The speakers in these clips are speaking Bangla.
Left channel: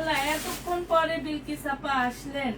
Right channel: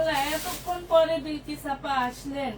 আল্লাহ, এতক্ষণ পরে বিউটি সাপা আসলেন।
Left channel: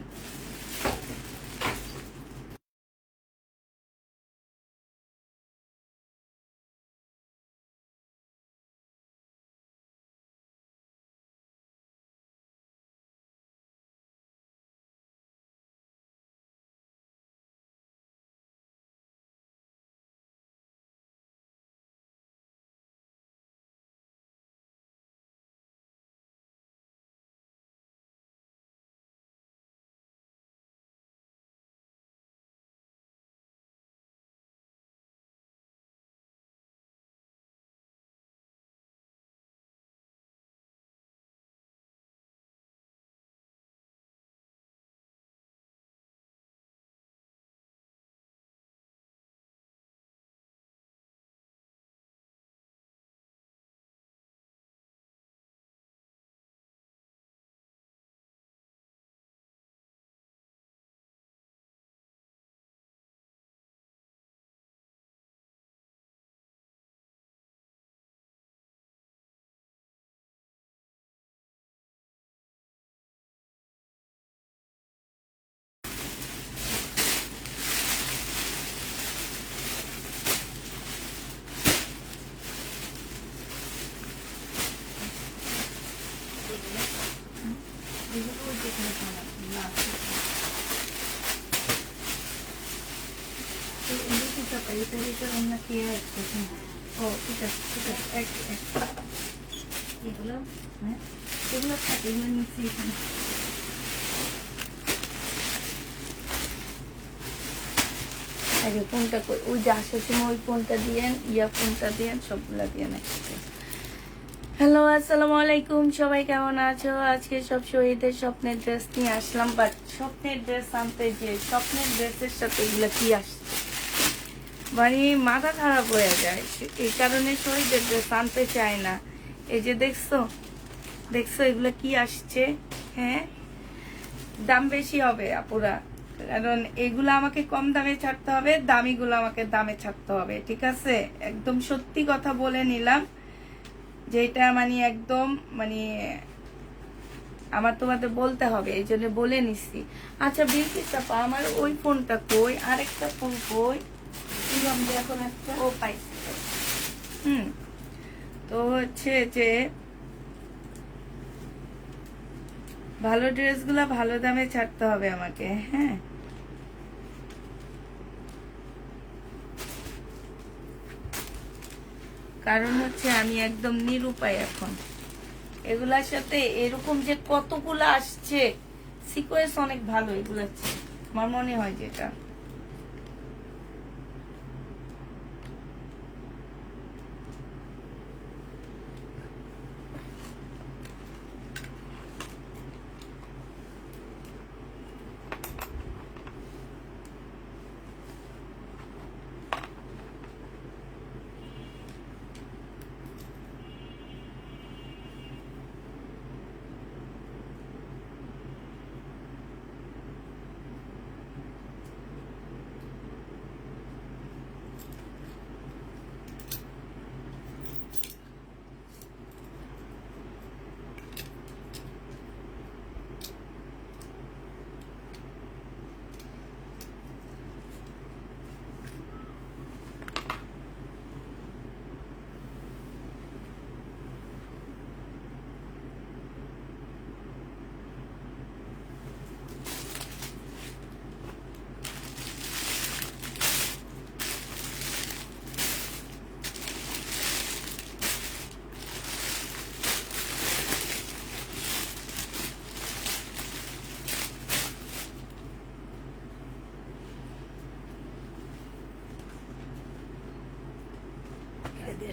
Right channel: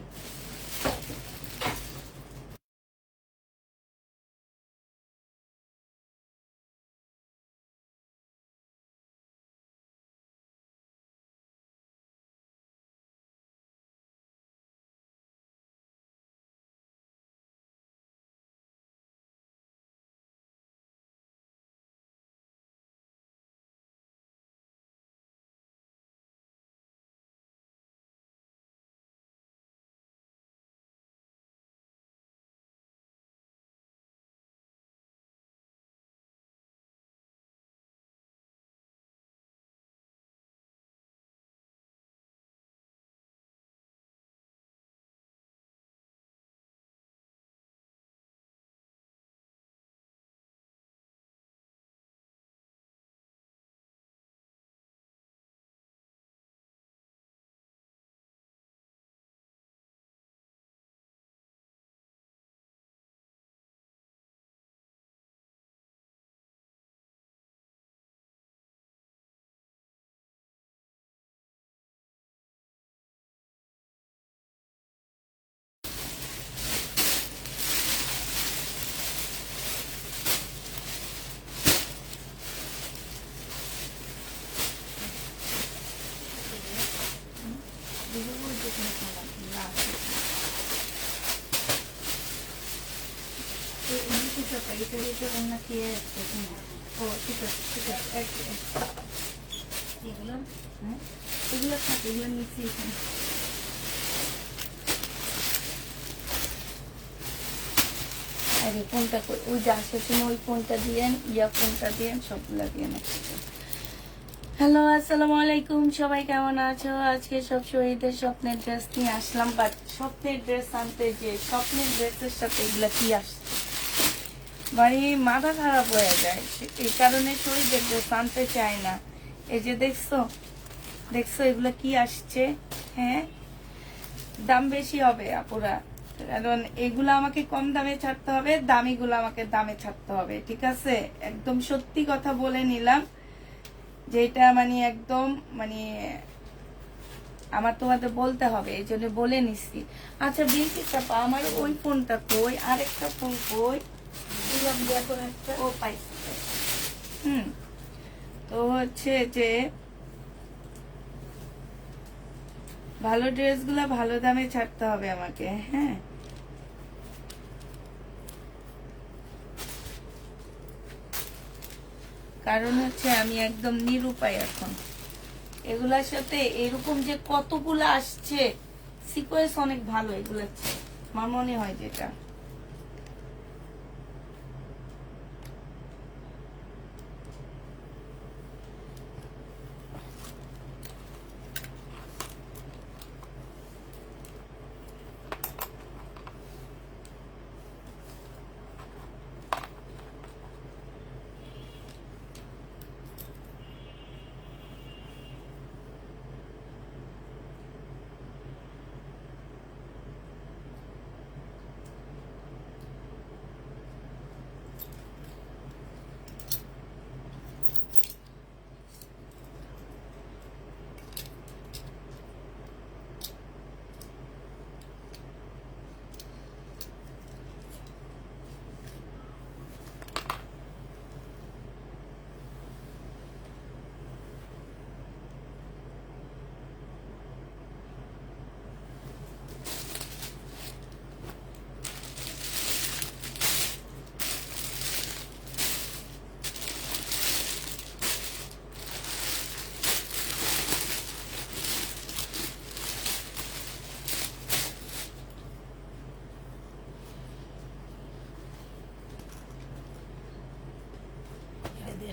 এগুলো থাকে, এগুলো নিচ্ছি এখানে। ফোনটা ওই যে আসার সময় ওই ফোনটা দিয়েন, ফোনটা দিয়েন, সবগুলা দিয়ে নাকি। হ্যালো, আসসালামু আলাইকুম, সবাই কেমন আছো? আজকে সব শহীদের স্বপ্নের ড্রেস নিয়ে আসলাম, বাট স্বপ্নের ড্রেস আনতে যে স্বপ্নের ড্রেসের সাথে এগুলা কি আসছে, মানে মাথা খারাপ হয়ে যায়। এই কারণে শহীদের ড্রেস আনতে চাই না। এই যে দেখছো এগুলো কি আসছে। হ্যাঁ, দাম বেশি হবে আপুরা, কারণ এগুলো আমাকে কম দামে ছাড়তে হবে, দামিগুলো আমাকে দামে ছাড়তে হবে, ঠিক আছে? একদম সত্যি কথা বলে নিলাম, যেটা মানে একদম মানে আমার তোমাদের বলতে হবে, এই জন্য বলে নিচ্ছি। আচ্ছা বিউটি চাপা, আমার ওই ফোনটা কই, আরেকটা ফোন কই? এখন একটা ও পাইছি। তো হচ্ছে যে ভালো ড্রেসগুলা ভালো দামে ছাড়তে হবে আমাকে। হ্যাঁ, কারণ হচ্ছে আমি একদম নিরুপায় এখন। এগুলার সাথে এরকম যে কতগুলা আসছে, সিকোয়েন্স অনেক ভালো এগুলো, আমার মনে হয় যেটা।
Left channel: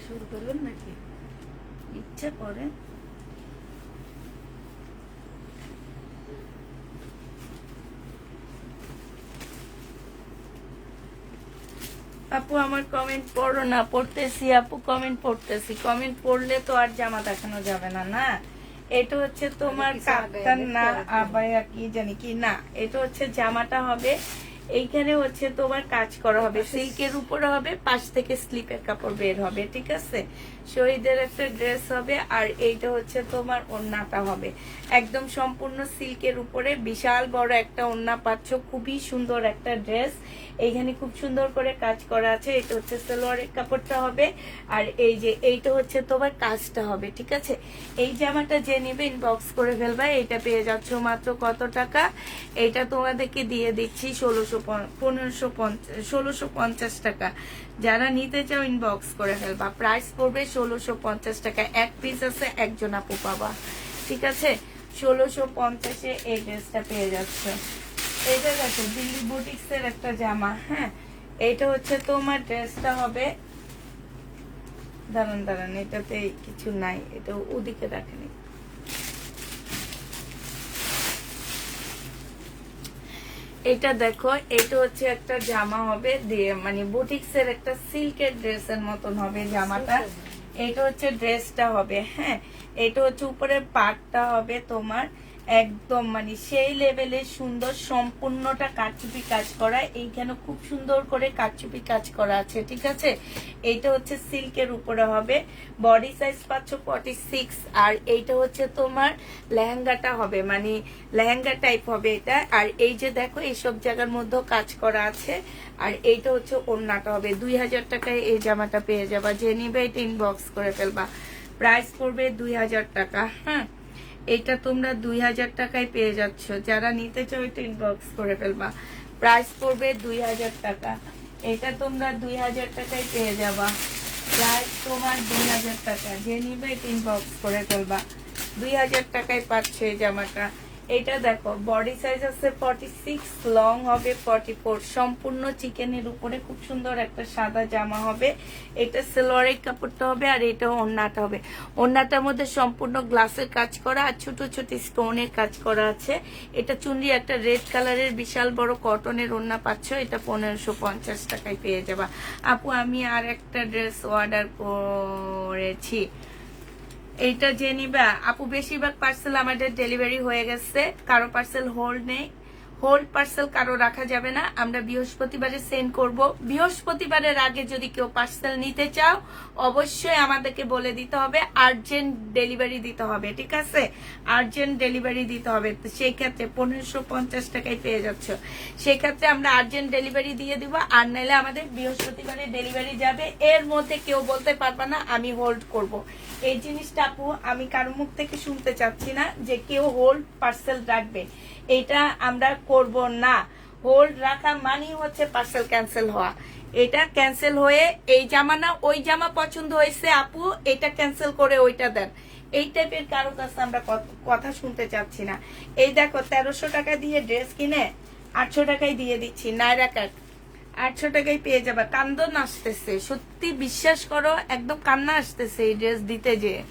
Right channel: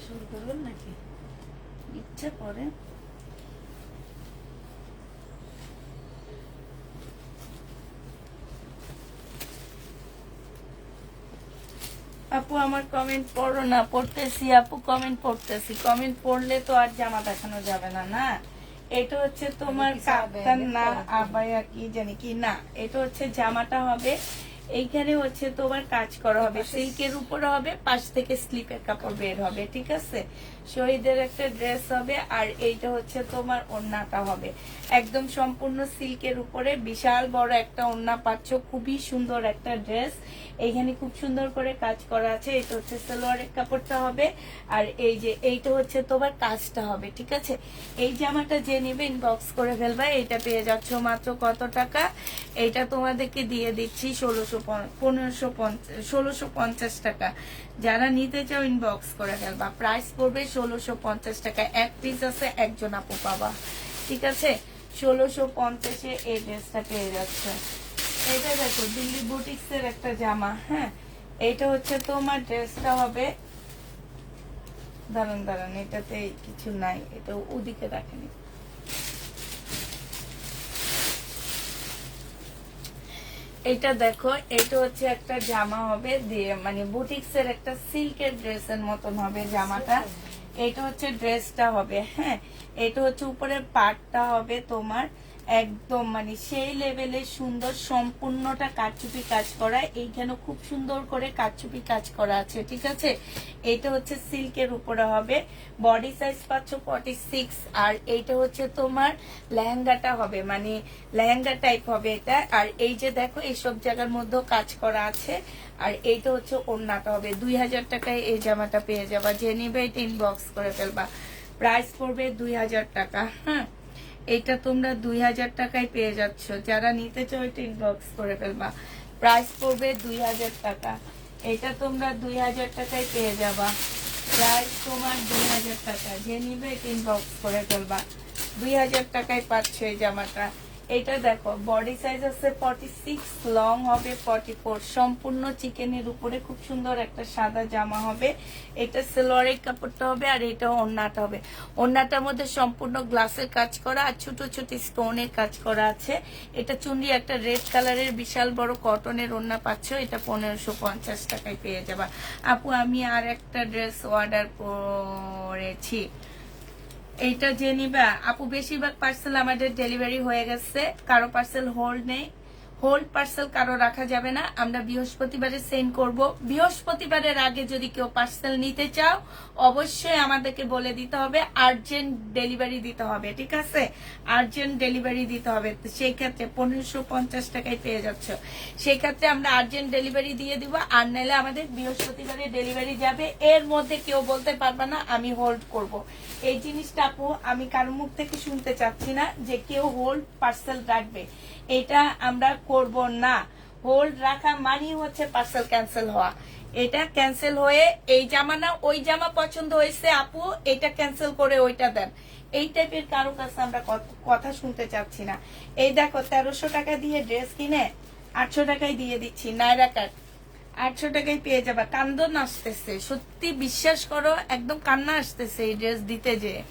শুরু করবেন নাকি? ইচ্ছে করে। আপু আমার কমেন্ট পড়ো না। পড়তেছি আপু, কমেন্ট পড়তেছি। কমেন্ট পড়লে তো আর জামা দেখানো যাবে না। না, এটা হচ্ছে তোমার কাপ্তান না আবায়া কি জানি কি না, এটা হচ্ছে জামাটা হবে, এইখানে হচ্ছে তোমার কাজ করা হবে, সিল্কের উপরে হবে, পাশ থেকে স্লিপের কাপড় বের হবে, ঠিক আছে? শহীদের একটা ড্রেস হবে। আর এইটা হচ্ছে তোমার ওড়নাটা হবে একদম সম্পূর্ণ সিল্কের উপরে, বিশাল বড় একটা ওড়না পাচ্ছ, খুবই সুন্দর একটা ড্রেস। এইখানে খুব সুন্দর করে কাজ করা আছে। এটা হচ্ছে সালোয়ারের কাপড়টা হবে, আর এই যে এইটা হচ্ছে তোমার কাজটা হবে, ঠিক আছে। এই জামাটা যে নিবে ইনবক্স করে ফেলবা। এইটা পেয়ে যাচ্ছ মাত্র কত টাকা? এইটা তোমাদেরকে দিয়ে দিচ্ছি 1650 টাকা। যারা নিতে চাও ইনবক্স করে ফেলবা। প্রাইস পড়বে 1650 টাকা। এক পিস আছে, একজন আপু পাবা, ঠিক আছে। 1650-এ এই ড্রেসটা পেয়ে যাচ্ছে। এটা দেখো দিল্লি বুটিক্স এর একটা জামা, হ্যাঁ। এইটা হচ্ছে তোমার ড্রেসটা হবে, দাঁড়ান দাঁড়ান, এটাতে কিছু নাই, এটা ওদিকে রাখেনি। এটা দেখো, এটা হচ্ছে একটা জামা হবে দিয়ে, মানে বুটিক্স এর একটা সিল্কের ড্রেসের মতন হবে জামাটা। এটা হচ্ছে ড্রেসটা হবে, হ্যাঁ। এটা হচ্ছে উপরের পাটটা হবে তোমার একদম মানে সেই লেভেলের সুন্দর, সম্পূর্ণটা কারচুপি কাজ করা। এইখানে খুব সুন্দর করে কারচুপি কাজ করা আছে, ঠিক আছে। এইটা হচ্ছে সিল্কের উপরে হবে। বডি সাইজ পাচ্ছ 46। আর এইটা হচ্ছে তোমার লেহেঙ্গাটা হবে, মানে লেহেঙ্গা টাইপ হবে এটা। আর এই যে দেখো এইসব জায়গার মধ্যেও কাজ করা আছে। আর এইটা হচ্ছে ওড়নাটা হবে। 2000 টাকায় এই জামাটা পেয়ে যাবা। যে নিবে এটা ইনবক্স করে ফেলবা। প্রাইস পড়বে 2000 টাকা, হ্যাঁ। এটা তোমরা 2000 টাকায় পেয়ে যাচ্ছ। যারা নিতে চাও এটা ইনবক্স করে ফেলবা। প্রাইস পড়বে 2000 টাকা। এটা তোমরা 2000 টাকায় পেয়ে যাবা। প্রাইস তোমার 2000 টাকা। যে নিবে এটা ইনবক্স করে ফেলবা। 2000 টাকায় পাচ্ছ এই জামাটা। এটা দেখো বডি সাইজ আছে 46, লং হবে 44, সম্পূর্ণ চিকেনের উপরে খুব সুন্দর একটা সাদা জামা হবে। এটা সালোয়ারের কাপড়টা হবে, আর এটা ওড়নাটা হবে। ওড়নাটার মধ্যে সম্পূর্ণ গ্লাসের কাজ করা আর ছোট ছোট স্টোনের কাজ করা আছে। এটা চুনরি একটা রেড কালারের বিশাল বড় কটনের ওড়না পাচ্ছ। এটা 1550 টাকায় পেয়ে যাবা। আপু আমি আর একটা ড্রেস অর্ডার করেছি, এইটা যে নিবা আপু। বেশিরভাগ পার্সেল আমাদের ডেলিভারি হয়ে গেছে, কারো পার্সেল হোল্ড নেই। হোল্ড পার্সেল কারো রাখা যাবে না। আমরা বৃহস্পতিবারে সেন্ড করব। বৃহস্পতিবারের আগে যদি কেউ পার্সেল নিতে চাও অবশ্যই আমাদেরকে বলে দিতে হবে, আর্জেন্ট ডেলিভারি দিতে হবে, ঠিক আছে। আর্জেন্ট ডেলিভারি দিতে হবে। তো সেই ক্ষেত্রে 1550 টাকায় পেয়ে যাচ্ছে। সেই ক্ষেত্রে আমরা আর্জেন্ট ডেলিভারি দিয়ে দিব। আর নাহলে আমাদের বৃহস্পতিবারে ডেলিভারি যাবে। এর মধ্যে কেউ বলতে পারবে না আমি হোল্ড করব। এই জিনিসটা আপু আমি কারো মুখ থেকে শুনতে চাচ্ছি না যে কেউ হোল্ড পার্সেল রাখবে। এটা আমরা করব না। হোল্ড রাখা মানেই হচ্ছে পার্সেল ক্যান্সেল হওয়া। এটা ক্যান্সেল হয়ে এই জামা না ওই জামা পছন্দ হয়েছে আপু, এটা ক্যান্সেল করে ওইটা দেন, এই টাইপের কারো কাছে আমরা কথা শুনতে চাচ্ছি না। এই দেখো 1300 টাকা দিয়ে ড্রেস কিনে 800 টাকায় দিয়ে দিচ্ছি। নাইরা কাট 800 টাকায় পেয়ে যাবা। কান্দন আসতেছে, সত্যি বিশ্বাস করো, একদম কান্না আসতেছে এই ড্রেস দিতে যেয়ে।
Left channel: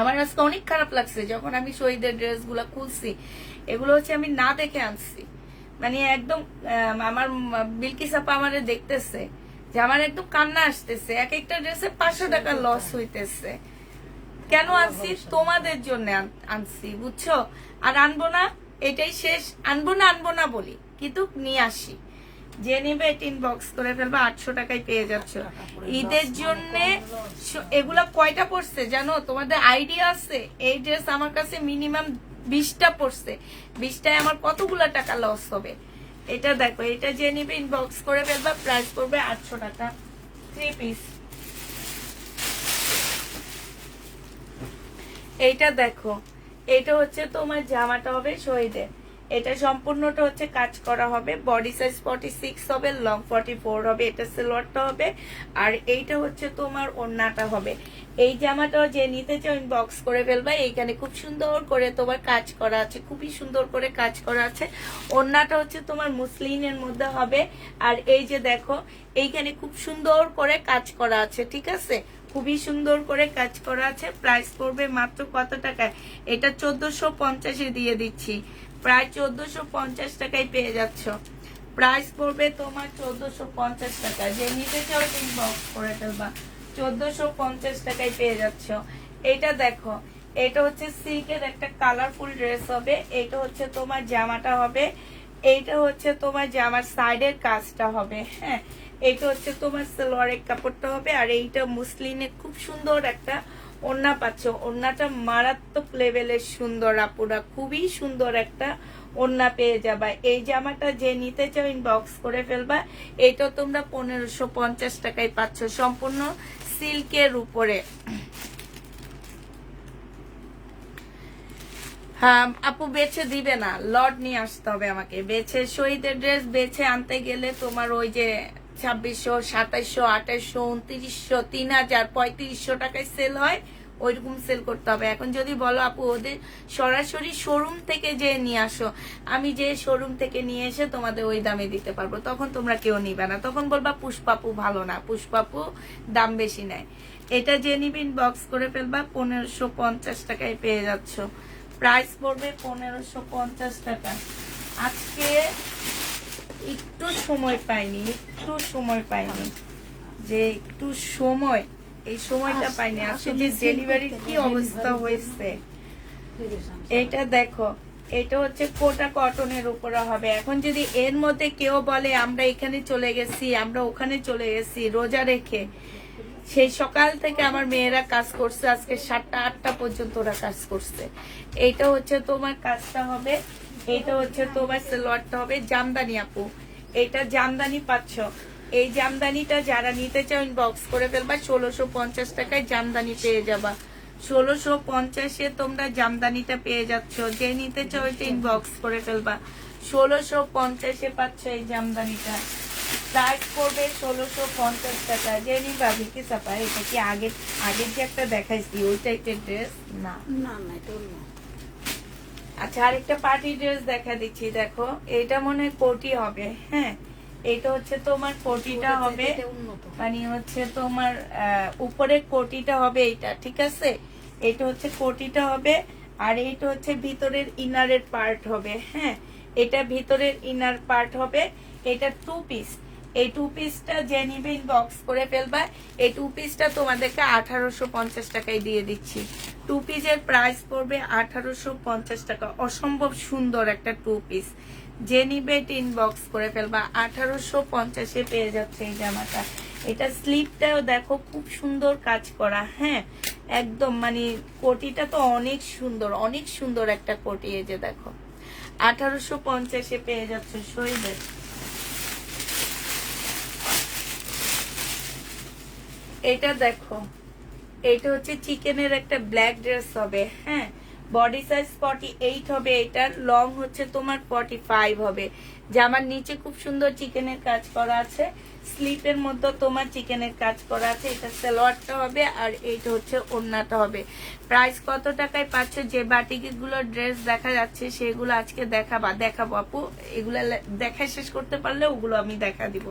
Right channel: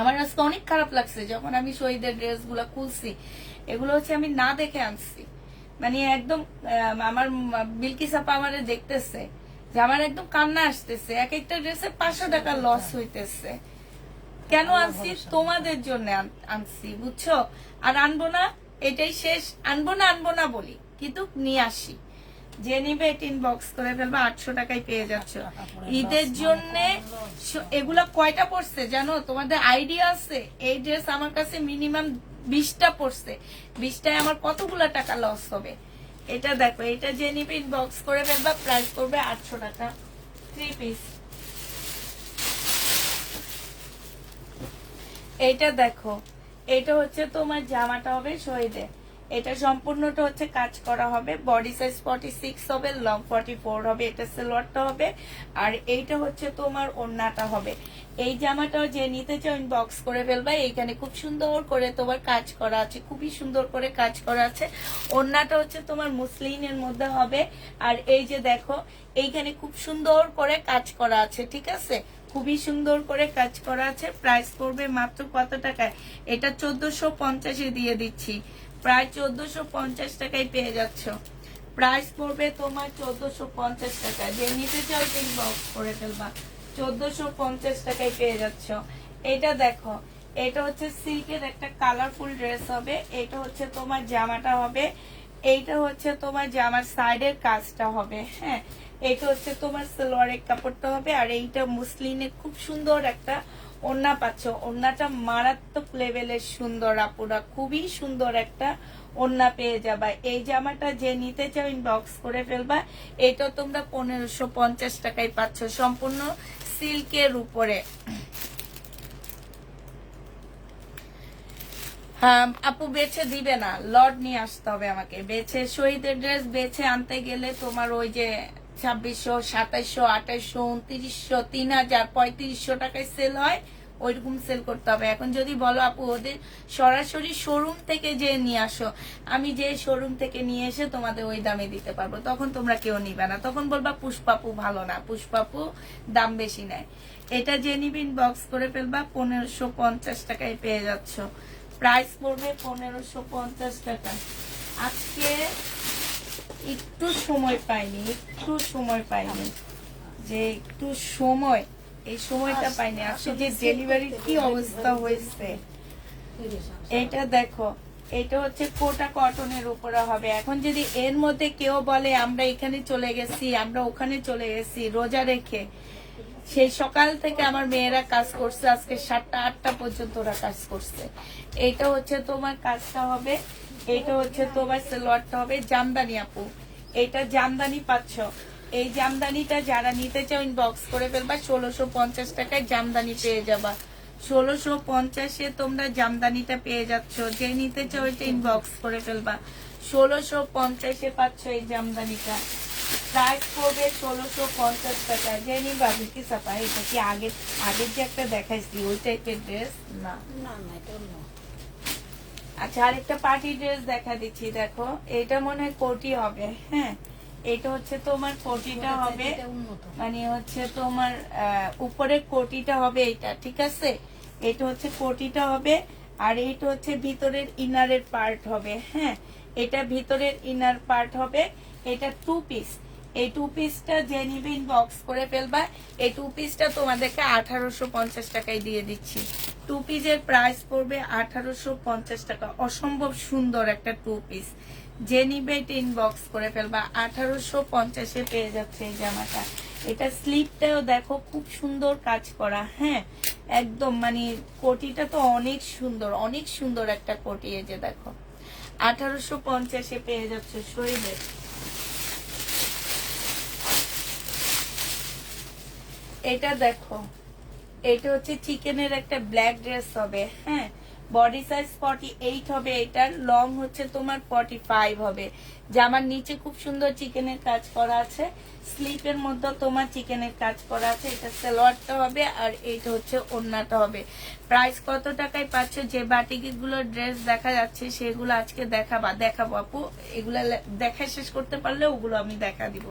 আমার আজকে অনেক খারাপ লাগছে যখন আমি শহীদের ড্রেস গুলা খুলছি। এগুলো হচ্ছে আমি না দেখে আনছি, মানে একদম আমার বিলকিস আপা আমারে দেখতেছে যে আমার একদম কান্না আসতেছে। এক একটা ড্রেসে 500 টাকা লস হইতেছে। কেন আনছি? তোমাদের জন্য আনছি, বুঝছো। আর আনবো না, এটাই শেষ। আনবো না বলি, কিন্তু নিয়ে আসি। যে নিবে এটা ইনবক্স করে ফেলবা। 800 টাকায় পেয়ে যাচ্ছ ঈদের জন্য। এগুলা কয়টা পড়ছে জানো? তোমাদের আইডিয়া আছে? এই ড্রেস আমার কাছে মিনিমাম 20টা পড়ছে। 20টায় আমার কতগুলা টাকা লস হবে। এটা দেখো, এটা যে নিবে ইনবক্স করে ফেলবা। প্রাইস করবে 800 টাকা। 3 পিস। এইটা দেখো, এটা হচ্ছে তোমার জামাটা হবে শহীদের। এটা সম্পূর্ণটা হচ্ছে কাজ করা হবে। বডি সাইজ 46 হবে, লং 44 হবে। এটা সালোয়ারটা হবে, আর এইটা হচ্ছে তোমার ওড়নাটা হবে। এই জামাটাও যে নিতে চাও ইনবক্স করে ফেলবা। এইখানে খুব সুন্দর করে তোমার কাজ করা আছে, খুবই সুন্দর করে কাজ করা আছে। ওড়নাটা হচ্ছে তোমার মুসলিনের মধ্যে হবে। আর এই যে দেখো এইখানে খুব সুন্দর করে কাজ করা আছে, ঠিক আছে। খুবই সুন্দর করে কাজ করা আছে। প্রাইস পড়বে মাত্র কত টাকায়? এটা 1450-এ দিয়ে দিচ্ছি। প্রায় 1450 টাকায় পেয়ে যাচ্ছ। প্রাইস পড়বে তোমার 1450 টাকা। যে নিতে চাও ইনবক্স করে ফেলবা। 1450 টাকায় পেয়ে যাচ্ছ। এটা দেখো, এটা হচ্ছে সিল্কের একটা কালারফুল ড্রেস হবে। এটা হচ্ছে তোমার জামাটা হবে। এইটা হচ্ছে তোমার জামার সাইডের কাজটা হবে, হ্যাঁ। এটা হচ্ছে তোমার সালোয়ারের কাপড়টা হবে, আর এইটা মুসলিনের খুব সুন্দর একটা ওড়না পাচ্ছ। ওড়নাটা মারাত্মক লেভেলের সুন্দর আপুরা, খুবই সুন্দর একটা ওড়না পেয়ে যাবা। এই জামাটা যে নিতে চাও ইনবক্স করে ফেলবা। এটা তোমরা 1550 টাকায় পাচ্ছ, সম্পূর্ণ সিল্কের উপরে। হ্যাঁ আপু বেছে দিবে না, লট নিয়ে আসতে হবে আমাকে। বেছে শহীদের ড্রেস বেছে আনতে গেলে তোমার ওই যে 2600, 2700, 2800, 2900, 3000, 3500 টাকায় সেল হয়, ওইরকম সেল করতে হবে। এখন যদি বলো আপু ওদের সরাসরি শোরুম থেকে যে নিয়ে আসো, আমি যে শোরুম থেকে নিয়ে এসে তোমাদের ওই দামে দিতে পারবো, তখন তোমরা কেউ নিবে না, তখন বলবা পুষ্পাপু ভালো না, পুষ্পাপু দাম বেশি নেয়। এটা যে নিবিন বক্স করে ফেলবা, 1550 টাকায় পেয়ে যাচ্ছ। প্রাইস পড়বে 1550 টাকা। আজকে একটু সময় পাইনি, যে একটু সময়, এই সময়টা পাইনি। আজকে যে ডেলিভারির কি অবস্থা হয়েছে, এটা দেখো। এটা হচ্ছে কোটা কটনের উপরে হবে। এখন যদি এর মধ্যে কেউ বলে আমরা এখানে চলে গেছি, আমরা ওখানে চলে গেছি, রোজা রেখে সেই সকাল থেকে আমার মেয়েরা কাজ করছে, আজকে 7টা 8টা পর্যন্ত ওরা কাজ করছে। এইটা হচ্ছে তোমার কাজটা হবে, এইটা হচ্ছে তোমার সালোয়ারটা হবে জামদানি আপু। এইটা জামদানি পাচ্ছ। এই জামদানিটা যারা নিতে চাও ইনবক্স করে ফেলবা, 1650 টাকায় জামদানি পেয়ে যাবা। 1650-এ তোমরা জামদানিটা পেয়ে যাচ্ছ। যে নিতে চাও এটা ইনবক্স করে ফেলবা। 1650-এ পাচ্ছ এই জামদানিটা। প্রাইস পড়বে 1650 টাকা। জেনি বাবু কি চাপা, এটা কি আগের যে একটা দেখাইছি ওই টাইপের ড্রেস না? আচ্ছা আরেকটা পার্টি ড্রেস দেখা দিচ্ছি, দেখো। এটা মনে হয় কোটি হবে। হ্যাঁ এটা হচ্ছে তোমার কোটিটা হবে, মানে হচ্ছে তোমার উপরের কোটিটা হবে এইটা, ঠিক আছে? এটা হচ্ছে কোটিটা হবে, আর এইটা হচ্ছে ভিতরের ইনারের পার্ট হবে। হ্যাঁ এটা ভিতরের ইনার পার্ট হবে। এটা 2 পিস। এই 2 পিসটা যে নিবে ইনবক্স করে ফেলবা। এই 2 পিসটা তোমাদেরকে 1850 টাকায় দিয়ে দিচ্ছি। 2 পিসের প্রাইস পড়বে 1850 টাকা। অসম্ভব সুন্দর একটা 2 পিস। যে নিবে ইনবক্স করে ফেলবা। 1850-এ পেয়ে যাচ্ছে এই জামাটা। এটা স্লিপটাও দেখো খুব সুন্দর কাজ করা। হ্যাঁ একদম মানে কোটিটা তো অনেক সুন্দর একটা কোটি। এই যে দেখো 1850-এ পেয়ে যাচ্ছে শহীদের। এটা দেখো, এটা হচ্ছে চিকেনের একটা ব্ল্যাক ড্রেস হবে। হ্যাঁ বডি সাইজ 48 হবে, এটার লং হচ্ছে তোমার 45 হবে। জামার নিচে খুব সুন্দর চিকেনের কাজ করা আছে, স্লিপের মধ্যে তোমার চিকেনের কাজ করা আছে। এটা সালোয়ারটা হবে, আর এইটা হচ্ছে ওড়নাটা হবে। প্রাইস কত টাকায় পাচ্ছ? যে বাটিকগুলো ড্রেস দেখা যাচ্ছে সেগুলো আজকে দেখাবো আপু। এগুলা দেখা শেষ করতে পারলে ওগুলো আমি দেখা দিব।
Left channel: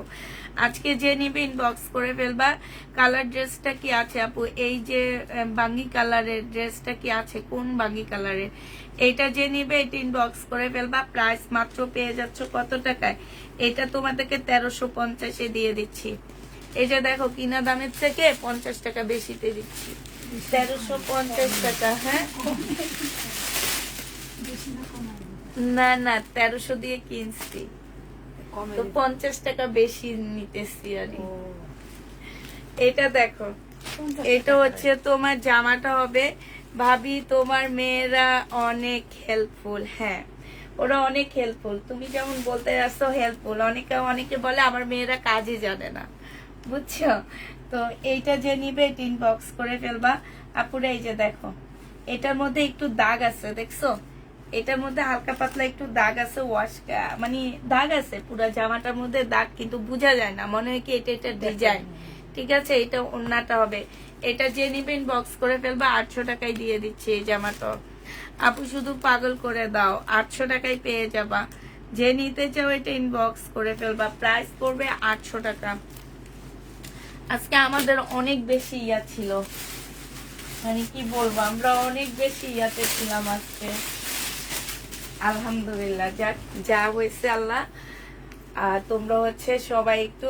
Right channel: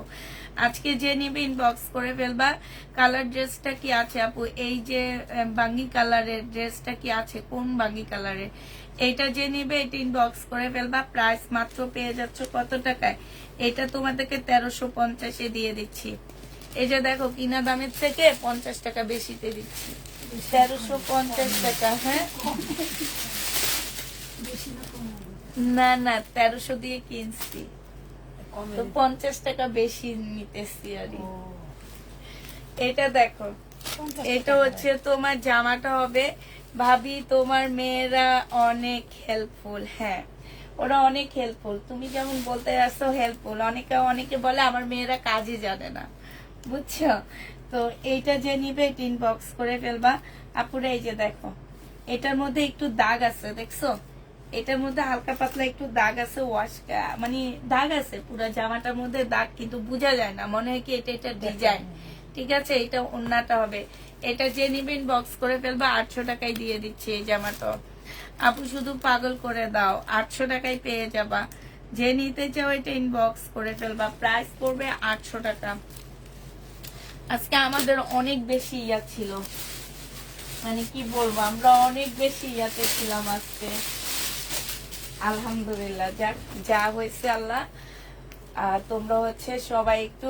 আজকে যে নিবে ইনবক্স করে ফেলবা। কালার ড্রেসটা কি আছে আপু? এই যে বাঙ্গি কালারের ড্রেসটা কি আছে? কোন বাঙ্গি কালারের? এটা যে নিবে এটা ইনবক্স করে ফেলবা। প্রাইস মাত্র পেয়ে যাচ্ছ কত টাকায়? এটা তোমাদেরকে 1350-এ দিয়ে দিচ্ছি। এই যে দেখো কিনা দামের থেকে 50 টাকা বেশিতে দিচ্ছি, 1350 টাকা। হ্যাঁ না 1300 দিয়ে কিনছি, তো 50 টাকা বেশি নিতেছি আর। এটা দেখো, এটা হচ্ছে তোমার জামাটা হবে। ভাবি তোমার মেয়েরা অনেক হেল্পফুল। হ্যাঁ ওরা অনেক হেল্পফুল, তুমি যেমন বলতে আসছো হেল্পফুল। অনেকে বলে আমার মেয়েরা কাজই জানে না, বুঝছো? তো এইটা যে নিবে ইনবক্স করে ফেলবা আপুরা। এই যে দেখো এটার মধ্যে একটু দাগ আছে, দেখছো? এটার মধ্যে হালকা পাতলা একটু দাগ আছে, মানে দাগ আছে পুরো জামাটার মধ্যে দাগ, কিন্তু বোঝা যায় না, মনে হয় কি এটা ডিজাইন। ঠিক আছে এটা ওড়নাটা হবে। এটা যে নিবে ইনবক্স করে ফেলবা। 800 টাকায় দিয়ে দিচ্ছি এই জামাটা। আপু শুধু পাগল করে দাও, 800 টাকায় পেয়ে যাবা। যে নিতে চাও এটা ইনবক্স করে ফেলবা। প্রাইস পড়বে 800 টাকা। আজকে আমাদের অনেক বেশি ইয়া ছিল, মানে কি বলবো, আমরা অনেক বেশি ইয়াতে ছিলাম আজকে। আলহামদুলিল্লাহ, যা হয়েছে আল্লাহ। তোমরা হচ্ছে সবাই একটু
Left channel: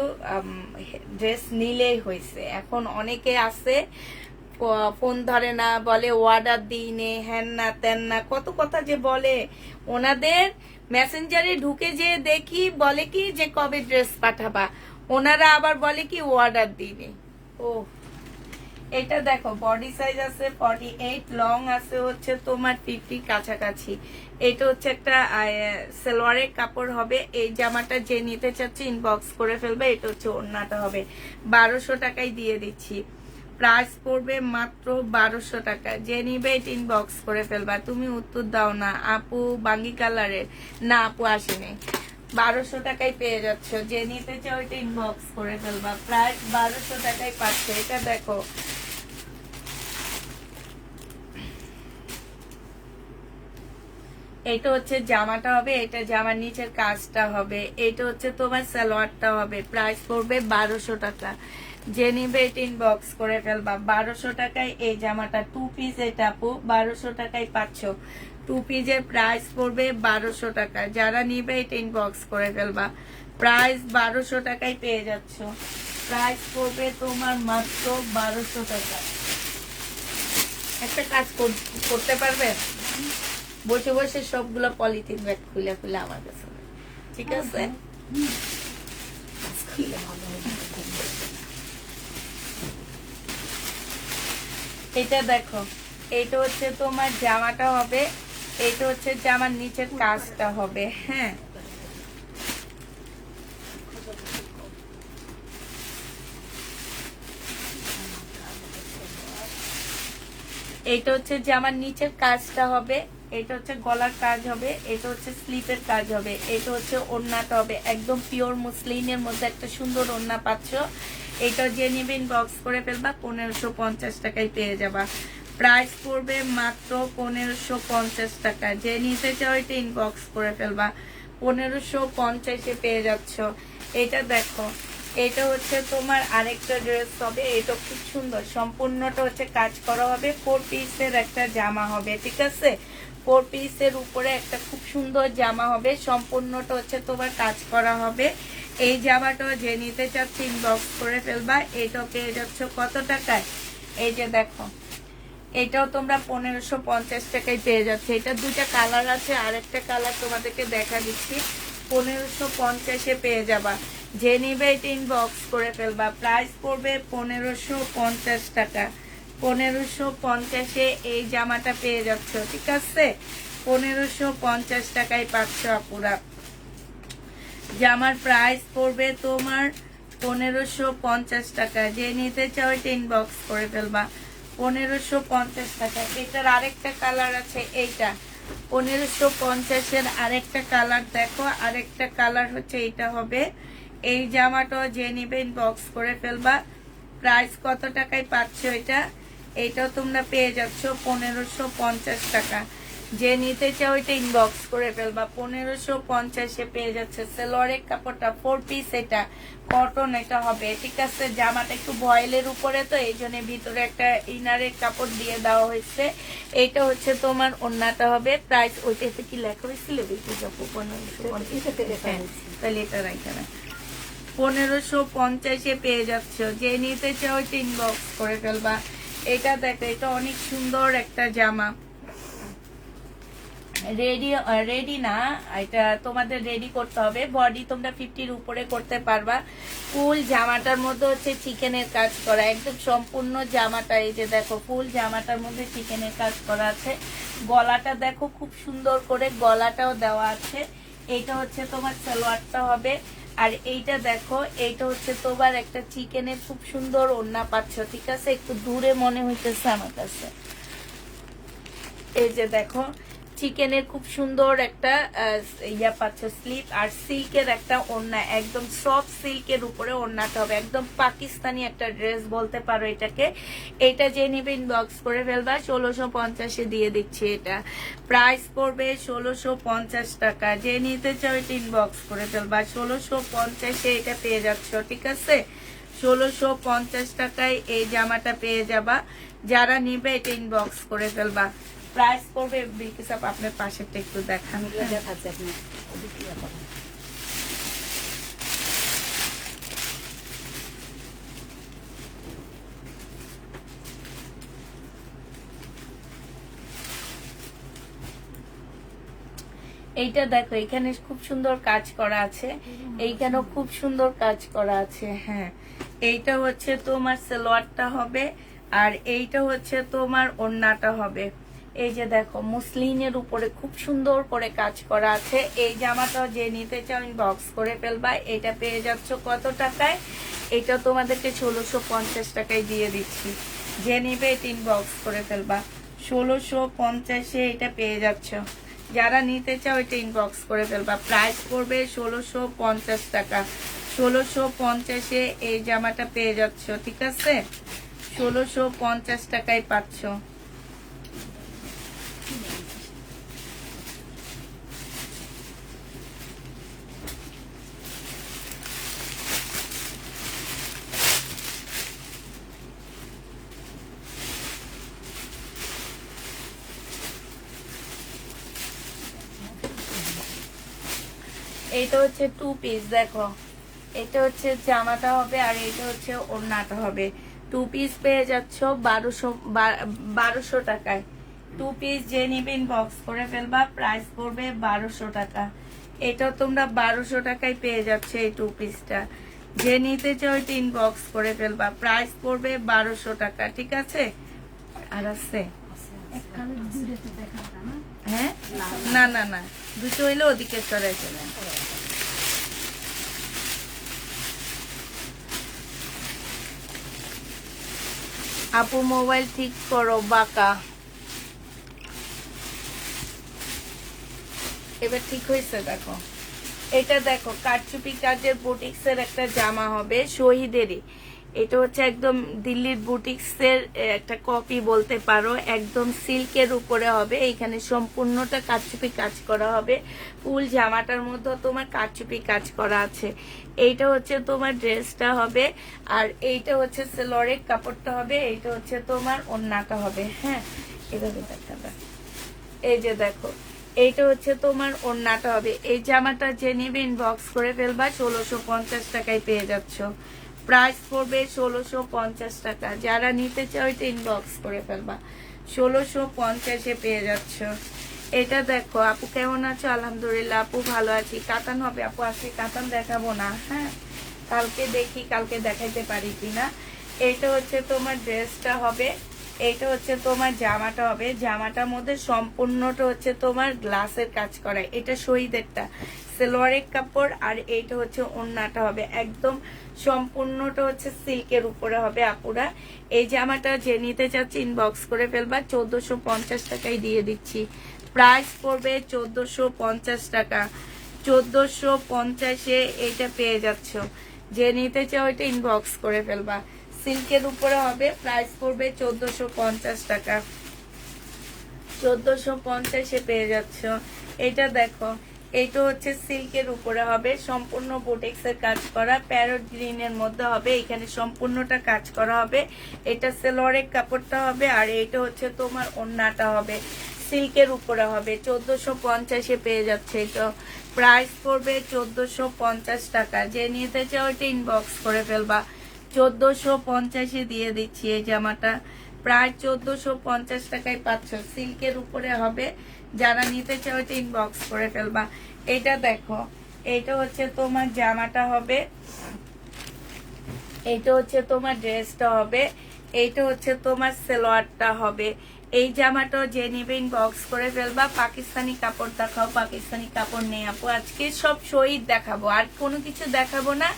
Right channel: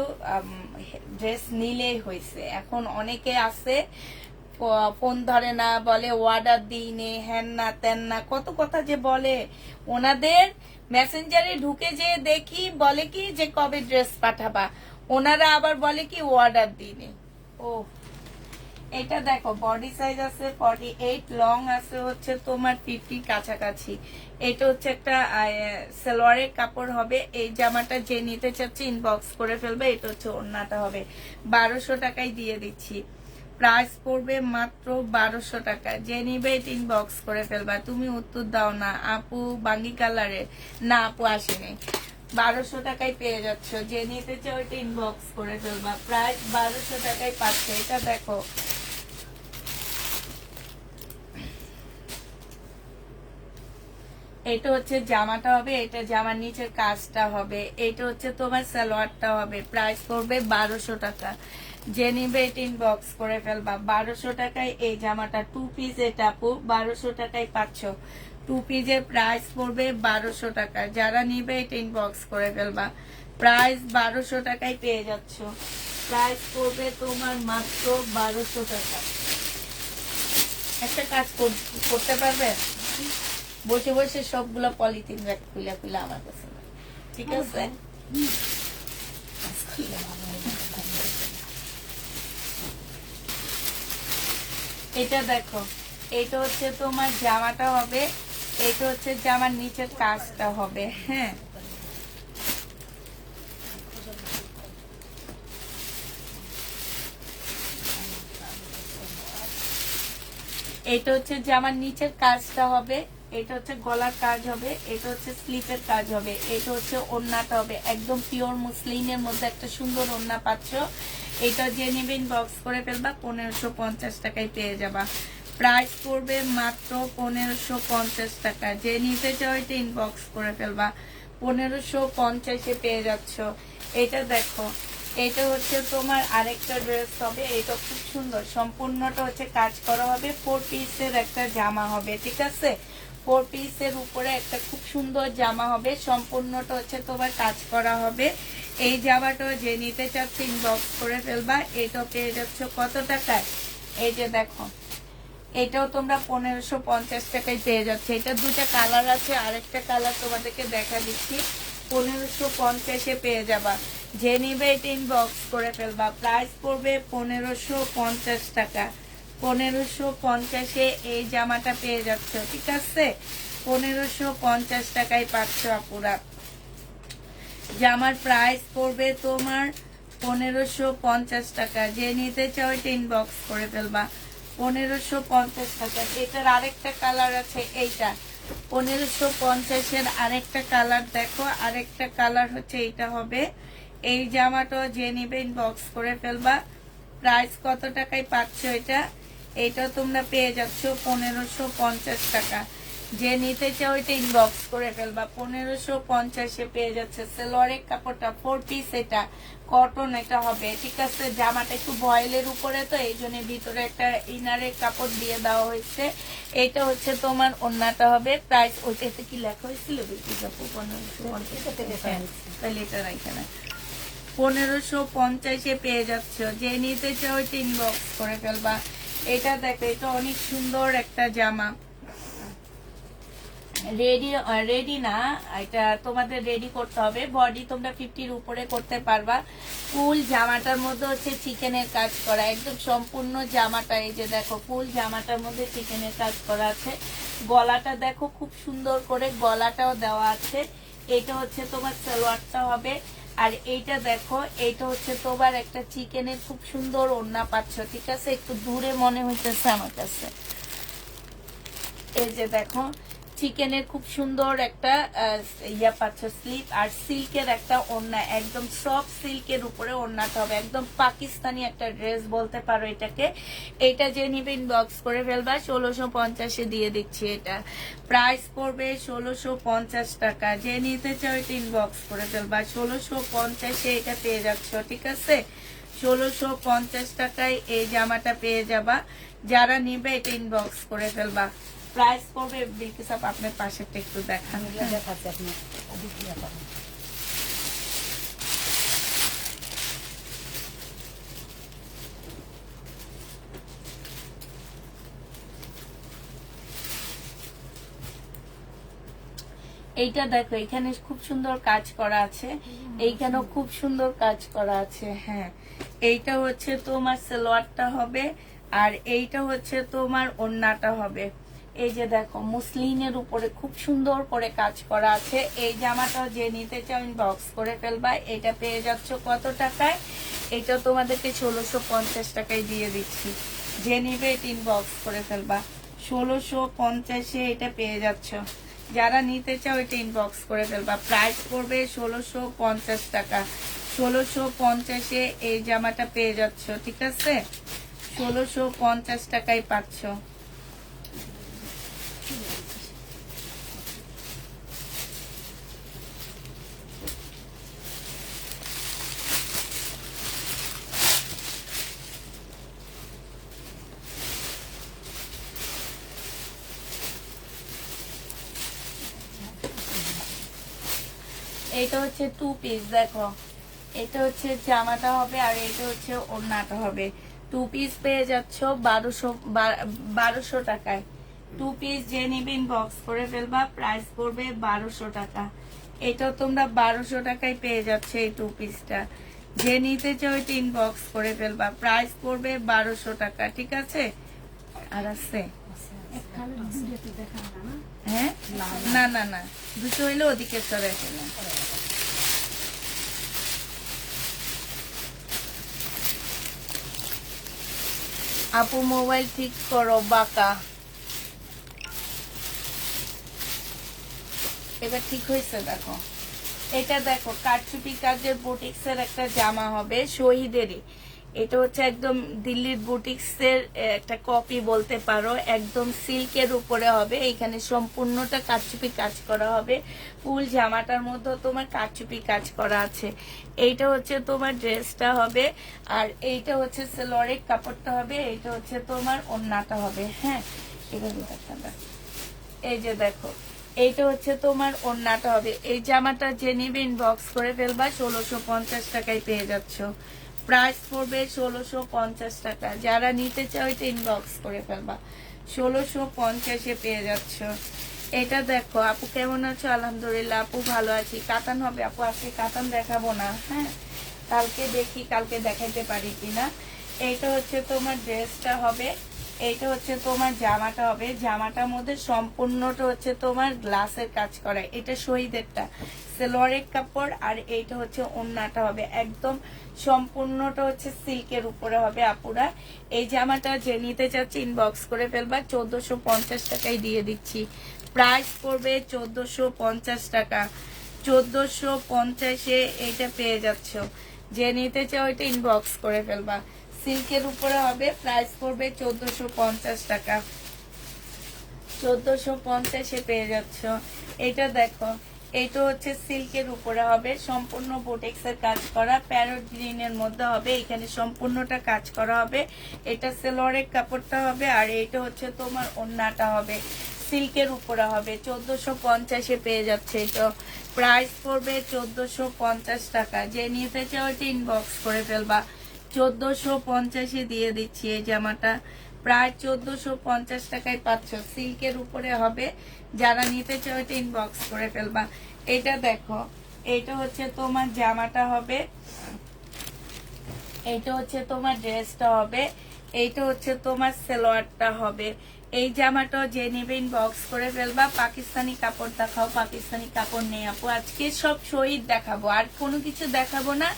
ড্রেস নিলেই হয়েছে। এখন অনেকে আছে ফোন ধরে না, বলে অর্ডার দিই নে, হ্যান না তেন না, কত কথা যে বলে। ওনাদের মেসেঞ্জারে ঢুকে যে দেখি বলে কি যে কবে ড্রেস পাঠাবা। ওনারা আবার বলে কি অর্ডার দিনে। ও এটা দেখো বডি সাইজ আছে 48, লং আছে হচ্ছে তোমার 50 কাছাকাছি। এটা হচ্ছে একটা সালোয়ারের কাপড় হবে। এই জামাটা যে নিতে চাচ্ছে ইনবক্স করে ফেলবে। এটা হচ্ছে ওড়নাটা হবে 1200 টাকায় দিয়ে দিচ্ছি। প্রাইস পড়বে মাত্র 1200 টাকা। যে নিবে এটা ইনবক্স করে ফেলবা। তুমি উত্তর দাও না আপু বাঙ্গি কালারের, না আপু আসেনি। 1200 টাকায় পেয়ে যাচ্ছ। যে নিতে চাও এটা ইনবক্স করে ফেলবা। প্রাইস 1200 টাকায় পাচ্ছ। এটা দেখো এটা হচ্ছে জামাটা হবে, এটা জামার নিচের কাজটা হবে, এটা হচ্ছে তোমার সালোয়ারটা হবে। প্রাইস পড়বে 1200 টাকা। যে নিবে এটা ইনবক্স করে ফেলবা। 1200 টাকায় এই জামাটা 2 পিস, এটা আপু 1200 টাকায় পাচ্ছ। 2 পিসের প্রাইস পড়বে 1200 টাকা। যারা নিবে এটা ইনবক্স করে ফেলবা। প্রাইস 1200 টাকায় পেয়ে যাচ্ছ। প্রাইস পড়বে তোমার মাত্র 1200 টাকা। একটা কাজ করতে পারবে, বসে বসে সবগুলো পলিথিন ব্যাগ খুলে খুলে আমার কাছে, ঠিক আছে? এটা দেখো এইটা হচ্ছে তোমার জামাটা হবে, এইটা হচ্ছে জামার নিচের কাজটা হবে। হ্যাঁ এইটা হচ্ছে জামার নিচের কাজটা হবে, এটা হচ্ছে গলার কাজ হবে, এটা হচ্ছে স্লিপের কাজ হবে, এটা হচ্ছে ওড়নাটা হবে। একদম পিওর মুসলিনের মধ্যে একটা সুন্দর ওড়না পাচ্ছ। এটা যে নিবে ইনবক্স করে ফেলবা। 1550 টাকায় পেয়ে যাবা। প্রাইস পড়বে মাত্র 1550 টাকা। যে নিতে চাও এটা ইনবক্স করে ফেলবা। 1550-এ পেয়ে যাচ্ছ। এটা দেখো এটা হচ্ছে তোমার আরেকটা ড্রেস হবে। এটা খুব সুন্দর, সম্পূর্ণটা হচ্ছে কাজ করা হবে। 4 পিসের একটা জামা হবে, ঠিক আছে? 4 পিসের উপরে একটা খুব সুন্দর জামা হবে, সম্পূর্ণটা হচ্ছে তোমার কাজ করা হবে। এই জামাটা যে নিতে চাচ্ছে ইনবক্স করে ফেলবা। এটা পেয়ে যাচ্ছ কত টাকায়? এই যে দেখো এটাও তোমরা 1550 টাকায় পেয়ে যাচ্ছে। এটা দুইটা কালার আছে, আরেকটা কালার তোমাদেরকে দেখা দিচ্ছি। 1550-এ পেয়ে যাবা। যে নিবে এটা ইনবক্স করে ফেলবা। প্রাইস পড়বে 1550 টাকা। 1550-এ এই জামাটা পেয়ে যাচ্ছ, ঠিক আছে? 1550 টাকায় পাচ্ছ আপুরা। জামার প্রাইস পড়বে তোমার 1550 টাকা। যে নিতে চাও এটা ইনবক্স করে ফেলবা। 1550 টাকা। এটার আরেকটা কালার আছে, এইটা 1550-এর আরেকটা কালার দেখো। আরেকটা কালার হচ্ছে এটা হবে। এই জামাটা যে নিবে ইনবক্স করে ফেলবা। প্রাইস কত টাকায় পাচ্ছ এটা? এটাও তোমরা পেয়ে যাচ্ছ 1550 টাকা। যে নিতে চাও এটা ইনবক্স করে ফেলবা। 1550-এ পেয়ে যাচ্ছে। সেলোয়ারের কাপড়টা 4 পিস, এটা কটন এটা হবে, ঠিক আছে? জামাটা একটু বয়েলের উপরে, তো এই জন্য ভিতরে একটা ইনারের কাপড় দিয়ে দেওয়া হয়েছে। এটা হচ্ছে তোমার ওড়নাটা হবে। প্রাইস ওইটা একটু কি লেখা হয়েছিল? দেখি কত, 1550-এ পেয়ে যাচ্ছ। যে নিতে চাও এটা ইনবক্স করে ফেলবা। এটা দেখো এটা অনেক সুন্দর একটা জামা। রেডি না, এটা তোমাদের রেডি করতে হবে। বডি তোমরা 50-র উপরে করতে পারবা। ফুল জামাটার মধ্যে হচ্ছে চিকেনের কাজ করা, একদম সম্পূর্ণ জামাটা। এই যে দেখো ফুল জামাটার মধ্যে চিকেনের কাজ করা আছে। গলাটা দেখো খুব সুন্দর করে গলাটাও দেওয়া আছে। এটা হচ্ছে তোমার সালোয়ারটা হবে। আর এইটা দেখো এইটা হচ্ছে তোমার একটা চিকেনের খুব সুন্দর ওড়না পাচ্ছ, ঠিক আছে? একটু দূরে মনে হইতেছে আমার কাছে। এই যে দেখো চিকেনের খুব সুন্দর একটা ইয়া পাচ্ছ, স্লিপ আর সিল্কের একটা ওড়না, একদম সফট সিল্কের উপরে ওড়নাটা হবে। একদম পাকিস্তানি একটা ড্রেস বলতে পারো এটাকে। এটা যে নিবে ইনবক্স করে ফেলবা। 1650-এ দিয়ে দিচ্ছি। এটা প্রাইস পড়বে 1650 টাকা। যে নিতে চাও এটা ইনবক্স করে ফেলবা। 1650-এ এটা পেয়ে যাচ্ছ, ঠিক আছে? 1650 টাকায় এই জামাটা পেয়ে যাবা। যারা নিবে এটা ইনবক্স করে ফেলবা। প্রাইস পড়বে বিলকিস আপনার পাশেরটা একটু দেখান। দেখাচ্ছে আপনার এইটা দেখো এখানে খুব সুন্দর কাজ করা আছে, এইখানেও খুব সুন্দর কাজ করা আছে। হ্যাঁ, এইটা হচ্ছে তোমার সালোয়ারটা হবে, আর এইটা হচ্ছে তোমার ওড়নাটা হবে। এই যে দেখো মুসলিনের উপরে খুব সুন্দর করে কাজ করা আছে। এই জামাটা যে নিতে চাও ইনবক্স করে ফেলবা। এটা পেয়ে যাচ্ছ কত টাকায়? এটা তোমাদেরকে 1650 টাকায় দিয়ে দিচ্ছি। যে নিবে এটা ইনবক্স করে ফেলবা। 1650-এ এটা পেয়ে যাচ্ছ। যারা নিতে চাও এটা ইনবক্স করে ফেলবা। প্রাইস পড়বে 1650 টাকা। 1650-এ এই জামাটা পেয়ে যাচ্ছ, ঠিক আছে? 1650 টাকায় পাচ্ছ। এটা হচ্ছে 2 পিস, দেখো এটা হচ্ছে জামাটা হবে আর এটা হচ্ছে ওড়নাটা হবে। 2 পিস পেয়ে যাচ্ছ 1200 টাকায়। 2 পিস যে নিবে ইনবক্স করে ফেলবা। প্রাইস পড়বে 1200 টাকা। এটা তোমরা 1200 টাকায় পেয়ে যাচ্ছ এই 2 পিসটা। যে নিতে চাও এটা ইনবক্স করে ফেলবা। প্রাইস পড়বে 1200 টাকা, ঠিক আছে? আর আছে? হ্যাঁ, না না না, দুটো হইলে ওদিকে সরে ফেলো। আপু মোবাইল ঠিক করো, বাঁকা। এবার ঠিক হয়েছে, দেখো এটা দেখো কারচুপি কাজের বুটিক্সের একটা জামা হবে শহীদেরই। এটা হচ্ছে একদম দিল্লির বুটিক্সের একটা কপি বলতে পারো। একদম সিল্কের উপরে হবে। এখানে সম্পূর্ণটা কারচুপি কাজ করা হবে। ফুল জামাটার মধ্যে তোমার কারচুপি কাজ করা আছে। এইটা হচ্ছে তোমার ড্রেসটা হবে, আর এইটা হচ্ছে সেলোয়ারের কাপড়টা হবে। এইটা হচ্ছে তোমার ওড়নাটা হবে। হ্যাঁ, এভাবে দেখাবে। এই যে দেখো এইটা হচ্ছে তোমার ওড়নাটা হবে। এই জামাটা যে নেবে ইনবক্স করে ফেলবা। 1650 টাকায় পেয়ে যাচ্ছ। প্রাইস পড়বে 1650 টাকা। যারা নিতে চাও এটা ইনবক্স করে ফেলবা। 1650-এ পেয়ে যাচ্ছ। এটা দেখো আপু কেমন আছো? আলহামদুলিল্লাহ আপু ভালো আছি। কাতান হবে আপু, আজকে কাতান দেখাবো না। হ্যাঁ, কালকে দেখি কালকে দেখাইতে পারি কিনা। এটা হচ্ছে তোমার ড্রেসটা হবে, এটা হচ্ছে তোমার জামাটা হবে। জামাটার মধ্যে সম্পূর্ণটা হচ্ছে তোমার গ্লাসের কাজ করা। এটা শহীদেরটা সেলোয়ারের কাপড়, আর এইটা হচ্ছে ওড়নাটা হবে। একদম সম্পূর্ণটা হচ্ছে সিল্কের উপরে হবে আপুরা। এই জামাটা যে নিতে চাচ্ছে ইনবক্স করে ফেলবা। 1450 টাকায় দিয়ে দিচ্ছি। প্রাইস পড়বে 1450 টাকা। 1450-এ এইটা পেয়ে যাচ্ছ। যে নিতে চাও এটা ইনবক্স করে ফেলবা। সিল্কের উপরে হবে। প্রাইস পড়বে 1450 টাকা। 1450-এ পেয়ে যাচ্ছ। এটা দেখো এইটা হচ্ছে সিল্কের উপরে হবে। সম্পূর্ণ বুটিক্সের কাজ করা, প্যারট গ্রিনের মধ্যে হবে। এখানে সম্পূর্ণটা কাজ করা হবে। এটা সেলোয়ারের কাপড়টা হবে, আর এইটা হচ্ছে তোমার ওড়নাটা হবে। সিল্কের উপরে হবে। 1450-এ পেয়ে যাচ্ছে। এটা প্রাইস পড়বে 1450 টাকা। যে নিতে চাও এটা ইনবক্স করে ফেলবা। 1450-এ দিয়ে দিচ্ছি এই জামাটা। প্রায় 1450 টাকায় পাচ্ছ। সিল্কের উপরে হবে। যারা নিতে চাও এটা ইনবক্স করে ফেলবা। এটা দেখো এটা হচ্ছে তোমার জামাটা হবে, এইটা হচ্ছে তোমার ড্রেসটা হবে, এইটা হচ্ছে তোমার সালোয়ারটা হবে। এই জামাটা যে নিবে ইনবক্স করে ফেলবা। পাকিস্তানি কাপড় দেখাও। পাকিস্তানি কাপড় নেই আপু, আজকে সব শহীদ দেখাবো, আর কোনো কিছু দেখাবো না।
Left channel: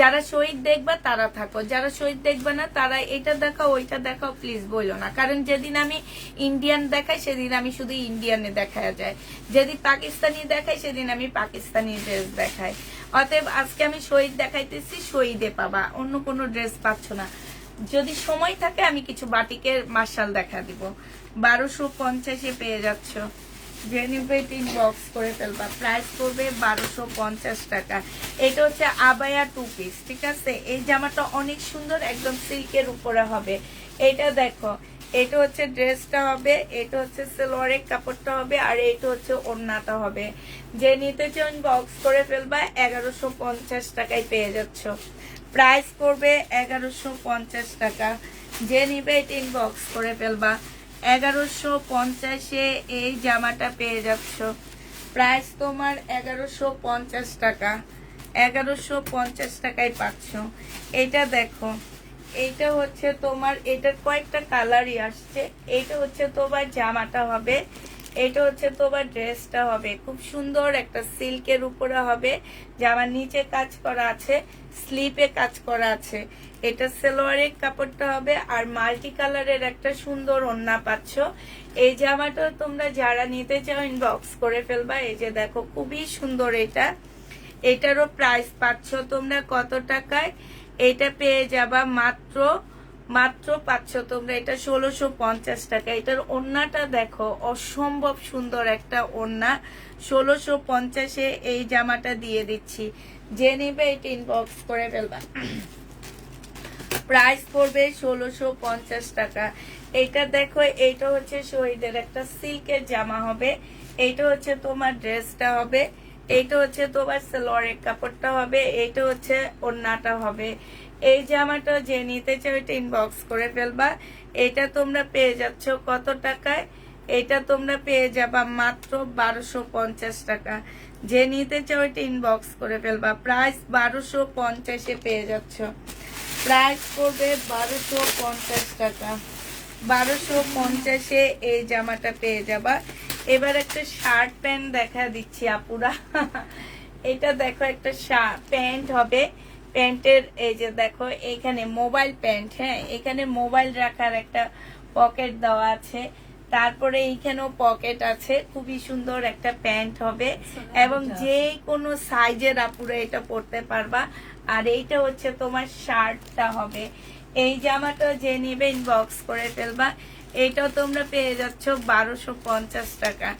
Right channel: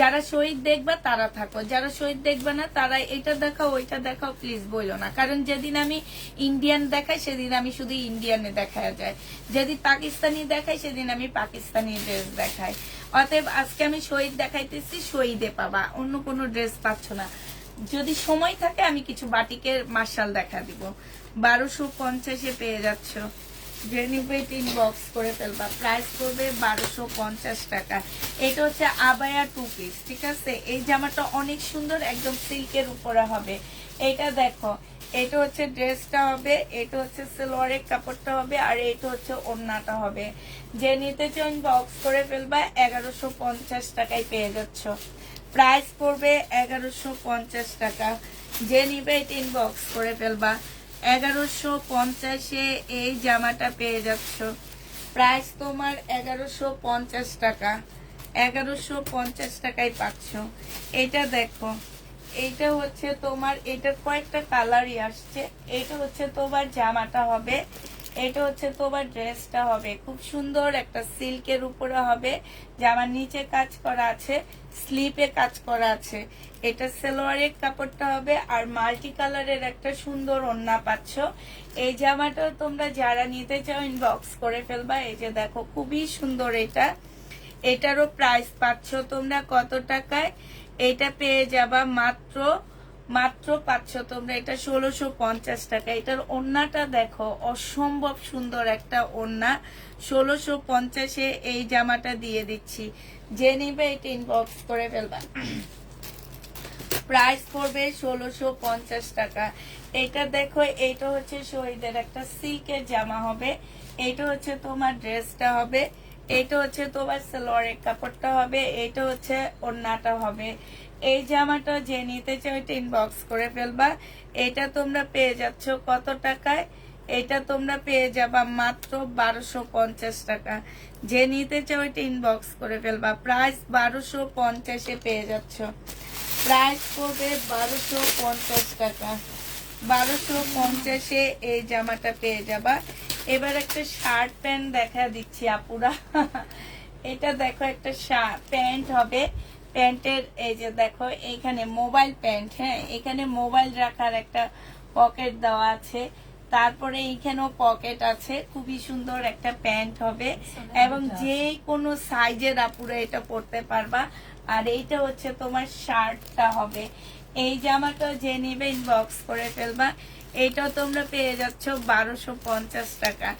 যারা শহীদ দেখবা তারা থাকো, যারা শহীদ দেখবে না তারা এটা দেখাও ওইটা দেখাও, প্লিজ বইলো না। কারণ যেদিন আমি ইন্ডিয়ান দেখাই সেদিন আমি শুধু ইন্ডিয়ানে দেখা যায়, যেদিন পাকিস্তানি দেখাই সেদিন আমি পাকিস্তানি ড্রেস দেখাই। অতএব আজকে আমি শহীদ দেখাইতেছি, শহীদে পাবা, অন্য কোনো ড্রেস পাচ্ছ না। যদি সময় থাকে আমি কিছু বাটিকের মার্শাল দেখা দিব। 1250-এ পেয়ে যাচ্ছ। ইনবক্স করে ফেলবা। প্রাইস পড়বে 1250 টাকা। এটা হচ্ছে আবায়া 2 পিস, ঠিক আছে? এই জামাটা অনেক সুন্দর, একদম সিল্কের উপরে হবে। এটা দেখো এটা হচ্ছে ড্রেসটা হবে, এটা হচ্ছে সালোয়ারের কাপড়টা হবে, আর এটা হচ্ছে ওড়নাটা হবে। যে নিতে চান বক্স করে ফেলবা। 1150 টাকায় পেয়ে যাচ্ছ। প্রাইস পড়বে 1150 টাকা। যে নিবে এটা ইনবক্স করে ফেলবা। 1150-এ এই জামাটা পেয়ে যাচ্ছ। প্রাইস তোমার 1150 টাকা, 1150 টাকায় পাচ্ছ। এটা দেখো, এটা হচ্ছে তোমার, এটা কয়েকটা কালারই আসছে। এটা হচ্ছে তোমার জামাটা হবে, এটা হচ্ছে তোমার ড্রেসটা হবে। খুব সুন্দর একটা সিল্কের উপরে হবে, জামার নিচে কাজ করা আছে, স্লিপে কাজ করা আছে। এটা সালোয়ারের কাপড়টা হবে, আর মাল্টি কালারের একটা সুন্দর ওড়না পাচ্ছ। এই জামাটা তোমরা যারা নিতে চাও ইনবক্স করে ফেলবা। এই যে দেখো, খুবই সুন্দর এটা। এটারও প্রাইস পাচ্ছ তোমরা কত টাকায়? এটা পেয়ে যাবা মাত্র পাচ্ছ তোমরা এটা 1650 টাকা। এটার ওড়নাটা দেখো, অসম্ভব সুন্দর একটা ওড়না। 1650-এ এই জামাটা দিয়ে দিচ্ছি। যে নিবে এটা ইনবক্স করে ফেলবা। প্রাইস পড়বে 1650 টাকা। এইটা দেখো, এইটা হচ্ছে শহীদের একটা সিল্কের জামা হবে। এইটা হচ্ছে তোমার ড্রেসটা হবে, এইটা হচ্ছে তোমার সালোয়ারের কাপড়টা হবে, এইটা হচ্ছে ওড়নাটা হবে। এই জামাটা যে নিতে চাও এটা ইনবক্স করে ফেলবা। এটা তোমরা পেয়ে যাচ্ছ কত টাকায়? এটা তোমরা পেয়ে যাবা মাত্র 1250 টাকা। যে নিতে চাও এটা ইনবক্স করে ফেলবা। প্রাইস 1250-এ পেয়ে যাচ্ছ। প্রাইস করবে 1250 টাকা। 1250-এ এই জামাটা পেয়ে যাবা। এবার একটা শার্ট প্যান্ট দেখা দিচ্ছি আপুরা। এটা দেখো, একটা প্যান্ট হবে। প্যান্টের এই যে দেখো, এইখানে মোবাইল প্যান্ট, হ্যাঁ, এখানে মোবাইল রাখার একটা পকেট দেওয়া আছে। তারপরে এইখানেও পকেট আছে। খুবই সুন্দর একটা প্যান্ট হবে, এবং যে কোনো সাইজের আপুরা এটা পরতে পারবা। আর এইটা হচ্ছে তোমার শার্টটা হবে। এই জামাটা যে নিবে ইনবক্স করে ফেলবা। এটাও তোমরা পেয়ে যাচ্ছ 1250 টাকা।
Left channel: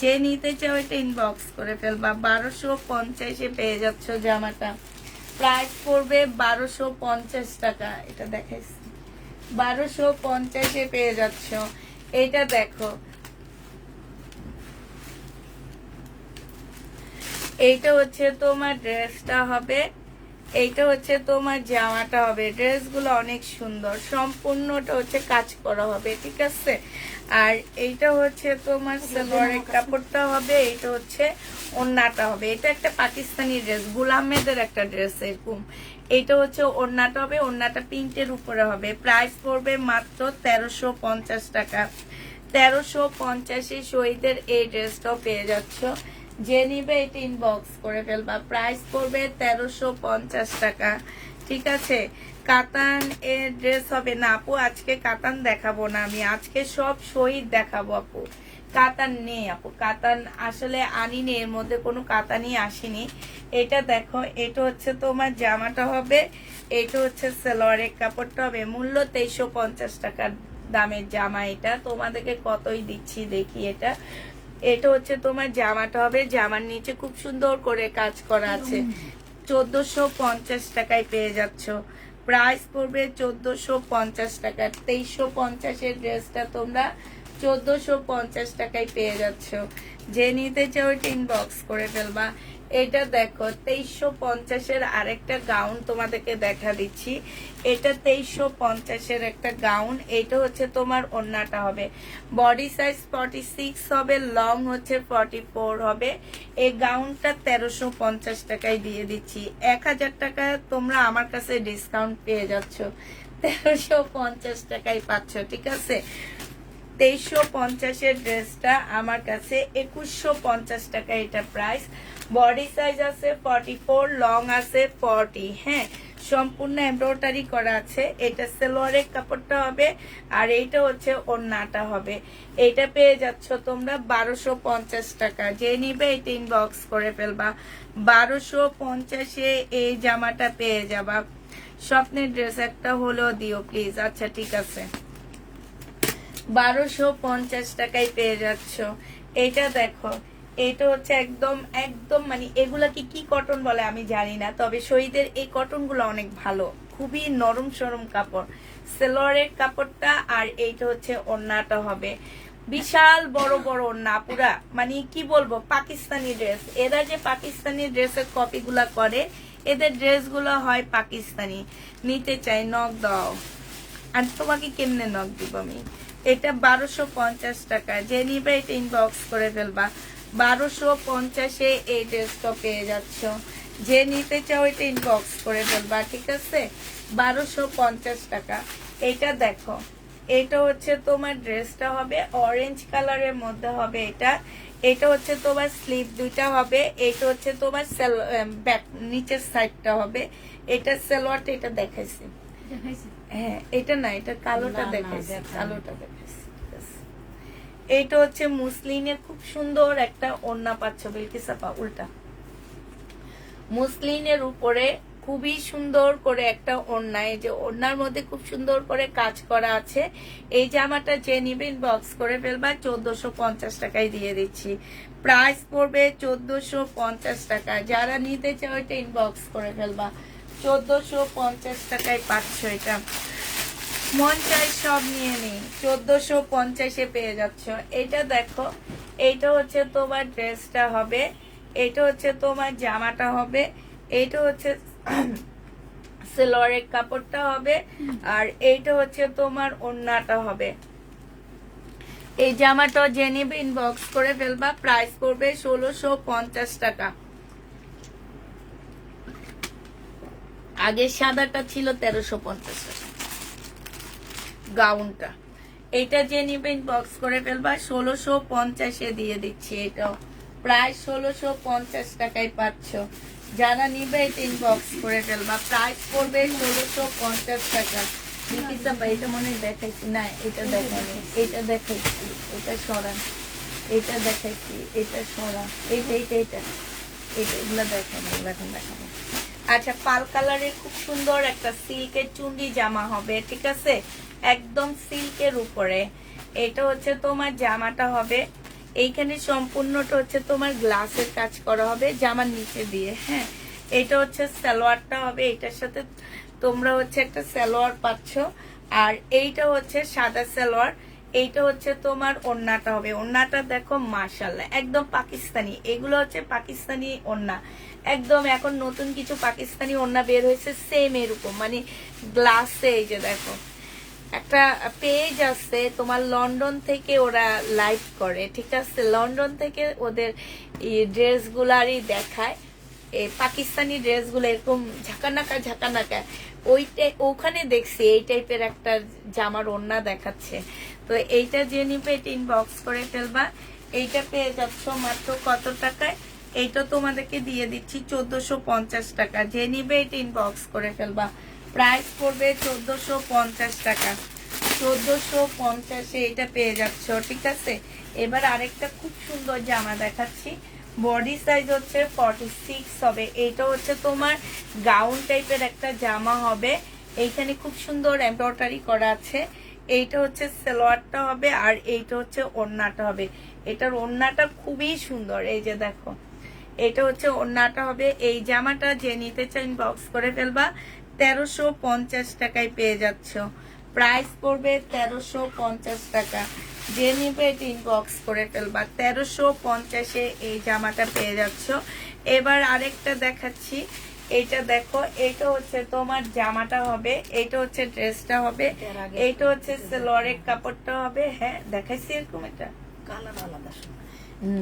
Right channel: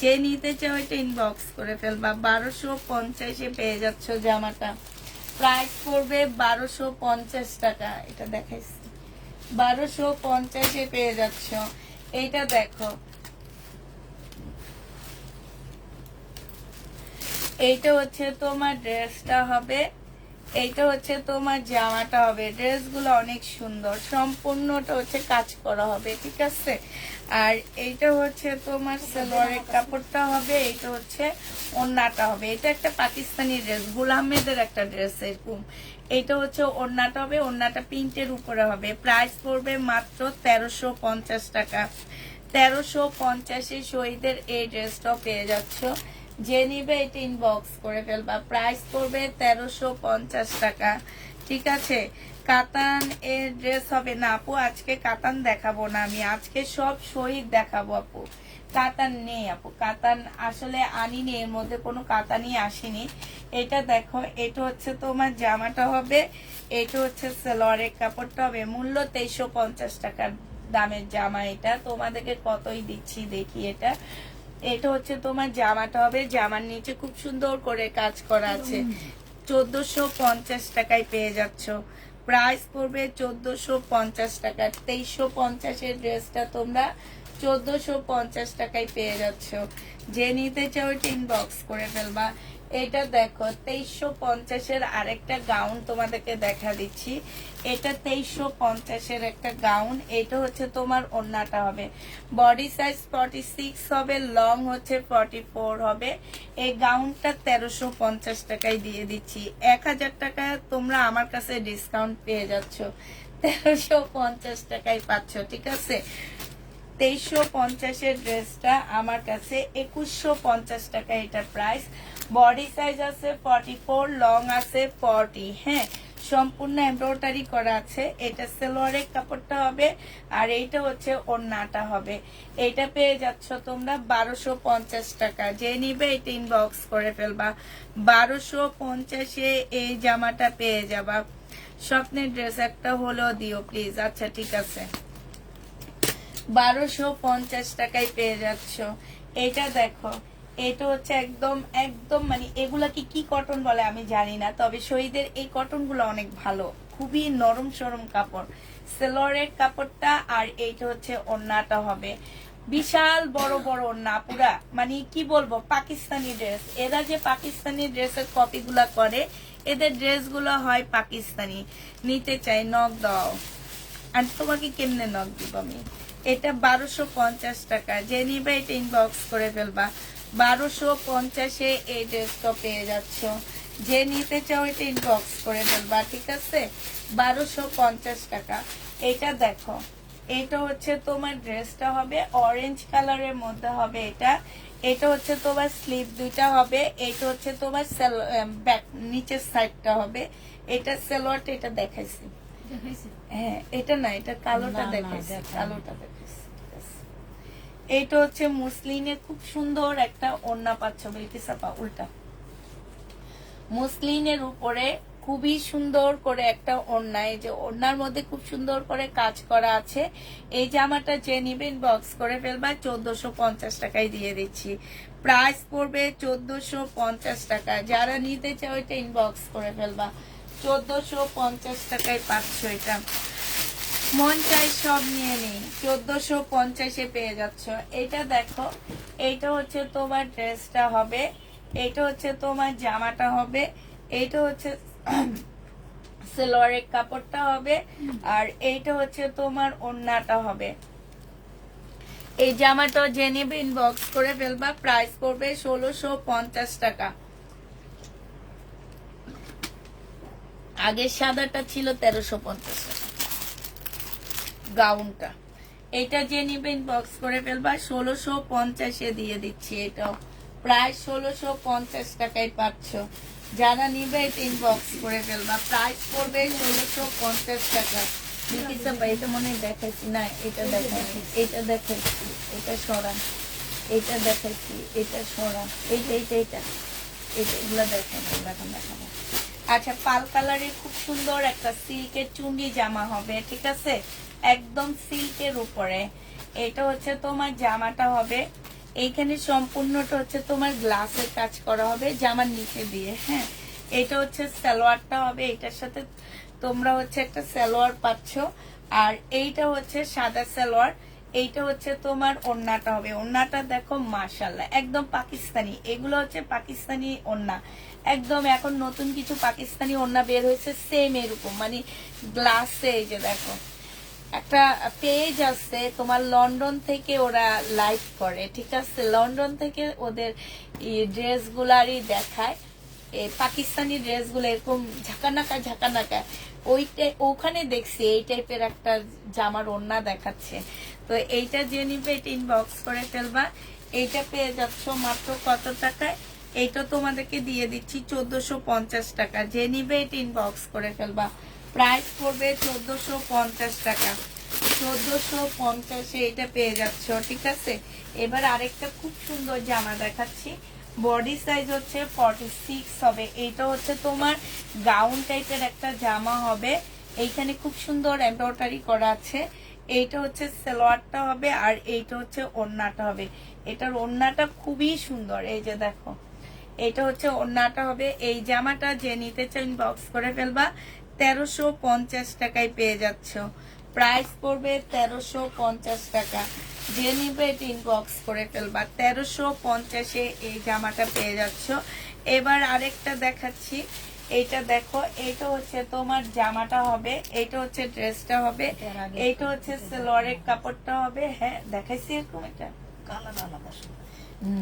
যে নিতে চাও এটা ইনবক্স করে ফেলবা। 1250-এ পেয়ে যাচ্ছ জামাটা। প্রাইস পড়বে 1250 টাকা। এটা দেখাইছি, 1250-এ পেয়ে যাচ্ছ। এটা দেখো, এইটা হচ্ছে তোমার ড্রেসটা হবে, এইটা হচ্ছে তোমার জামাটা হবে। ড্রেসগুলো অনেক সুন্দর, সম্পূর্ণটা হচ্ছে কাজ করা হবে, ঠিক আছে। আর এইটা হচ্ছে তোমার সালোয়ারের কাপড়টা হবে, এইটা হচ্ছে ওড়নাটা হবে। এটা একটা পাকিস্তানি ড্রেস, গুল আহমেদের একটা ড্রেস এরকম। এইটা হচ্ছে ওড়নাটা হবে, ওড়নাটা প্রিন্টের উপরে হবে। প্রাইস পড়বে মাত্র 1350 টাকা। 1350-এ শহীদের এই ড্রেসটাও পেয়ে যাচ্ছ। যে নিবে এটা ইনবক্স করে ফেলবা। প্রাইস পড়বে 1350 টাকা, ঠিক আছে। কাতান এর ড্রেস হবে না আপু, আজকে কাতান দেখাবো না আমি, আজকে সব শহীদ দেখাবো আপু। কাতান নেই আপু, কাতান আসলে আনিনি, এর মধ্যে কোনো কাতানই আসেনি। এটা দেখো, এটা হচ্ছে তোমার জামাটা হবে, এটা হচ্ছে সালোয়ারের কাপড়টা হবে। মূল্য 2350 টাকার দামের জামা। এটা তোমাদেরকে কতই দিচ্ছি দেখি। এটা এটা হচ্ছে তোমার জামাটা হবে, জামার নিচে খুব সুন্দর করে কাজ করা আছে। 1450 টাকায় পেয়ে যাচ্ছ। প্রাইস পড়বে 1450 টাকা। 2350-এর ড্রেসটা তোমরা 1450 টাকায় পেয়ে যাচ্ছ। যে নিতে চাও এটা ইনবক্স করে ফেলবা। এটা দেখো, 2350-এর আরেকটা গাউন তোমাদেরকে দেখা দিচ্ছি। এটা 2350-এর একটা গাউন। এটা হচ্ছে তোমার ওড়নাটা হবে, বডি সাইজ 46 হবে, লং হচ্ছে 44 হবে। এই গাউনটা 1350 টাকায় দিয়ে দিচ্ছি। 1000 টাকায় তোমরা আমার কাছে ডিসকাউন্ট পেয়ে যাচ্ছ। 1350 টাকায় পাচ্ছ, ঠিক আছে। 2350-এর ড্রেসটা আমার কাছে 2150 টাকা এটা প্রাইস। বডি সাইজ আছে 44, লং আছে 40, হ্যাঁ, সম্পূর্ণ এমব্রয়ডারি করা আছে। এটা সালোয়ারের কাপড়টা হবে, আর এইটা হচ্ছে ওড়নাটা হবে। এটা পেয়ে যাচ্ছ তোমরা 1250 টাকা। যে নিবে এটা ইনবক্স করে ফেলবা। 1250-এ এই জামাটা পেয়ে যাবা। স্বপ্নের ড্রেস একটা হলো দিও প্লিজ। আচ্ছা, ঠিক আছে, 1250 টাকায় পেয়ে যাচ্ছ। এটা দেখো, এটা হচ্ছে একদম একদম মানে এগুলাকে কি কটন বলে আমি জানি না, তবে শহীদের এই কটন গুলো অনেক ভালো, খুবই নরম সরম কাপড়। সালোয়ারের কাপড়টা, আর এইটা হচ্ছে ওড়নাটা হবে। বিশাল বড় বড় ওড়না পুরা, মানে কি বলবো, পাকিস্তানি ড্রেস। এরা যে পাকিস্তানি ড্রেসের কপি গুলা করে, এদের ড্রেস গুলো হয় পাকিস্তানি। নিতে চাই নক দাও। আর তোমাকে কেমনে নক দিব আমি? এটা 1250 টাকা। যে নিবে এটা ইনবক্স করে ফেলবা। 1250 এই ড্রেসটা পেয়ে যাচ্ছ। যে নিতে চাও এটা ইনবক্স করে ফেলবা, ঠিক আছে? 1250 টাকা। এটা দেখো, এটা হচ্ছে তোমার ড্রেসটা হবে অরেঞ্জ কালারের মধ্যে হবে এটা। এটা হচ্ছে তোমার স্লিভ দুইটা হবে। এটা হচ্ছে তোমার ব্যাক নিচের সাইডটা হবে। এটা সালোয়ারটা এটা দেখাইছি। হ্যাঁ, এটা না, এটা কালোটা দেখাইছি, কালোটা দেখাইছি। এটা হচ্ছে মুসলিনের খুব সুন্দর একটা ওড়না পাচ্ছ বিলকিসাপা, উল্টা মুসলিনের উপরে খুবই সুন্দর করে একটা ওড়না, এই যে ওড়নার মধ্যে খুব সুন্দর করে কাজ করা আছে। এই জামাটা যে নিবে ইনবক্স করে ফেলবা, 1450 টাকায় দিয়ে দিচ্ছি। প্রাইস পড়বে 1450 টাকা। যারা নিতে চাও এটা ইনবক্স করে ফেলবা, 1450 টাকায় পাচ্ছ। এটা মন চাই সব নিয়ে নেই, 1450-এ পেয়ে যাচ্ছ। এটা দেখো, এইটা হচ্ছে তোমার ড্রেসটা হবে, এটা হচ্ছে তোমার জামাটা হবে, এইটা হচ্ছে সেলোয়ারের কাপড়টা হবে, আর এইটা হচ্ছে তোমার ওড়নাটা হবে। এই জামাটা যে নেবে ইনবক্স করে ফেলবা, প্রাইস পড়বে 1650 টাকা। আগে সাদাটা ছিল 1350 টাকা গাউনটা। এটা যে নিবে ইনবক্স করে ফেলবা, 1650-এ দিয়ে দিচ্ছি। এটাও প্রায় 1650 টাকায় পাচ্ছ। যারা নিবে এটা ইনবক্স করে ফেলবা, প্রাইস পড়বে 1650 টাকা। এটা মনে হয় দেখাইছি না, এটা দেখাইছি, এটা দেখাইছি, এটা সরান, এটা দেখাইছি, এটা সরান, এইটা এইটা এইটা এইটা এগুলো দেখানো, এখন দেখানো। আচ্ছা, পাল কালারের খুব সুন্দর একটা সিল্কের চুন্ডি জামা হবে, ঠিক আছে? একদম সিল্কের উপরে। এটা হচ্ছে তোমার জামাটা হবে, এইখানে সম্পূর্ণটা হচ্ছে তোমার গ্লাসের কাজ করা হবে জামার নিচে দিয়ে। হ্যাঁ, এটা হচ্ছে সালোয়ারটা হবে, এটার সাথে তোমরা হচ্ছে একটা সালোয়ার পাচ্ছ। আর এইটা হচ্ছে সাদা সালোয়ার। এইটা হচ্ছে তোমার ওড়নাটা হবে। ওড়নাটা দেখো মাশাআল্লাহ, একদম পাকিস্তানি। এগুলো হচ্ছে পাকিস্তানি ওড়না, একদম এখন নতুন কিছু পাকিস্তানি ওড়না বের হয়েছে সেম এরকম, মানে গ্লাসে। এই যে দেখো, একটা পেজ আছে তোমার লন্ডন থেকে, ওরা লাইভ করে, ঠিক আছে? লন্ডন থেকে ওদের ড্রেস গুলারই দেখায়, পাকিস্তানি ড্রেস গুলো এরকম ঝাঁকানাকা ঝাঁকানাকা। ওখানে দেখছি এই টাইপের একটা জামার ওড়না দেখাচ্ছে। তো এইটা যে নিবে এটা ইনবক্স করে ফেলবা। এইটা পেয়ে যাচ্ছ মাত্র কত টাকায়? এইটা তোমাদেরকে দিয়ে দিচ্ছি 1450 টাকা। যে নিবে এটা ইনবক্স করে ফেলবা, প্রাইস পড়বে 1450 টাকা। 1450-এ এটা পেয়ে যাচ্ছ, ঠিক আছে? এবার আরেকটা খুব সুন্দর জামা দেখাচ্ছি। বডি সাইজ হচ্ছে 46 হবে। এইটা হচ্ছে তোমার গাউন টাইপের একটা জামা হবে। এইখানে খুব সুন্দর এমব্রয়ডারি করা আছে। এইটা হচ্ছে সালোয়ারটা হবে, আর এইটা হচ্ছে ওড়নাটা হবে। এটার ওড়নাটা খুবই সুন্দর, এই যে দেখো, এটা হচ্ছে ওড়নাটা হবে। এই জামাটা যে নিতে চাই ইনবক্স করে ফেলবা, 1350 টাকায় পেয়ে যাচ্ছ। প্রাইস পড়বে 1350 টাকা। যে নিবে এটা ইনবক্স করে ফেলবা, 1350-এ এই জামাটা পেয়ে যাচ্ছ। এবার আরেকটা দেখাচ্ছি, এইটা দেখো, এটা হচ্ছে তোমার জামাটা হবে, এটা হচ্ছে ড্রেসটা হবে, এইটা হচ্ছে সালোয়ারের কাপড়টা হবে। হ্যাঁ, দেখাইছি এরকম, এটা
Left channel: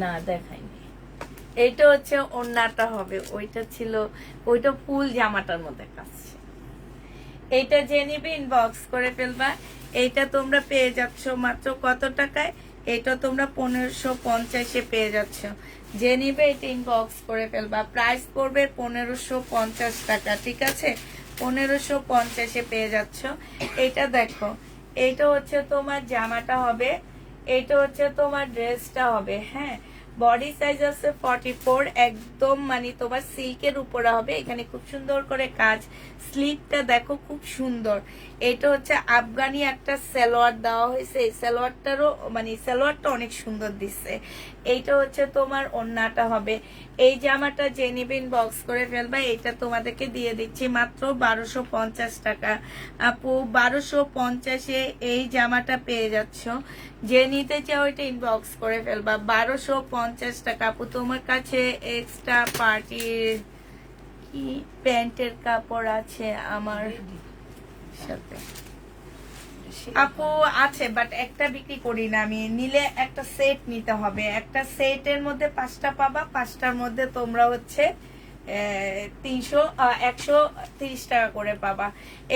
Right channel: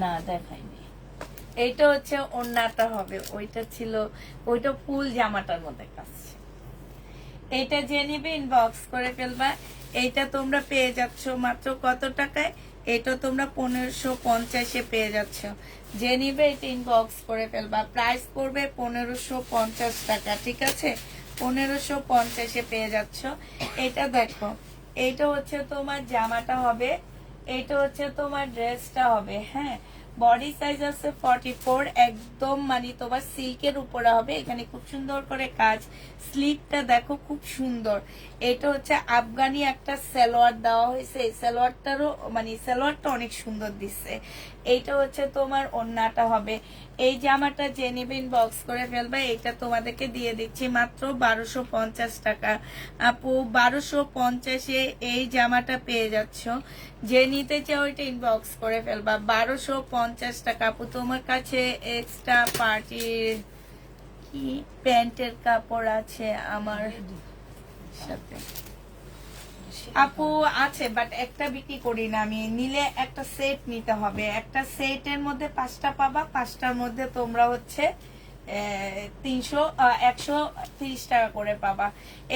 না দেখাইনি। এইটা হচ্ছে ওড়নাটা হবে, ওইটা ছিল, ওইটা ফুল জামাটার মধ্যে কাজ। এইটা যে নিবে ইনবক্স করে ফেলবা। এইটা তোমরা পেয়ে যাচ্ছ মাত্র কত টাকায়? এটা তোমরা 1550-এ পেয়ে যাচ্ছ। যে নিবে এটা ইনবক্স করে ফেলবা, প্রাইস পড়বে 1550 টাকা, ঠিক আছে? 1550-এ পেয়ে যাচ্ছ। এটা দেখো, এইটা হচ্ছে তোমার জামাটা হবে, এটা হচ্ছে তোমার ড্রেসটা হবে। হ্যাঁ, বডি সাইজ আছে 44, একদম মানে তোমার সিল্কের উপরে হবে। এখানে খুব সুন্দর করে কাজ, স্লিভটা দেখো খুব সুন্দর। এটা হচ্ছে আফগানি একটা সালোয়ার দেওয়া হয়েছে, এই সালোয়ারটারও মানে সালোয়ারটা অনেক সুন্দর দিচ্ছে। এইটা হচ্ছে তোমার ওড়নাটা হবে। এই জামাটা যে নিবে ইনবক্স করে ফেলবে, এটা তোমাদেরকে দিয়ে দিচ্ছি মাত্র 1250 টাকা। আপু 1250-এ এই জামাটা পেয়ে যাচ্ছ। যে নিতে চাও এটা ইনবক্স করে ফেলবা, 1250 টাকা। আপু তোমার কাছে এক্সট্রা পার্টির কি প্যান্টের কাপড় আছে আমার সাথে? আপু আছে, বাট একটা বিক্রি করি না আমি। নিলে একটা সেট নিতে হবে, একটা সেটের মধ্যে 5টা পাবা, 5টার মধ্যে তোমরা হচ্ছে 130 টাকা করে পাবা।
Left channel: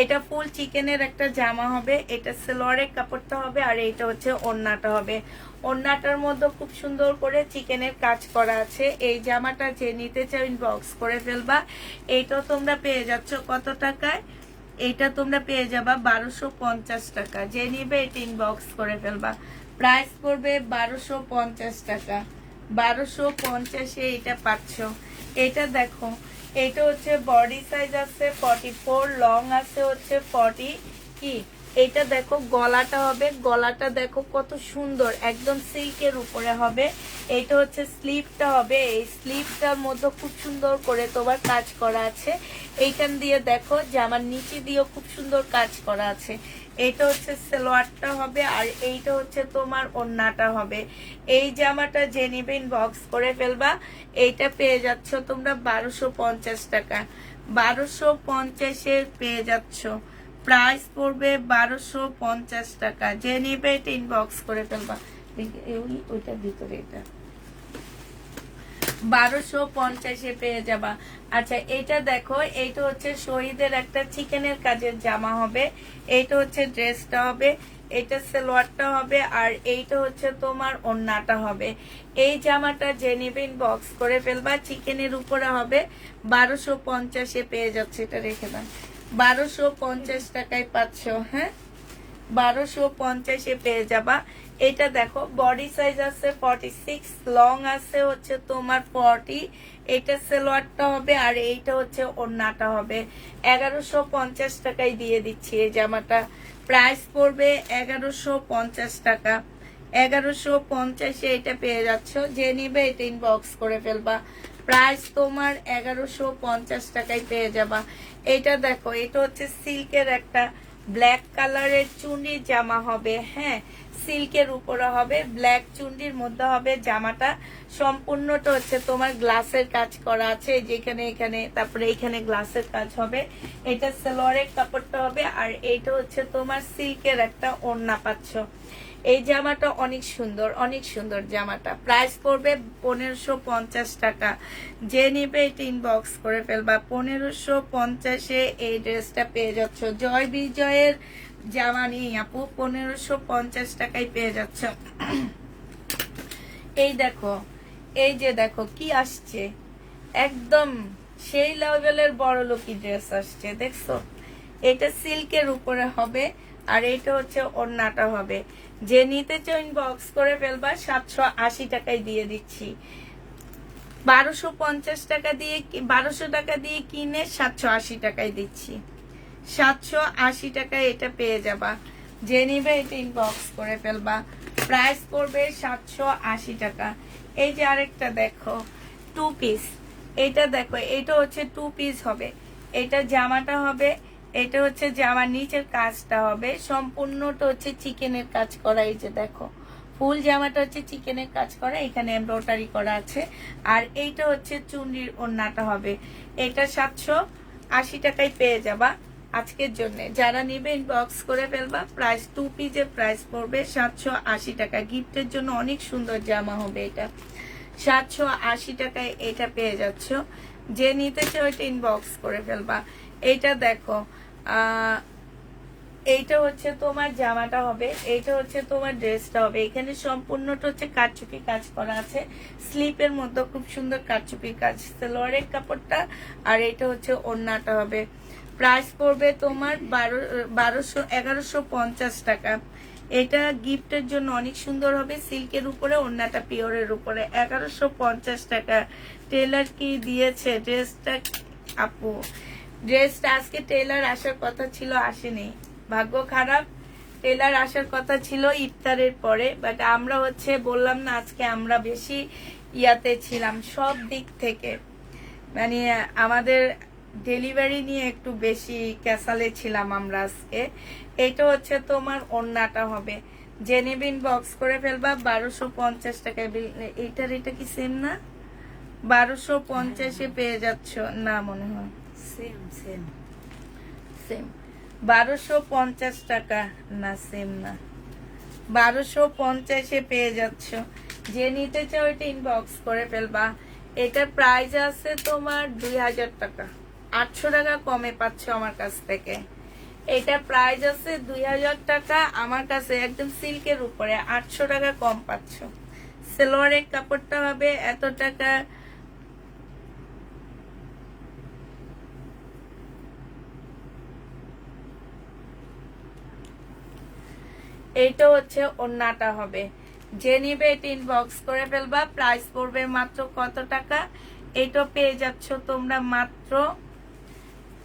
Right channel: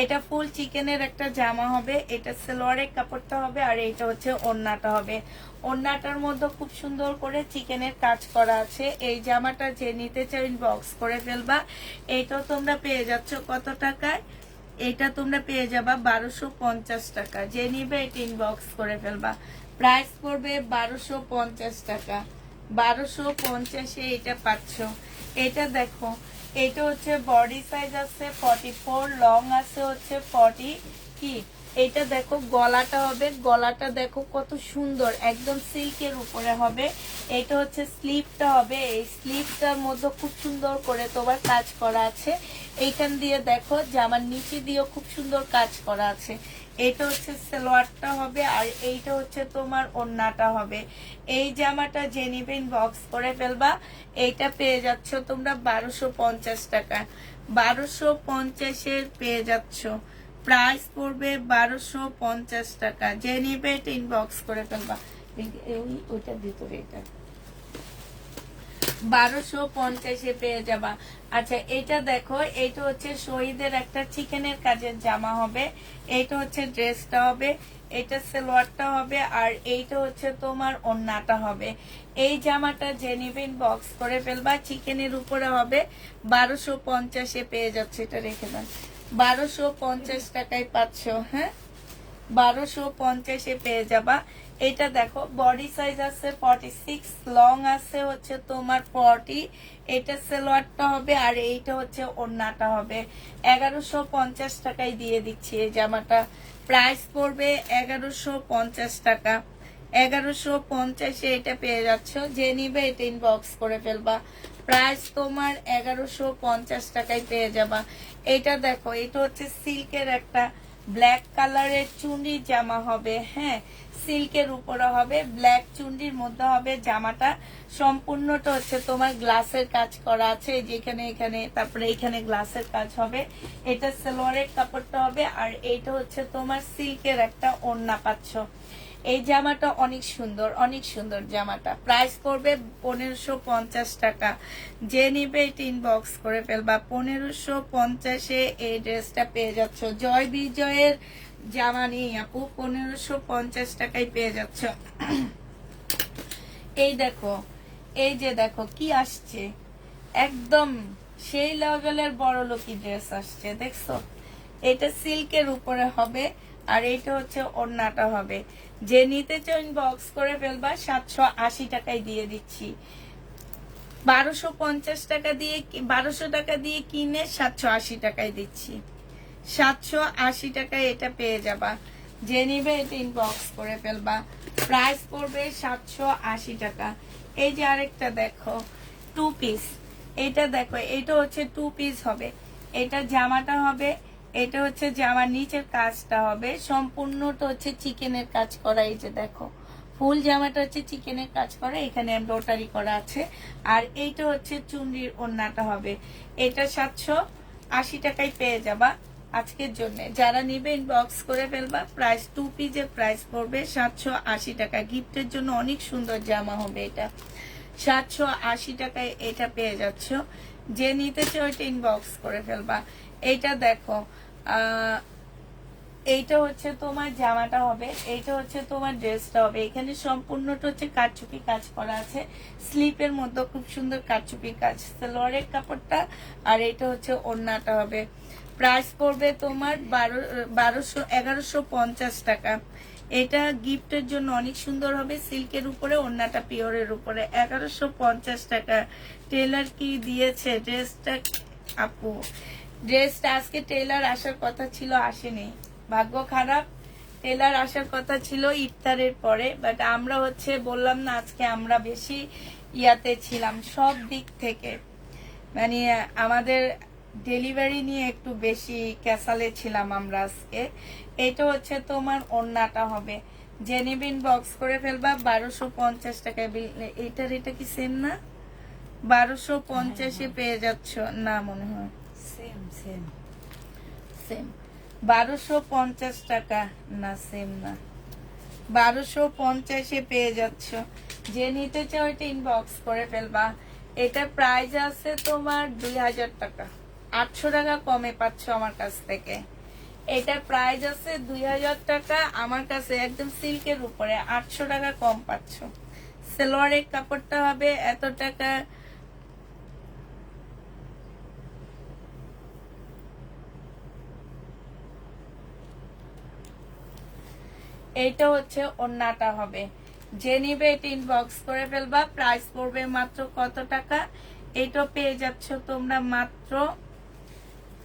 এটা ফুল চিকেনের একটা জামা হবে, এটা সেলোয়ারের কাপড়টা হবে, আর এটা হচ্ছে ওড়নাটা হবে। ওড়নাটার মধ্যে খুব সুন্দর করে চিকেনের কাজ করা আছে। এই জামাটা যে নিতে চাও ইনবক্স করে ফেলবা। এইটাও তোমরা পেয়ে যাচ্ছ কত টাকায়? এটা তোমরা পেয়ে যাবা 1250 টাকা। যে নিবে এটা ইনবক্স করে ফেলবা। প্রাইস পড়বে 1250 টাকা। 1250-এ এটা পাচ্ছ। এটা দেখো, এটা হচ্ছে বডি সাইজ আছে 44, লং আছে হচ্ছে 40 কি। এটা দেখো গলাটা হবে, গলাটা দেখো কত সুন্দর, একদম সিল্কের উপরে হবে। এটা হচ্ছে স্লিভটা হবে, এই স্লিভটার মধ্যে খুব সুন্দর করে তোমার কাজ করা আছে। এইখান দিয়ে দেখো জামার নিচে দিয়েও খুব সুন্দর কাজ করা আছে। এইটা হচ্ছে সালোয়ারটা হবে, আর এইটা হচ্ছে তোমার ওড়নাটা হবে। এই জামাটা যে নিবে ইনবক্স করে ফেলবা। এইটা পেয়ে যাচ্ছ তোমরা 1250 টাকা। 1250-এ পেয়ে যাচ্ছ। প্রাইস পড়বে 1250 টাকা। যে নিবে এটা ইনবক্স করে ফেলবা। ওইটার ভিতরে এটা 1250-এ পেয়ে যাবা। আচ্ছা, এটা দেখো, এটা হচ্ছে শহীদের একটা চিকেনের কাজের জামা হবে। এইটা হচ্ছে ড্রেসটা হবে, এটা সালোয়ারটা হবে, আর এইটা হচ্ছে তোমার ওড়নাটা হবে। এই জামাটা যে নিবে ইনবক্স করে ফেলবা। চিকেনের উপরে হবে, 1250-এ পেয়ে যাচ্ছে। এটা রেখে দাও, 1250 টাকায় পাচ্ছ। হ্যাঁ, 1250-এ পেয়ে যাবা। এটা দেখো বডি সাইজ আছে 46, লং আছে হচ্ছে তোমার 40। এটা সালোয়ারটা হবে, আর এইটা হচ্ছে ওড়নাটা হবে। 1150 টাকায় দিয়ে দিচ্ছি এই জামাটা। প্রাইস পড়বে 1150 টাকা। 1150-এ এটা পেয়ে যাচ্ছ। যে নিবে এটা ইনবক্স করে ফেলবা। প্রাইস তোমার 1150 টাকায় পেয়ে যাবা। এটা দেখো, এটা হচ্ছে সিল্কের একটা ব্ল্যাক কালারের চুন্ডির জামা হবে। হ্যাঁ, সিল্কের উপরে হবে, ব্ল্যাক চুন্ডির মধ্যে হবে জামাটা। সম্পূর্ণটা হচ্ছে তোমার গ্লাসের কাজ করা আছে, যেখানে এখানে, তারপরে এখানে গ্লাসের কাজ হবে। এটা সালোয়ারের কাপড়টা হবে, আর এইটা হচ্ছে তোমার সিল্কের একটা ওড়না পাচ্ছ। এই জামাটা অনেক সুন্দর, অনেক সুন্দর জামাটা। প্রাইস পড়বে 1550 টাকা। যে নিবে এটা ইনবক্স করে ফেলবা। 1550-এ এই ড্রেসটা পেয়ে যাচ্ছ। জয় বিজয়ের জামা নিয়ে আপু 1550 টাকায় পেয়ে যাচ্ছ। এই দেখো, এই যে দেখো কি আসছে, একদম সেই লেভেলের বড় লোকি ড্রেস আসছে, দেখছো? এটা সিল্কের উপরে হবে, আর এটা হচ্ছে ওড়নাটা হবে। যে নিতে চাও ইনবক্স করে ফেলবা। 780 টাকায় দিয়ে দিচ্ছি। 1250 টাকা দিয়ে, 1200 টাকা দিয়ে কিনে 780 টাকায় দিচ্ছি। 780 টাকায় এটা পেয়ে যাবা। যে নিবে এটা ইনবক্স করে ফেলবা। প্রাইস পড়বে 780 টাকা। এই যে আরেকটা দেখো, 2 পিস। এটা দেখো, এটা হচ্ছে 2 পিস হবে। এটা জামাটা হবে, এটা হচ্ছে জামার নিচের কাজটা হবে। সম্পূর্ণটা হচ্ছে চিকেনের কাজ করা। এই যে দেখো, ফুল জামাটা হচ্ছে চিকেনের কাজ করা, এখানে এমব্রয়ডারি করা আছে। আর এইটা হচ্ছে চুন্ডির ওড়নাটা হবে। এটা 780 টাকায় পেয়ে যাবা আজকের জন্য। যারা নিবে ইনবক্স করে ফেলবা। প্রাইস 2 পিসের প্রাইস পড়বে 780 টাকা। গিফটের জন্য অনেক সুন্দর জামা হবে এটা। 780 টাকায় এটা পেয়ে যাচ্ছ। যে নিতে চাও এটা ইনবক্স করে ফেলবা। এইটা দেখো, এইটা হচ্ছে তোমার জামাটা হবে, এইটা হচ্ছে তোমার ড্রেসটা হবে। এখানে সম্পূর্ণটা হচ্ছে কারচুপি কাজ করা আছে। স্লিপের মধ্যে খুব সুন্দর কারচুপি কাজ, সালোয়ারের কাপড়টা, আর এটা হচ্ছে ওড়নাটা হবে। প্রাইস পড়বে তোমার 1150 টাকা। এটা গিফটের জন্য অনেক সুন্দর হবে, সিল্কের উপরে, ওড়নাটা পিওরের উপরে। 1150 টাকা। টেলার কি দিয়েছে ড্রেসটা? আপু, ড্রেসটা আজকে টেলার আসার কথা ছিল, আসেনি, ভাগ্য খারাপ। টেলার আসার কথা ছিল ইফতারের পরে, বাট আমরা হচ্ছে বললাম না, আজকে আমরা বেশি ইয়াতে ছিলাম সব দিক থেকে, মানে আমাদের ডেলিভারি নিয়ে একটু বেশি ক্যাসালে ছিলাম আমরা আজকে। এটা হচ্ছে তোমার ওড়নাটা হবে। জেনেবিন বক্স করে ফেলবা। 1250 টাকায়। এইটার এটা কি সেম না? 1250-এ পেয়ে যাচ্ছ না মনে হয়? Same same same. 1250 টাকা, না সেম না, 1250-এ পেয়ে যাচ্ছ। যে নিতে চাও এটা ইনবক্স করে ফেলবা। এটা প্রাইস আছে তোমার 2000 টাকা, 800 টাকা কমে পাচ্ছ আমার কাছ থেকে। এটা প্রাইস আছে 2000 টাকা, আমার কাছে একদম সিল্কের উপরে 800 টাকা কম পাচ্ছ। সালোয়ারের কাপড়টা হবে এত টাকা। এইটা হচ্ছে ওন্নাটা হবে। যে নিবে এটা ইনবক্স করে ফেলবা। প্রাইস পড়বে মাত্র কত টাকা? এটা পেয়ে যাচ্ছ তোমরা মাত্র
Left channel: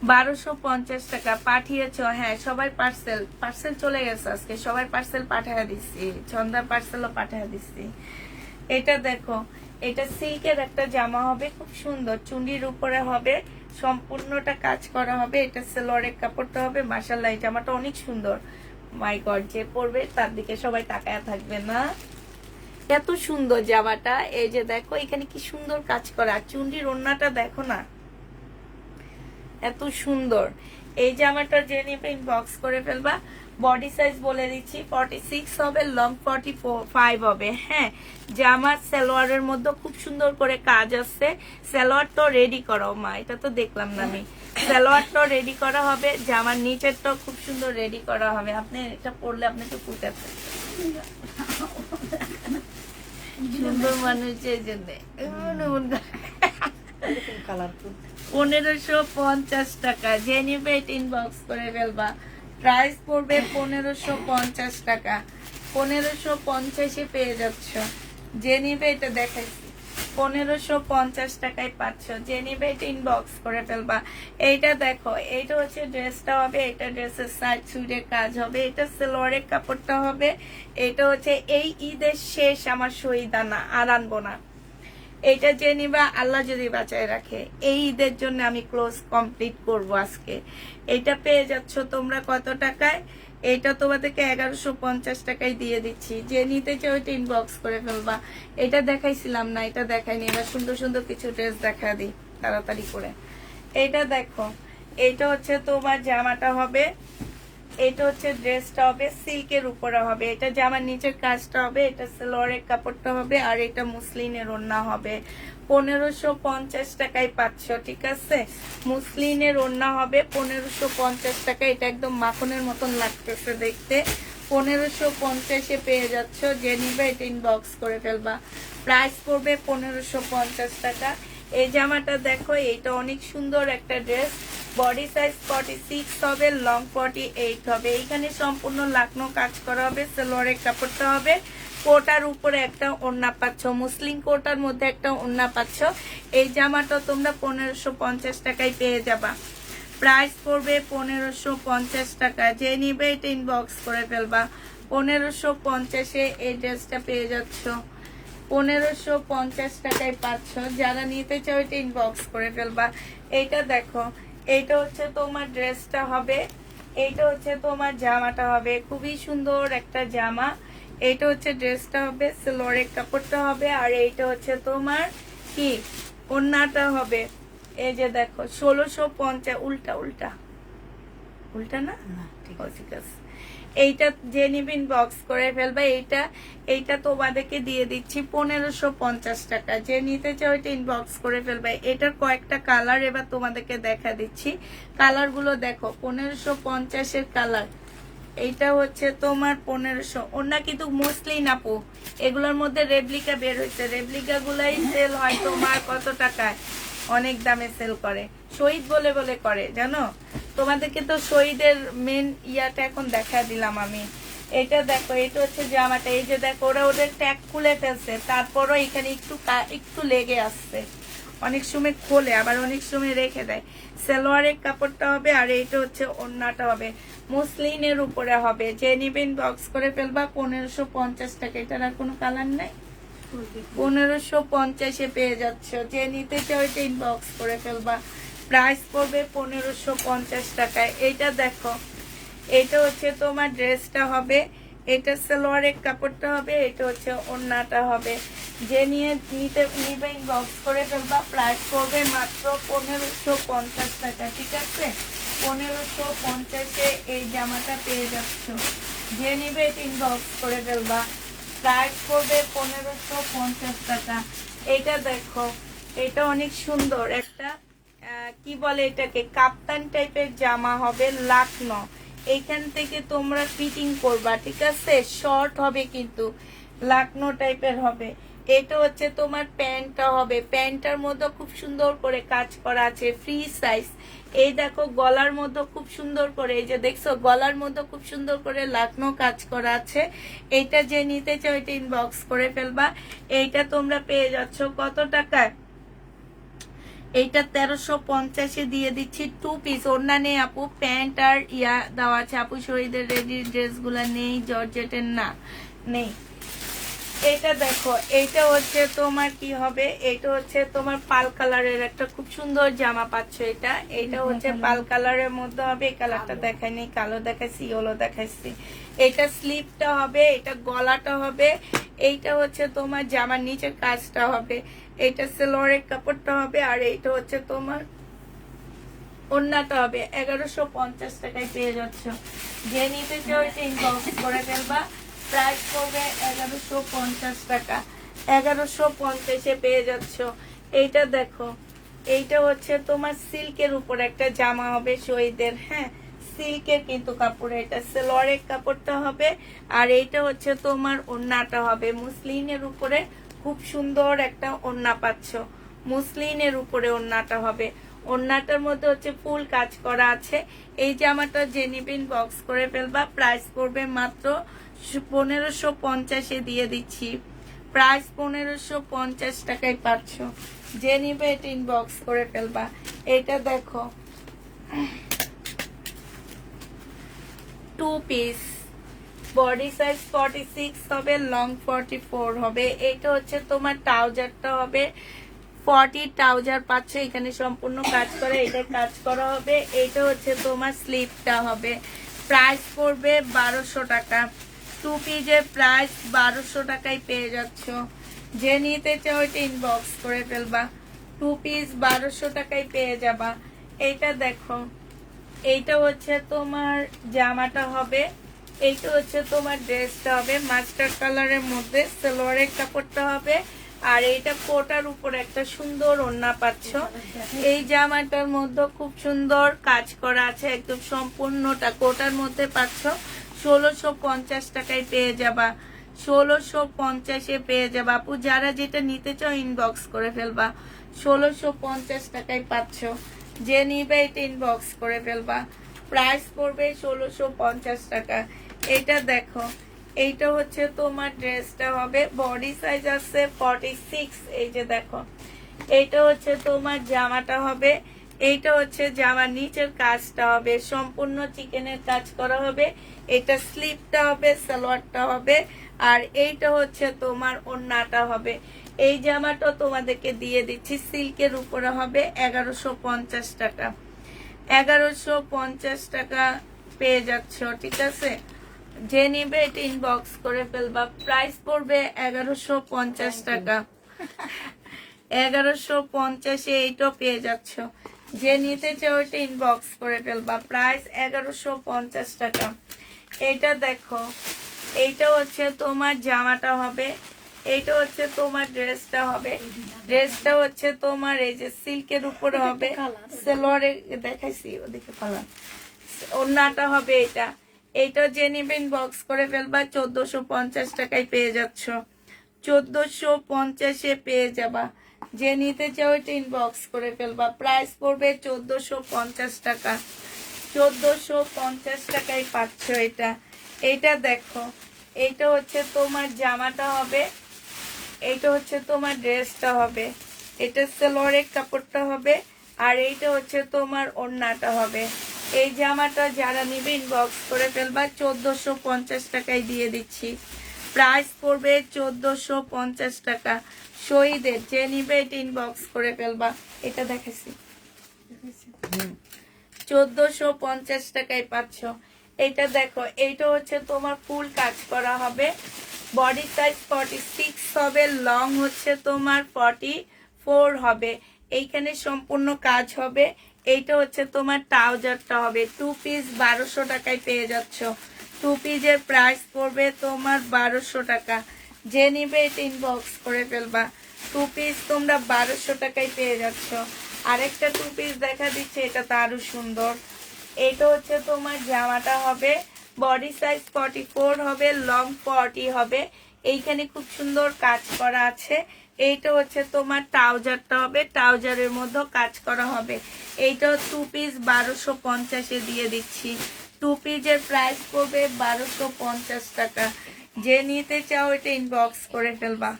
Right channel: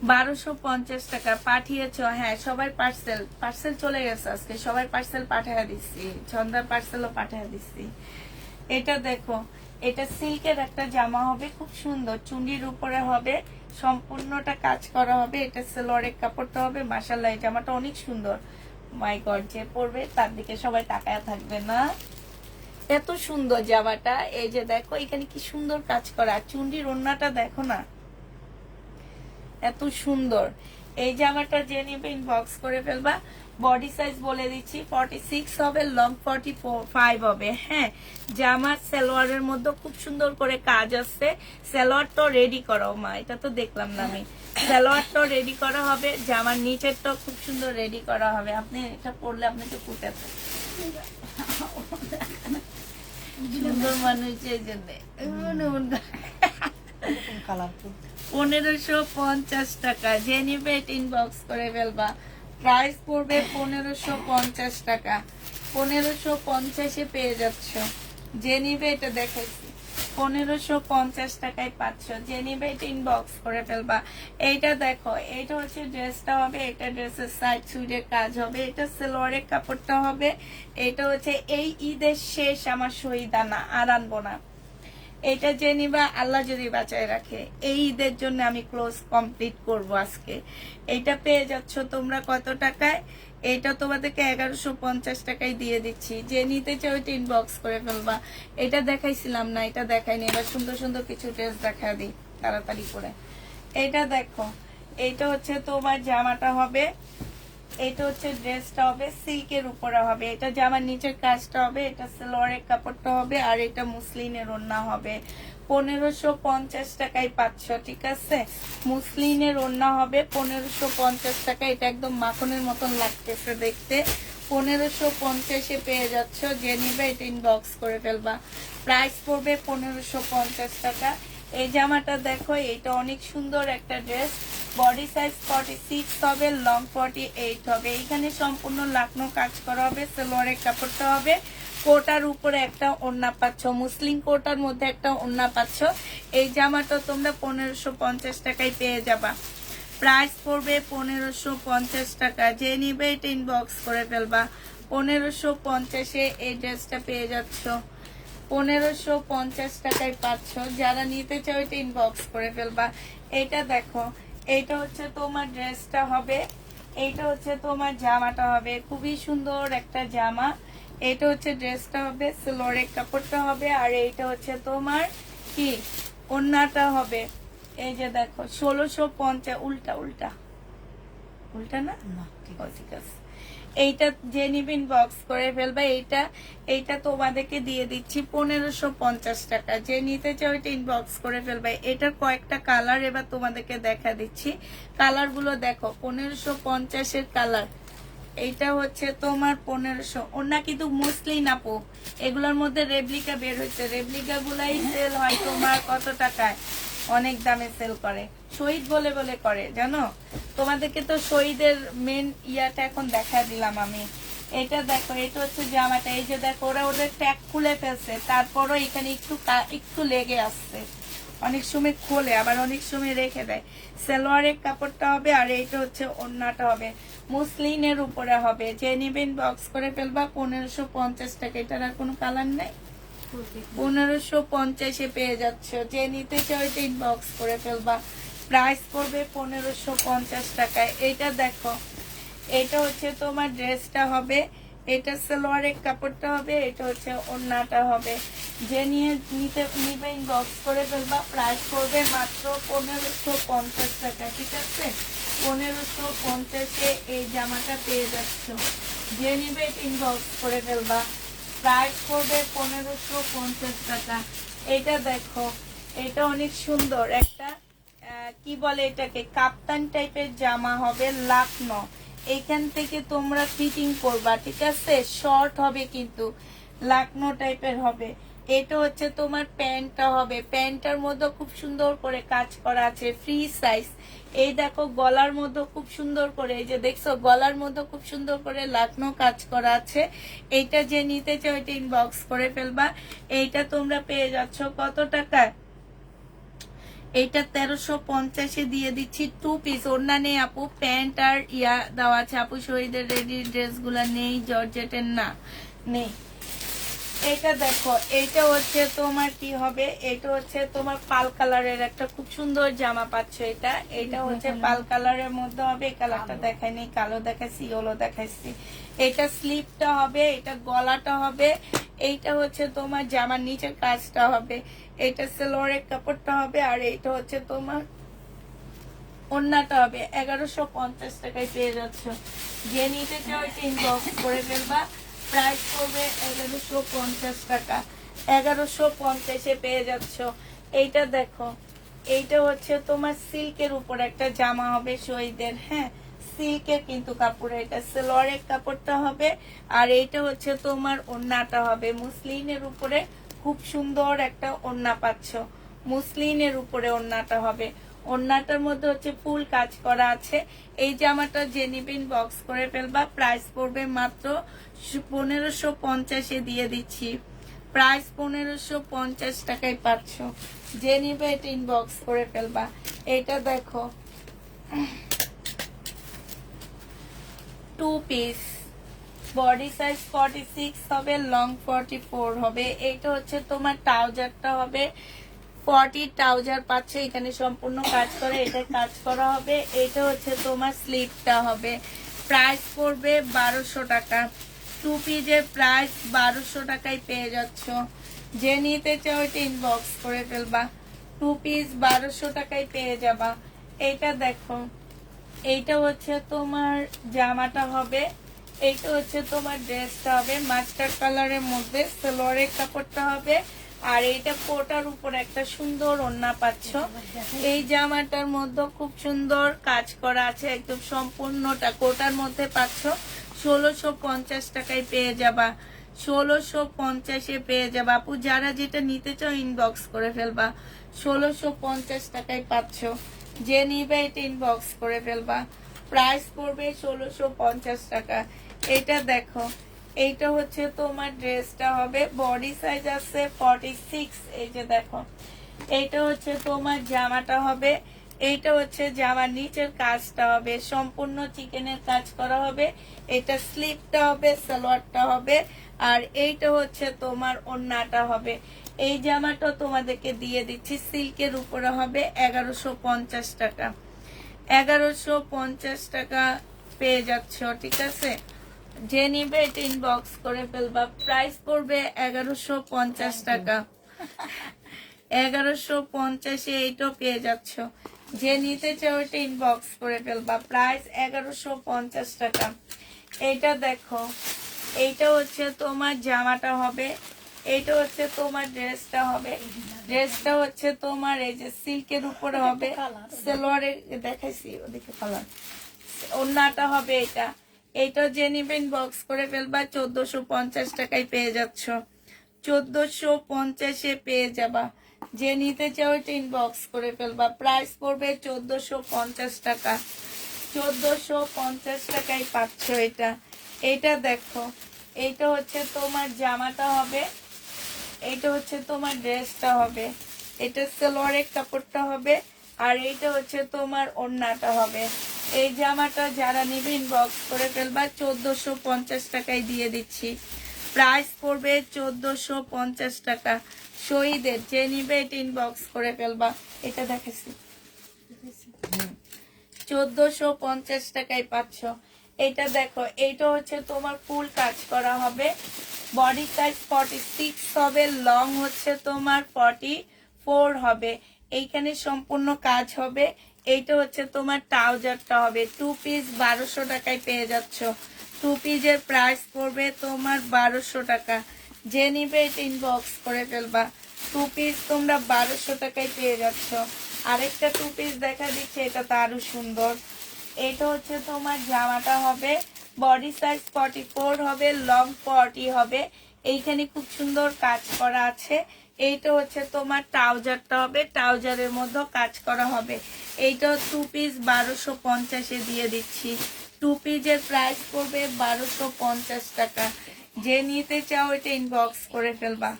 1250 টাকা। পাঠিয়েছ? হ্যাঁ, সবাই পার্সেল চলে গেছে আজকে, সবাই পার্সেল পাঠিয়ে দিচ্ছি, সন্ধ্যার পার্সেলও পাঠিয়ে দিচ্ছি। এটা দেখো, এটা সিল্কের একটা জামা হবে, খুব সুন্দর, চুন্ডির উপরে হবে, সম্পূর্ণটা কাজ করা হবে। এটা সালোয়ারের কাপড়টা হবে। মাশাআল্লাহ, এই জামাটা অনেক সুন্দর। মাই গড, যে পরবে তার দিকে সবাই তাকায় থাকবে না, এত সুন্দর জামাটা। এই যে দেখো, এখানে কি সুন্দর কাজ করা, চুন্ডির ওড়নাটা দেখো না, এত সুন্দর। এই জামাটা যে নেবে ইনবক্স করে ফেলবা। বডি সাইজ বলে দিচ্ছি, 46 হবে, লং 45 হবে। হ্যাঁ, জামার সালোয়ারের মধ্যে খুব সুন্দর করে কাজ আছে। সালোয়ার তো রেডি করা, মা এটা তো দেখলাম না আমি। সালোয়ার তো রেডি করা হবে, জামার নিচের তো খুব সুন্দর রেডি করা হবে। আপনি এটা পরলে আপনাকে ফুটে সুন্দর মানুষের জন্য। 1550 টাকা। যে নিবে এটা ইনবক্স করে ফেলবা। প্রাইস পড়বে 1550 টাকা। 1550-এ পেয়ে যাচ্ছ। যে নিবে এটা দেখাইছি, 1550 টাকায় পাচ্ছ। যে নিবে এটা ইনবক্স করে ফেলবা। এইটা দেখো, এইটা হচ্ছে ড্রেসটা হবে, এটা ড্রেসের সাইড চুড়ে কাজ হবে, এটা সালোয়ারের কাপড়টা হবে। এটা হচ্ছে এই ঈদের শেষ আমার শহীদানা, আর আনবো না। এটা যে নিবা, আল্লাহ যদি বাঁচায় রাখে, এই ঈদের জন্য আমি ক্লোজ কমপ্লিট করব আজকে। এটা পেয়ে যাচ্ছ তোমরা কত টাকায়? এটা তোমাদেরকে 1150 টাকায় দিয়ে দিচ্ছি। যে নিতে চাও এটা ইনবক্স করে ফেলবা। এটা দেখাইছিলাম না, এটা দেখাইনি, এবার সুন্দর সুন্দর কিছু ড্রেস দেখা দিই তাড়াতাড়ি করে। এটা দেখো, এটা হচ্ছে তোমার জামাটা হবে, এটা হচ্ছে ড্রেসটা হবে, সিল্কের উপরে হবে। এটা জামার নিচের কাজটা হবে, এটা সালোয়ারের কাপড়টা হবে, আর এটা মুসলিনের ওড়না হবে। 1550 টাকায় পাচ্ছ, ঠিক আছে? মুসলিনের ওড়না হবে 1550 টাকা। এটা একদম মাখনের মতন লাগতেছে দেখতে। 1550-এ পেয়ে যাচ্ছ। যে নিবে এটা ইনবক্স করে ফেলবা। প্রাইস পড়বে 1550 টাকা। এই জামাটা দেখো, এইটা অনেক সুন্দর একটা ড্রেস। বডি সাইজ 46 হবে, লং 48 হবে। এইখানে সম্পূর্ণ লাকনো কাজ করা হবে, সালোয়ারের কাপড়টা হবে, কোটার উপরে একটা ওড়না পাচ্ছ, মুসলিম কোটার মধ্যে একটা ওড়না পাচ্ছ। এই জামাটা তোমরা 1550 টাকায় পেয়ে যাবা। প্রাইস পড়বে 1550 টাকা। যে নিবে এটা ইনবক্স করে ফেলবা। 1550-এ এই ড্রেসটা পেয়ে যাচ্ছ, 1550 টাকায় পাচ্ছ। যারা নিতে চাও এটা ইনবক্স করে ফেলবা। এটা দেখো, এটা হচ্ছে তোমার ড্রেসটা হবে, এইটা হচ্ছে তোমার জামাটা হবে, খুবই সুন্দর একটা জামা। এইটা হচ্ছে ড্রেসটা হবে, সালোয়ারের কাপড়টা হবে, আর এইটা হচ্ছে তোমার কি ওড়নাটা হবে। এই যে দেখো, 1650, উল্টা উল্টা উল্টা না, ঠিক আছে। এইটা যে নিবেন বক্স করে ফেলবে। এইটা তোমাদেরকে দিয়ে দিচ্ছি 1550 টাকা। যে নিতে চাও এটা ইনবক্স করে ফেলবে। এটার কয়েকটা কালার এবার তোমাদেরকে দেখা দিচ্ছি। কালার গুলো দেখো, 1550-এর কালার। এইটা হচ্ছে তোমার 1500। ওনা কিন্তু মসলিন আপু, এগুলোর মধ্যে রেপ্লিকা বের হয়েছে। রেপ্লিকা গুলাই সেল হয় তোমার কত টাকায়, অনেক দামে সেল করে, শহীদ বলে বলে করে, জানো? তোমাদেরকে তো শহীদের মেন ইয়াটা এখন দেখা দিলাম আমি। এটা দেখো, এটা হচ্ছে জামাটা। এই যে দেখো, ওরা ওদের ট্যাগ খুলে ফেলছে, তারপরও এখানে একটু লেগে আসছে। অনেক সময় খোলে, আবার অনেক সময় রেখে দেয়। সালোয়ারের কাপড়টা হবে, আর এইটা হচ্ছে ওড়নাটা হবে, মুসলিনের উপরে হবে। যে নিবেন বক্স করে ফেলবা। 1550 টাকা। এটার আর কোনো কালার নাই। 1550-এ পেয়ে যাচ্ছ। যে নিতে চাও এটা ইনবক্স করে ফেলবা। প্রাইস পড়বে 1550 টাকায়। এটা দেখো, এটা হচ্ছে তোমার ড্রেসটা হবে, এটা সালোয়ারের কাপড়টা হবে, এটা হচ্ছে ওড়নাটা হবে। যে নিতে ইনবক্স করে ফেলবা। প্রাইস পড়বে মাত্র 1550 টাকা, ঠিক আছে? 1550-এ এই জামাটা পেয়ে যাচ্ছ। যে নিবে ইনবক্স করে ফেলবা। প্রাইস পড়বে 1550 টাকা। এটা দেখো, এটা অনেক সুন্দর একটা কি বলে এটাকে, কাপ্তান টাইপের জামা হবে, লাকনো। এইখান থেকে তোমরা ফিটিং করবা, ঠিক আছে? শর্ট হবে কিন্তু লাকনো টাইপের হবে। এটা হচ্ছে তোমার প্যান্টটা হবে, প্যান্টটার মধ্যে খুব সুন্দর করে কাজ করা আছে, ফ্রি সাইজ। এই দেখো গলার মধ্যে খুব সুন্দর করে, এই যে দেখছো গলার মধ্যে খুব সুন্দর করে লাকনো কাজ করা আছে। এটা যে নিতে চাও এটা ইনবক্স করে ফেলবা। এইটা তোমরা পেয়ে যাচ্ছ কত টাকায়? এইটা 1350-এ দিয়ে দিচ্ছি। 2 পিস, ওড়না নেই আপু, প্যান্ট আর ইয়া দেওয়া আছে আপু। শহীদের রেডি ড্রেস গুলা নেই, জর্জেটের না নেই। এটা দেখো, এইটা হচ্ছে তোমার কি হবে, এটা হচ্ছে তোমার পাল কালারের একটা খুব সুন্দর জামা পাচ্ছ। এটা হচ্ছে পাল কালারের মধ্যে হবে। এই কালারটা দেখাইনি, কালো দেখাইছি, ইয়েলো দেখাইছি। এটা স্লিপটা হবে, এটা গলাটা হবে, এইটা হচ্ছে তোমার জামার নিচের কাজটা হবে, এটা সেলোয়ারের কাপড়টা হবে, আর এইটা হচ্ছে তোমার ওড়নাটা হবে। 1150 টাকায় পেয়ে যাচ্ছ। যে নিতে চাও এটা ইনবক্স করে ফেলবা। প্রাইস পড়বে 1150 টাকা। 1150-এ পেয়ে যাচ্ছ। এইটা দেখো, এইটা হচ্ছে তোমার সিল্কের উপর একটা জামা হবে শহীদের, হ্যাঁ সিল্কের কিন্তু কাপড়। এটা সেলোয়ারের কাপড়টা হবে, আর এইটা হচ্ছে তোমার ওড়নাটা হবে। মুসলিনের উপরে খুব সুন্দর একটা ওড়না পাচ্ছ, মুসলিনের উপরে ওড়নাটা হবে। ওড়নাটার মধ্যে হচ্ছে ফুল কাজ করা আছে। এই জামাটা যে নিবেন বক্স করে ফেলবা। প্রাইস পড়বে মাত্র 1550-এ দিয়ে দিচ্ছি। প্রাইস 1550 টাকায় পাচ্ছ। যে নিবে এটা ইনবক্স করে ফেলবা। এটা দেখো 2 পিস, বডি সাইজ 46 হবে, লং 44 হবে। এটা হচ্ছে তোমার ট্রাউজারটা হবে, 40 ট্রাউজার পাচ্ছ, এখানে সম্পূর্ণ কাজ করা, এটা কাজ করা হবে। এটা হচ্ছে তোমার স্লিপটা হবে। প্রাইস পড়বে 1200 টাকা। 2 পিসের প্রাইস 1200 টাকায় পেয়ে যাচ্ছ। যে নিতে চাও এটা ইনবক্স করে ফেলবা। 2 পিস 1200 টাকায় পেয়ে যাবা। এইটা দেখো, এইটা হচ্ছে তোমার জামাটা হবে, এইটা হচ্ছে তোমার ড্রেসটা হবে, মাস্টার কালারের মধ্যে সালোয়ারের কাপড়টা হবে, আর এইটা কোটার উপর একটা সুন্দর ওড়না পাচ্ছ। এই জামাটার মধ্যে খুব সুন্দর কাজ করা আছে, একদম সম্পূর্ণটা কোটার মধ্যে পাচ্ছ। 1650 টাকায় পেয়ে যাবা। 1650-এ পেয়ে যাবা আপু। যারা যেটা নিতে চাও ইনবক্স করে ফেলবা। 1650 টাকায় পাচ্ছ। যে নিবে এটা ইনবক্স করে ফেলবা। প্রাইস পড়বে 1650 টাকা। এটা দেখো, এইটা হচ্ছে তোমার ড্রেসটা হবে, বডি সাইজ আছে 46। এই যে দেখো, এইটা হচ্ছে তোমার জামাটা হবে, এইটা হচ্ছে জামার নিচের কাজটা হবে, সম্পূর্ণ চিকেনের কাজ করা হবে। এটা স্লিপটা হবে, সালোয়ারটা হবে, আর এইটা হচ্ছে তোমার ওড়নাটা হবে। এই জামাটা তোমাদেরকে দিয়ে দিচ্ছি, সিল্কের উপরে হবে, 1150 টাকা। 1150 টাকা পেয়ে যাচ্ছ, ঠিক আছে? যে নিবে এটা ইনবক্স করে ফেলবা। প্রাইস পড়বে 1150 টাকা। 1150-এ এইটাও পেয়ে যাচ্ছ। যে নিতে চাও এটা ইনবক্স করে ফেলবা। প্রাইস 1150 টাকা। এইটা দেখো, এইটা হচ্ছে তোমার জামাটা হবে, এইটা হচ্ছে তোমার ড্রেসটা হবে। ড্রেসটা হচ্ছে তোমার এই যে সিল্কের উপরে হবে, সেলোয়ারে দেখাইছি ওদিকে কালার। ওড়নাটা হবে এটা। এইটা যে নিবেন বক্স করে ফেলবা। 1450 টাকায় পেয়ে যাচ্ছ। 1450-এ পেয়ে যাবা। যে নিতে চাও এটা ইনবক্স করে ফেলবা। প্রাইস পড়বে 1450 টাকা। 1450 টাকায় পাচ্ছ এটা। এইটা দেখো, এইটা হচ্ছে তোমার জামাটা হবে, এইটা হচ্ছে তোমার ড্রেসটা হবে, এটা সেলোয়ারের কাপড়টা হবে, আর এইটা হচ্ছে তোমার ওড়নাটা হবে। এই জামাটা যারা নিবে ইনবক্স করে ফেলবা। 1450 টাকায় দিয়ে দিচ্ছি। প্রাইস পড়বে 1450 টাকা। শহীদের যে নিবে এটা ইনবক্স করে ফেলবা। এটা দেখাচ্ছি, 1450 টাকায় পাচ্ছ। এটা দেখো, এইটা হচ্ছে তোমার ফুল কাজ করা হবে, বডি সাইজ 46 হবে, লং হচ্ছে তোমার 44 হবে। এইখানে সম্পূর্ণ কাজ হবে, এইটা হচ্ছে তোমার ট্রাউজারটা হবে 2 পিস 1200 টাকায় পেয়ে যাচ্ছ। 2 পিসের প্রাইস পড়বে তোমার 1200 টাকা। যে নিবে এটা ইনবক্স করে ফেলবা। 2 পিস তোমরা 1200 টাকায় পেয়ে যাচ্ছ। আরেকটা 2 পিস দেখা দিচ্ছে, এটা তো আরো সুন্দর। এটা হচ্ছে তোমার জামাটা হবে বডি সাইজ 44 হবে, লং 40 হবে। এইখানে খুব সুন্দর কাজ করা আছে। এইটা হচ্ছে তোমার ট্রাউজারটা হবে, ট্রাউজারের মধ্যে কাজ করা হবে। এইটা 2 পিস 1250 দিয়ে দিচ্ছি। 2 পিসের প্রাইস পড়বে 1250 টাকা। যে নিতে চাও এটা ইনবক্স করে ফেলবা।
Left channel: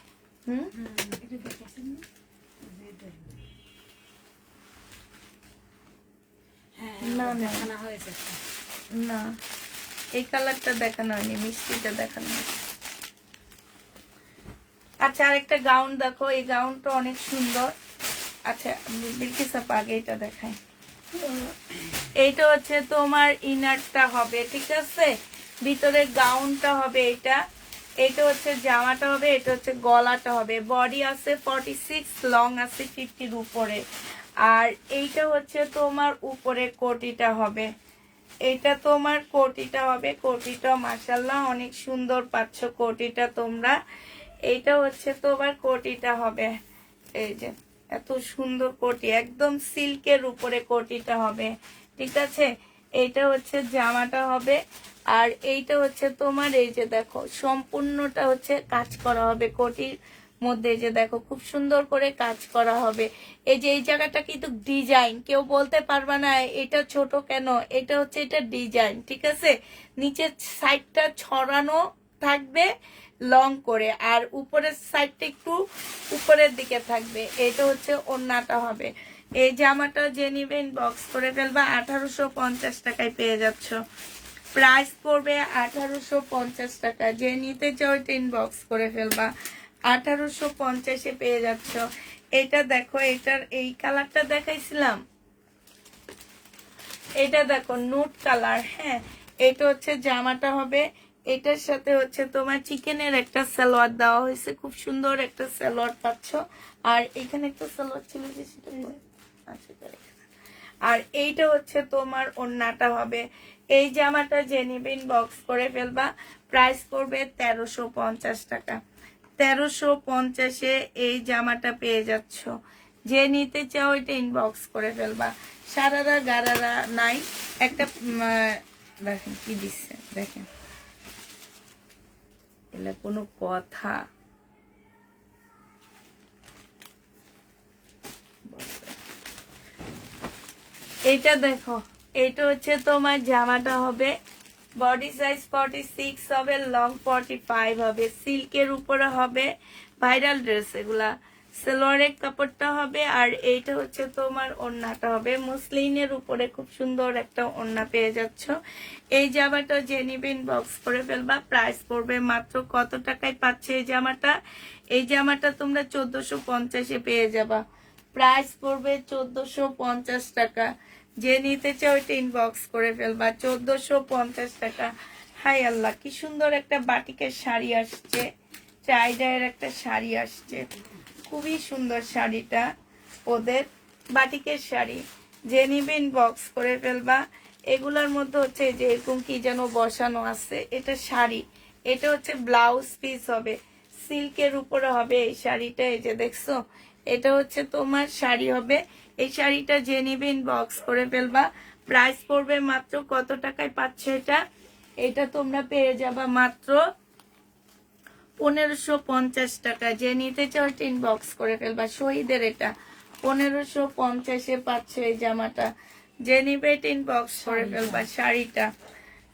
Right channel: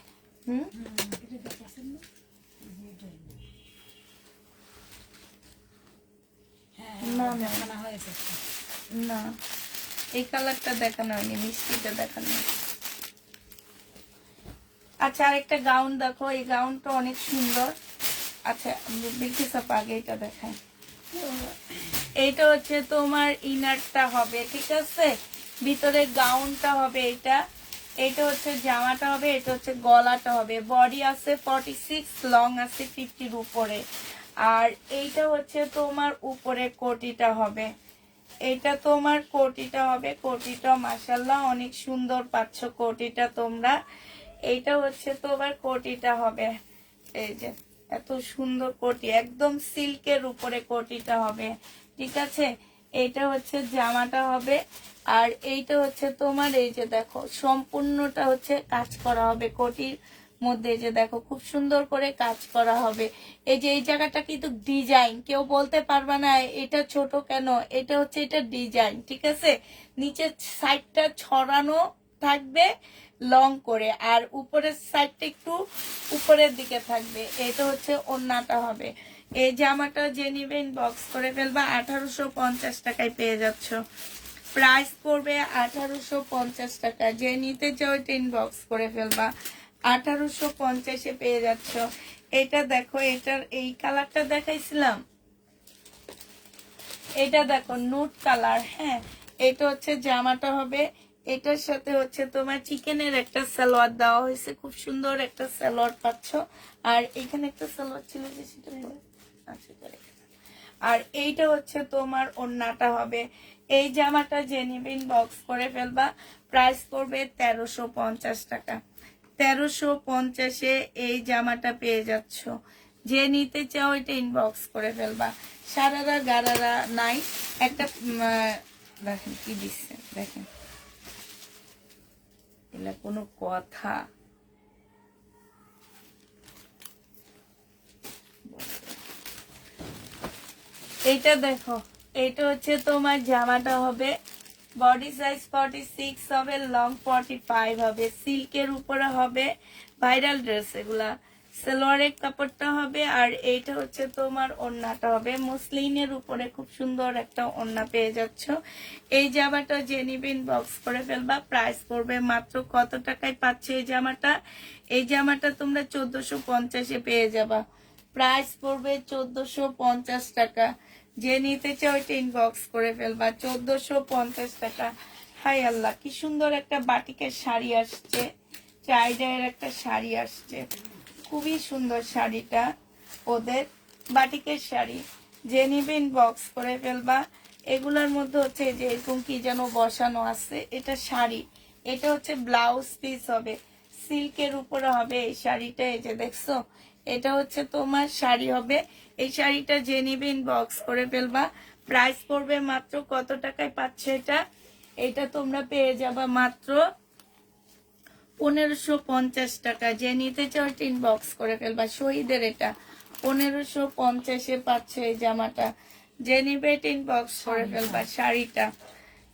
না না না, এই কালারটা দেখানো হয়নি, মিষ্টিটা দেখানো হয়নি। আচ্ছা, আরেকটা গাউন দেখো, এই গাউনটা অনেক সুন্দর। আচ্ছা দেখিস আগে এটা দেখাই। এইটা হচ্ছে তোমার ইনারটা হবে, ঠিক আছে, ভিতরে গাউনটা হবে। এটা হচ্ছে জামাটা হবে, এটা হচ্ছে গলাটা হবে। বডি আছে 46, লং আছে 50 উপরে। আর এইটা হচ্ছে তোমার উপরে কোটিটা হবে। এটা তোমার কোটিটা হবে। কোটিটা মাশাআল্লাহ অনেক সুন্দর পাচ্ছ কোটিটা তোমরা। এইটা হচ্ছে তোমার কোটিটা হবে। এই যে এত সুন্দর কোটি, একদম সিল্কের উপরে কোটিটা হবে, ঠিক আছে। এইটা হচ্ছে জামাটা হবে। আর এইটা হচ্ছে তোমার, এই যে দেখো সম্পূর্ণটা হচ্ছে কাজ করা হবে কোটির মধ্যে। যে দেখো খুব সুন্দর করে কাজ করা হবে। এই যে এই জায়গাটা কিন্তু ডিজাইন, কেউ বলতে পারবা না এটা ছোট কেন, এটা হচ্ছে এটা ডিজাইন, ঠিক আছে। নিচের সাইডটা ছড়ানো থাকবে লং করে, আর উপরের সাইডটা একটু উপরের দিকে থাকবে। এটা হচ্ছে ওড়নাটা হবে। এই জামাটা যে নিবেন বক্স করে ফেলবা। 1850 টাকায় পেয়ে যাচ্ছ। প্রাইস পড়বে 1850 টাকা। যে নিতে চাও এটা ইনবক্স করে ফেলবা। 1850 পেয়ে যাচ্ছ। এটা দেখো, এটার এই কালারটা দেখাইছিলাম, এটা দেখো নুট কালার। হ্যাঁ, এটা হচ্ছে জামাটা হবে। এটার সাথে হচ্ছে তোমার চিকেনের একটা সালোয়ার দেওয়া হয়েছে, খুব সুন্দর একটা সালোয়ার পাচ্ছ। আর এখানে একটা সালোয়ার ছিল যে সেটা আর এইটা হচ্ছে তোমার ওড়নাটা হবে। এই জামাটা যে নিবেন বক্স করে ফেলবা। প্রাইস পড়বে 1350 টাকা। 1350 এই জামাটা পেয়ে যাচ্ছ। যে নিতে চাও এটা ইনবক্স করে ফেলবা। সারারা গারারা নাই, একটা দেখেন কি দিচ্ছে, দেখেন এটা কোনো কথা। এইটা দেখো, এইটা হচ্ছে তোমার জামাটা হবে বডি সাইজ 46 হবে, লং 45 হবে, সিল্কের উপরে হবে। ভাইরাল ড্রেস এগুলা। সালোয়ারের কাপড়টা হবে। আর এইটা হচ্ছে তোমার ওড়নাটা হবে মসলিনের উপরে, খুব সুন্দর একটা ওড়না পেয়ে যাচ্ছ। এই জামাটা যে নিবেন বক্স করে ফেলবা। প্রাইস পড়বে মাত্র কত টাকায় পাচ্ছে এই জামাটা? এই জামাটা তোমরা 1450 পেয়ে যাবা। প্রাইস পড়বে 1450 টাকা। যে নিতে চাও এটা ইনবক্স করে ফেলবা। 1450 টাকা। হাই আল্লাহ, কি সুন্দর একটা বাটিকের শাড়ি আসছে, চাইডায়ের একটা শাড়ি আসছে, খুবই সুন্দর শাড়িটা ওদের, বাটিকের শাড়ি। যে নিবে ইনবক্স করে ফেলবা। এগুলোর মধ্যে হচ্ছে যে এরকম কি যেন বসানো আছে, এটা শাড়ি। এটা হচ্ছে ব্লাউজ পিস হবে, সিল্কের উপরে হবে এই শাড়িটা। এই যে দেখছো, এটা হচ্ছে তোমার শাড়ি হবে। এই শাড়িটা যে নিবে ইনবক্স করে ফেলবা। প্রাইস পড়বে মাত্র কত টাকায় পাচ্ছে এটা? এটা তোমরা পেয়ে যাবা মাত্র 1550 টাকা। যে নিতে চাও ইনবক্স করে ফেলবা। শহীদের এটা 1550 পাচ্ছে এই জামাটা। যে নিবে ইনবক্স করে ফেলবা। শাড়িটা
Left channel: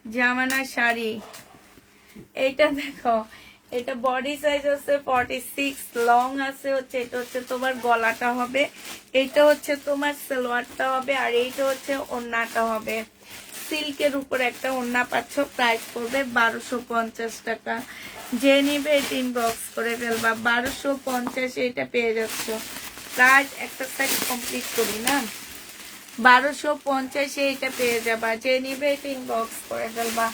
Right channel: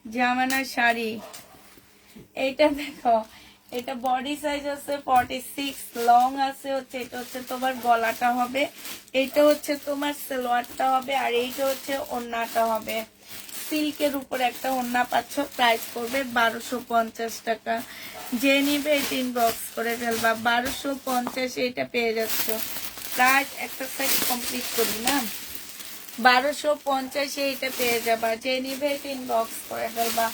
জামানা শাড়ি। এইটা দেখো, এটা বডি সাইজ আছে 46, লং আছে হচ্ছে, এটা হচ্ছে তোমার গলাটা হবে, এটা হচ্ছে তোমার সালোয়ারটা হবে, আর এইটা হচ্ছে ওড়নাটা হবে। সিল্কের উপর একটা ওড়না পাচ্ছ। প্রাইস পড়বে 1250 টাকা। যে নিবে এটা ইনবক্স করে ফেলবা। 1250 এটা পেয়ে যাচ্ছ। প্রাইস একটা সাইজ কমপ্লিট করি না, 1250 এটা পেয়ে যাবা। যে নিবে এটা ইনবক্স করে ফেলবা।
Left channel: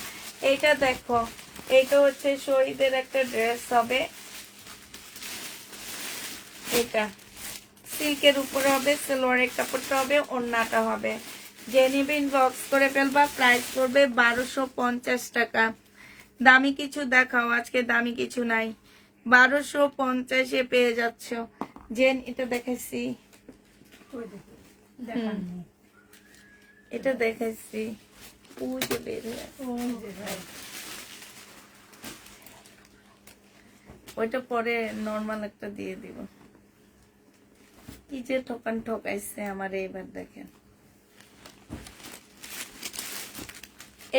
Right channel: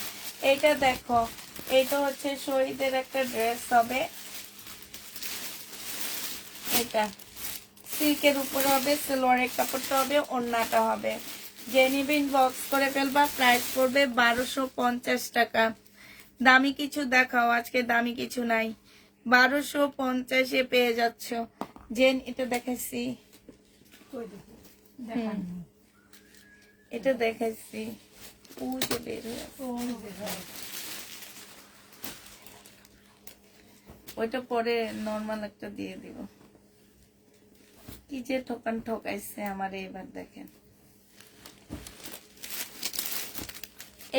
এটা দেখো, এটা হচ্ছে শহীদের একটা ড্রেস হবে। এটা সিল্কের উপরে হবে, সালোয়ারের কাপড়টা হবে, ওড়নাটা হবে। যে নিবে ইনবক্স করে ফেলবা। প্রাইস পড়বে 1250 টাকা। দামি কিছু দেখাও, আজকে দামি কিছু নাই। 1250-এ পেয়ে যাচ্ছ। জেন এটা দেখাইছি, কই দেখো দেখান নেই। এটা দেখাইছি, ওই যে বের হয়ে আছে। ওই যে ভাই ওইটা পরে নর্মাল একটা দিয়ে দিব। কি যে ঠকাইছে আমার এইবার দেখেন।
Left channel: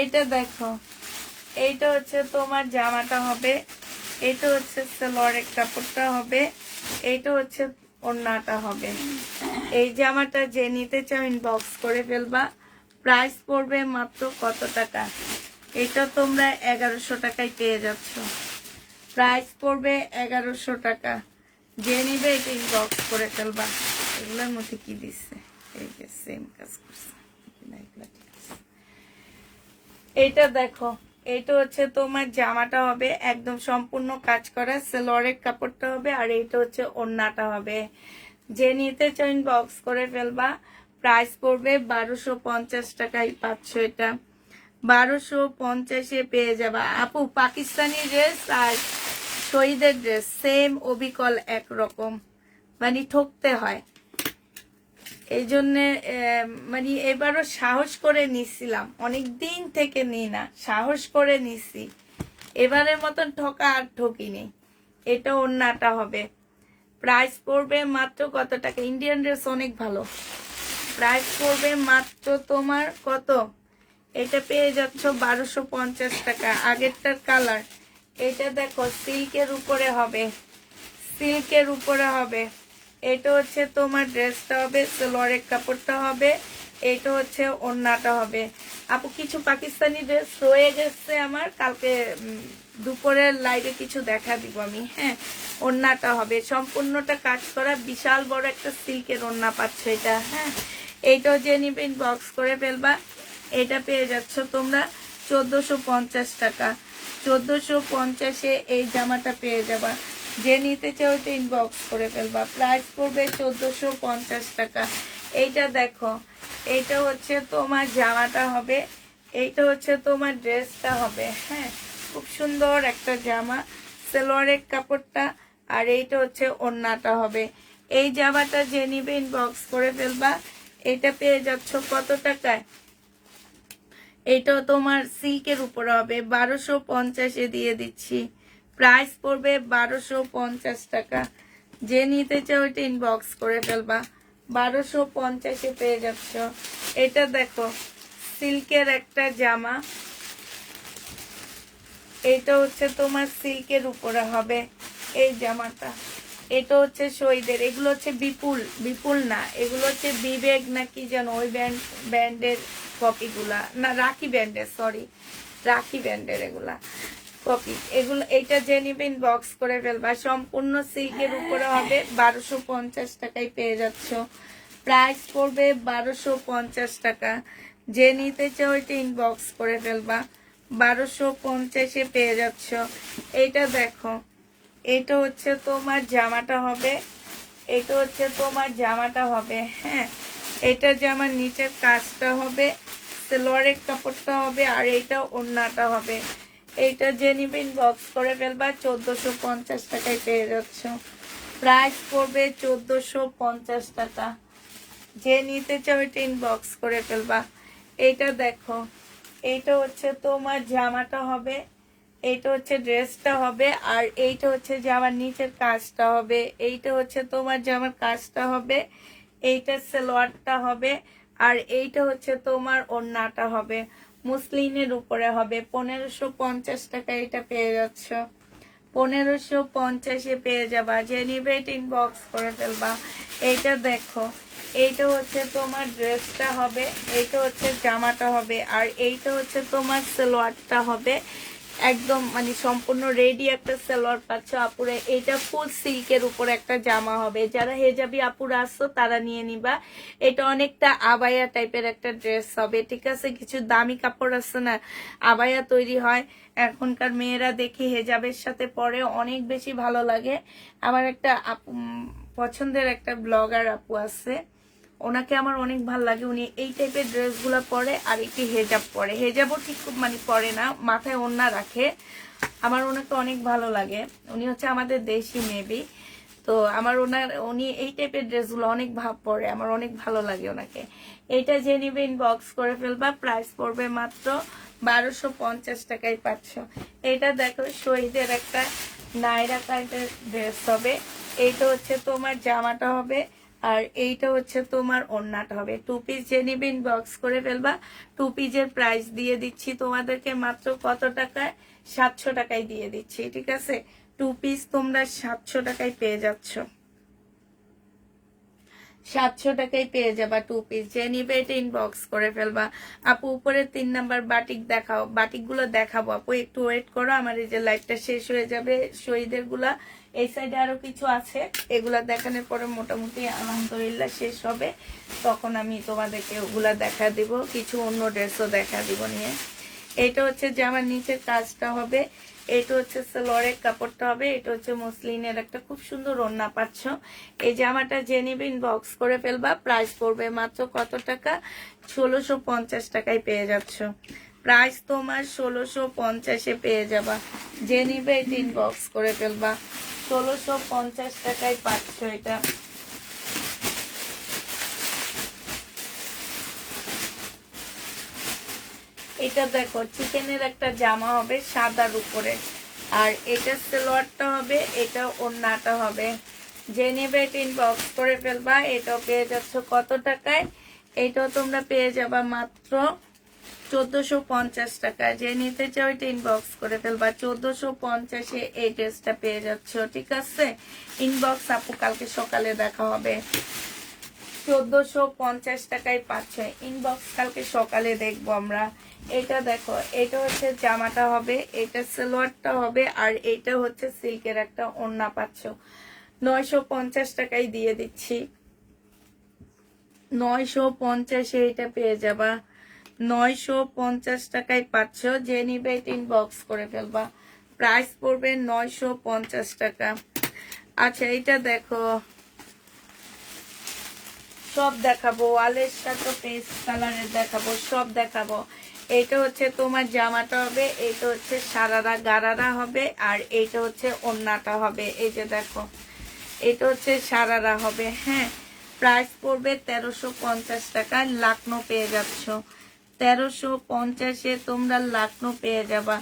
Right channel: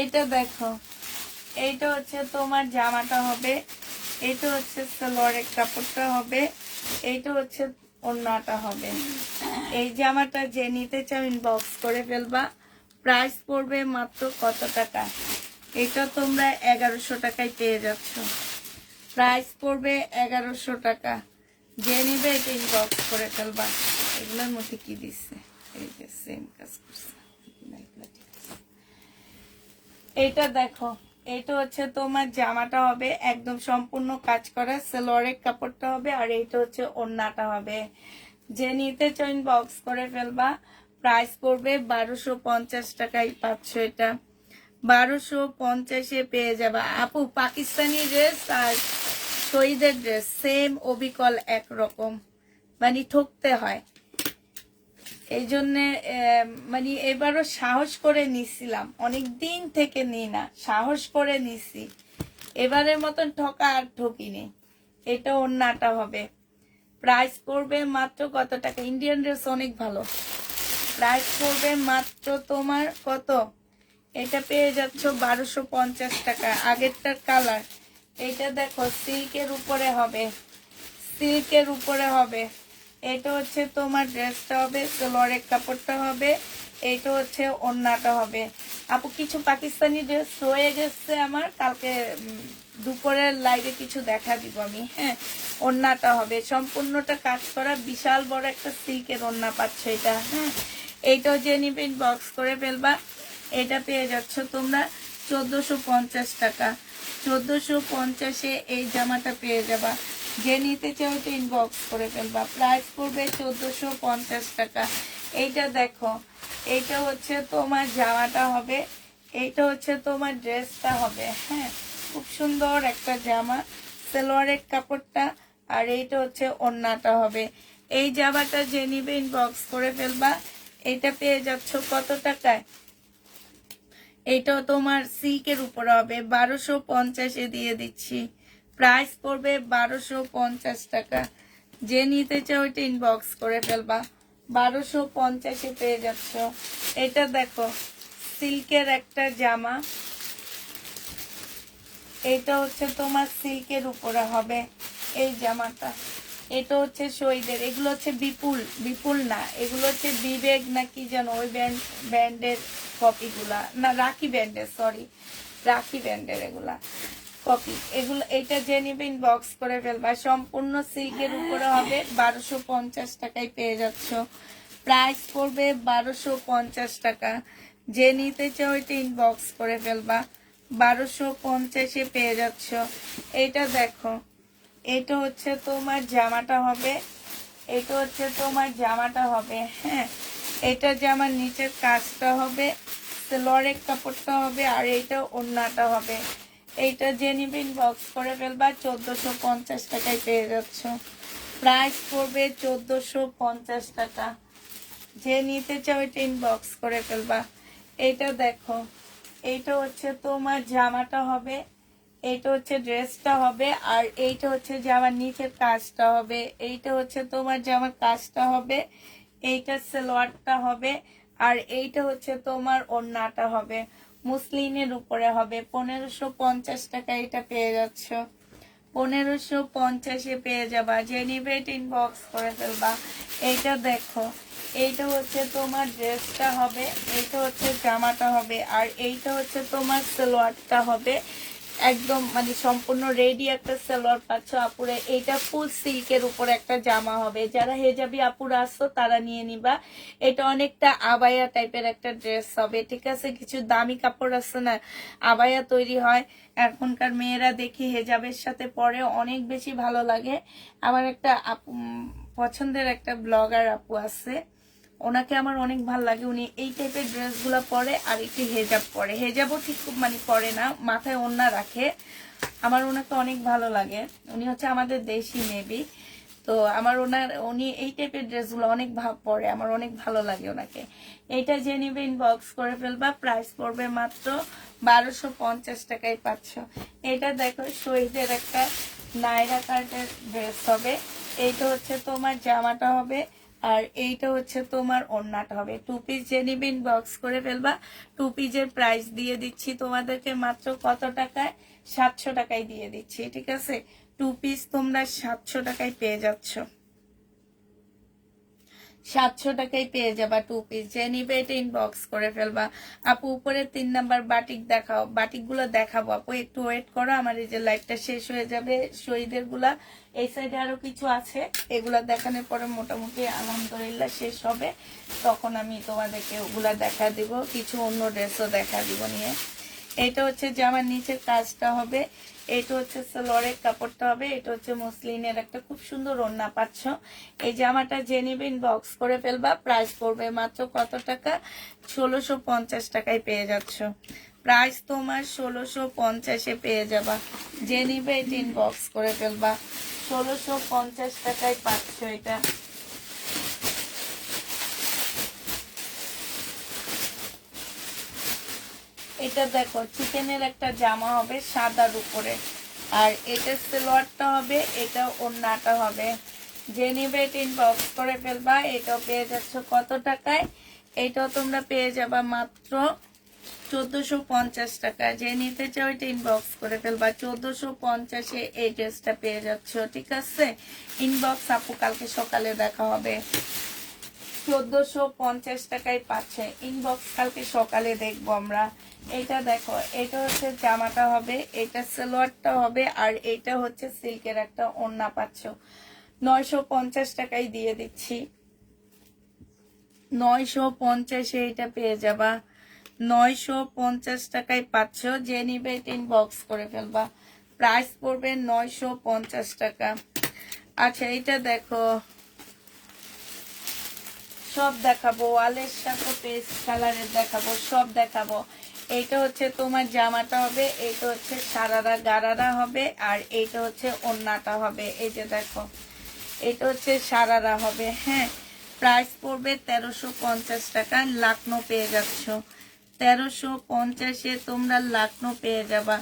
এইটা দেখো, এইটা হচ্ছে তোমার জামাটা হবে, এইটা হচ্ছে সালোয়ারের কাপড়টা হবে, এইটা হচ্ছে ওড়নাটা হবে। এই জামাটা যে নিতে চাও ইনবক্স করে ফেলবা। প্রাইস পড়বে মাত্র কত টাকা? এটা তোমরা 1100 টাকায় পেয়ে যাচ্ছ। প্রাইস পড়বে 1100 টাকা। যে নিবে এটা ইনবক্স করে ফেলবা। এগুলোর মধ্যে কি দিচ্ছে? এই যে সেম কাজ করছে। এইটা দেখো, এইটা হচ্ছে তোমার জামাটা হবে, একদম সম্পূর্ণ কাজ করা, সালোয়ারের কাপড়টা হবে, আর এইটা হচ্ছে ওড়নাটা হবে। যে নিতে চাও ইনবক্স করে ফেলবা। প্রাইস পড়বে 1250 টাকায় পাচ্ছ এটা। 1250-এ পেয়ে যাবা। আপু পাকিস্তানি ড্রেস আর শহীদের ড্রেস সেম, অবিকল একরকম, মানে ঠকতে হয়। এই জন্য মানে এবারও সাহস করে নিছিলাম, অনেক দিন থেকে নিই না, সাহস করে নিছি। এবারের মতন ঠকা আর ঠকিনি। এটা ওড়নাটা হবে। প্রাইস পড়বে মাত্র কত টাকা? ইন্ডিয়ান ড্রেস অনেক ভালো। প্রাইস পড়বে মাত্র তোমার কত? এটা পেয়ে যাচ্ছ 1250 টাকা। আগেরটার কালার, এটা দেখো সিল্কের উপরে হবে, সিল্কের উপরে হবে। এটা হচ্ছে তোমার ড্রেসটা হবে, সালোয়ারের কাপড়টা হবে, এটা হচ্ছে ওড়নাটা হবে। আপু কিছু পাকিস্তানি ড্রেস রয়ে গেছে আমার, কালকে দুপুরের লাইভে কিছু দেখা দিব আমি। হ্যাঁ, ওড়নাটা হবে সম্পূর্ণটা কাজ করা, বিশাল বড় একটা সিল্কের ওড়না পাচ্ছে এটা। হ্যাঁ, এইটাও যে নিবে ইনবক্স করে ফেলবা। এটা পেয়ে যাচ্ছ তোমরা 1450 টাকা। 1450-এ এই জামাটা পেয়ে যাবা। যে নিতে চাও তো ইনবক্স করে ফেলবা। প্রাইস পড়বে 1450 টাকা। এইটা দেখো, এইটা হচ্ছে তোমার জামাটা হবে, এইটা হচ্ছে তোমার ড্রেসটা হবে। হ্যাঁ, খুব সুন্দর একটা জামা, সালোয়ারের কাপড়টা, আর এইটা হচ্ছে ওড়নাটা হবে। এই জামাটা যে নিবে ইনবক্স করে ফেলবা। এটা পেয়ে যাচ্ছ কত টাকায়? এটা তোমার সিল্কের উপর হবে, 1250-এ দিয়ে দিচ্ছি। প্রাইস পড়বে 1250 টাকা। যে নিতে চাও এটা ইনবক্স করে ফেলবা। 1250-এ পেয়ে যাচ্ছ। এটা দেখো, সিল্কের একটা জামা, এটা হচ্ছে তোমার সিল্কের উপরে হবে এই জামাটা। এটা হচ্ছে শহীদের, এগুলো হচ্ছে বিপুল, বিপুল না, এগুলো হচ্ছে বিবেক না কি জানো, ওই ব্যান্ডের কপিগুলা, না রাখি ব্যান্ডের, সরি রাখি ব্যান্ডের এগুলা কপি। এগুলো এইটা যে নিবে ইনবক্স করে ফেলবা। সম্পূর্ণ সিল্কের উপরে হবে, 1250 টাকায় পেয়ে যাচ্ছ। প্রাইস পড়বে 1250 টাকা। যে নিতে চাও এটা ইনবক্স করে ফেলবা। 1250-এ পেয়ে যাচ্ছ। এইটা দেখো, এটা হচ্ছে তোমার জামাটা হবে, এটা হচ্ছে তোমার জামাটা হবে। হ্যাঁ, এটা জামার নিচের কাজটা হবে, সালোয়ারের কাপড়টা হবে, আর এইটা ওড়নাটা হবে। এইটা যে নিবে ইনবক্স করে ফেলবা। 1450 টাকায় পেয়ে যাচ্ছ। প্রাইস পড়বে 1450 টাকা। যে নিতে চাও এটা ইনবক্স করে ফেলবা। এইটা দেখো, এইটা হচ্ছে তোমার জামাটা হবে, এইটা হচ্ছে ড্রেসটা হবে, আর এইটা হচ্ছে জামার নিচের কাজটা হবে, এইটা হচ্ছে তোমার জামার কাজটা হবে, এইটা সালোয়ারটা হবে, আর এইটা হচ্ছে তোমার ওড়নাটা হবে। মুসলিনের উপরে হবে। 1550 টাকা এটা পেয়ে যাচ্ছ। 1550-এ পেয়ে যাবা। যে নিবে এটা ইনবক্স করে ফেলবা। এইটা দেখো, এইটা হচ্ছে তোমার ড্রেসটা হবে, এইটা হচ্ছে জামাটা হবে, আর এইটা হচ্ছে তোমার সালোয়ারটা হবে, একদম মানে সম্পূর্ণ রেডি একটা সালোয়ার পাচ্ছ আপুরে। এটা ফুল সিল্কের উপর একটা জামা হবে, যারা হেজাবি আপুরা আসছো তারা নিয়ে নিবা। এটা অনেকটা আবায়া টাইপের একটা ড্রেস হবে, ঠিক আছে। কিছু দামি কাপড় আছে না, আবায়া তৈরি হয়, এখনকার মেয়েরা দেখি হেজাবের সাথে পরে অনেক বেশি ভালো লাগে। আমার একটা আপু পছন্দের একটা ব্লগার আপু আছে, ওনাকে আমার অনেক ভালো লাগে। উনি এই টাইপের ড্রেসগুলো পরে আর একটি হেজাব পরে, হেজাবও ঠিক মানে পরে না, মাথায় ওড়না রাখে। আমার ওনাকে অনেক ভালো লাগে, উনি হচ্ছে আমাদের দেশি মেবি। তো আমার উনি এই টাইপের ড্রেসগুলো অনেক ভাব পরে, আমার অনেক ভালো লাগে ওনাকে। এটা যে নিবে ইনবক্স করে ফেলবা, প্রাইস পড়বে মাত্র 1250 টাকায় পাচ্ছ। এটা দেখো শহীদের একটা নায়রা কাটের ড্রেস হবে। এইটা হচ্ছে তোমার জামাটা হবে, আর এইটা হচ্ছে তোমার ওড়নাটা হবে। 2 পিস যে নিবে ইনবক্স করে ফেলবা। 2 পিসের প্রাইস দিয়ে দিচ্ছি তোমাদেরকে মাত্র কত টাকায়, 700 টাকায় দিয়ে দিচ্ছি, ঠিক আছে। 2 পিস তোমরা 700 টাকায় পেয়ে যাচ্ছ, 700 টাকায় পেয়ে যাবা 2 পিস। যে নিবে এটা ইনবক্স করে ফেলবা। আপু উপরে 3 নাম্বার বাটিক দেখাও, বাটিক গুলো দেখাবো আপু, একটু ওয়েট করো, আমার এই যে লাইটটা শেষ হয়ে যাবে। শহীদের গুলা এই সাইডে আরো কিছু আছে, এগুলা দেখানোর পরে মোটামুটি আলহামদুলিল্লাহ শেষ হবে, তখন আমি তোমাদেরকে ওগুলা দেখা দিব, কিছু অন্য ড্রেসও দেখা দিব নিয়ে। এটা হচ্ছে যে আমার নিচের কাজটা হবে, এটা হচ্ছে সালোয়ারের কাপড়টা হবে, এটা হচ্ছে মসলিনের একটা খুব সুন্দর ওড়না পাচ্ছ। এই জামাটা যে নিবে ইনবক্স করে ফেলবা, প্রাইস পড়বে মাত্র কত টাকা, 1650 টাকায় পেয়ে যাচ্ছ। প্রাইস তোমার 1650-এ পেয়ে যাবা, যে নিবে এটা ইনবক্স করে ফেলবা, 1650 টাকায় পাচ্ছ এটা। এটা দেখো চিকেনের একটা জামা হবে সাদার উপরে, আর এটা সালোয়ারটা হবে, এটা ওড়নাটা হবে। যে নেবে এটা ইনবক্স করে ফেলবা, এটাও পেয়ে যাচ্ছ কত টাকায়, এটাও তোমরা পেয়ে যাবা মাত্র 1450 টাকা। যে নিতে চাও এটা ইনবক্স করে ফেলবা, 1450-এ এই ড্রেসটা পেয়ে যাচ্ছ, ঠিক আছে। ইনবক্স আপু কালকে সকালে দেখা হবে। 1450 টাকায় পাচ্ছে, ইনবক্স কালকে সকালে দেখবো আমরা। এটা দেখো, এটা হচ্ছে জামাটা হবে, এটা সালোয়ারটা হবে, আর এটা হচ্ছে সিল্কের একটা ওড়না পাচ্ছ। 950 টাকায় দিয়ে দিচ্ছি, 950-এ এটা পেয়ে যাবা, 950 টাকায় পাচ্ছ। যে নিবে এটা ইনবক্স করে ফেলবা, প্রাইস পড়বে 950 টাকা। আচ্ছা এটা দেখো, সব দেখাবো, ওয়ালের সাথে পেস্ট কালারের দেখাবো, সব দেখাবো। এটা হচ্ছে তোমার জামাটা হবে, এটা হচ্ছে সারারা গারারা হবে, আর এটা হচ্ছে ওড়নাটা হবে। এই যে দেখো, এটা হচ্ছে সারারা হবে, হ্যাঁ। প্রাইস পড়বে 1350 টাকা, লাকনো পেয়ে যাচ্ছ। 1350-এ তোমরা লাকনো পেয়ে যাবা।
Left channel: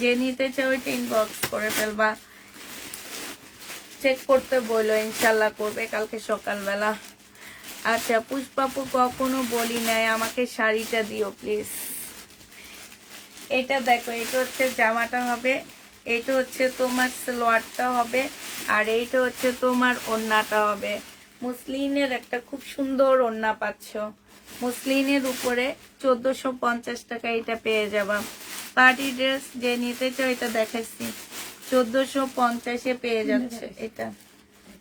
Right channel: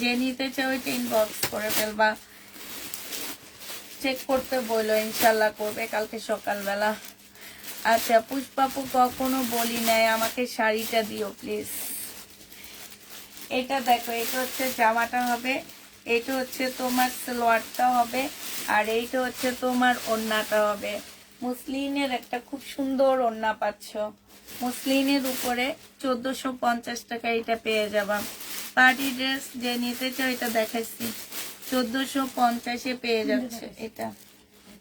যে নিতে চাও ওইটা ইনবক্স করে ফেলবা, চেক করতে বললো, ইনশাল্লাহ করবে কালকে সকালবেলা। আচ্ছা পুষ্পাপু কখনো বলি নাই আমাকে শাড়িটা দিও প্লিজ। এটা দেখো, এটা হচ্ছে জামাটা হবে, এইটা হচ্ছে তোমার সালোয়ারটা হবে, আর এইটা হচ্ছে তোমার ওড়নাটা হবে। মুসলিনের একটা খুব সুন্দর ওড়না পাচ্ছ, মুসলিনের উপরে 1450 টাকা এটা পেয়ে যাবা। পার্টি ড্রেস যে নিতে চাও এটা দেখাচ্ছি, 1450-এ পেয়ে যাচ্ছে এটা,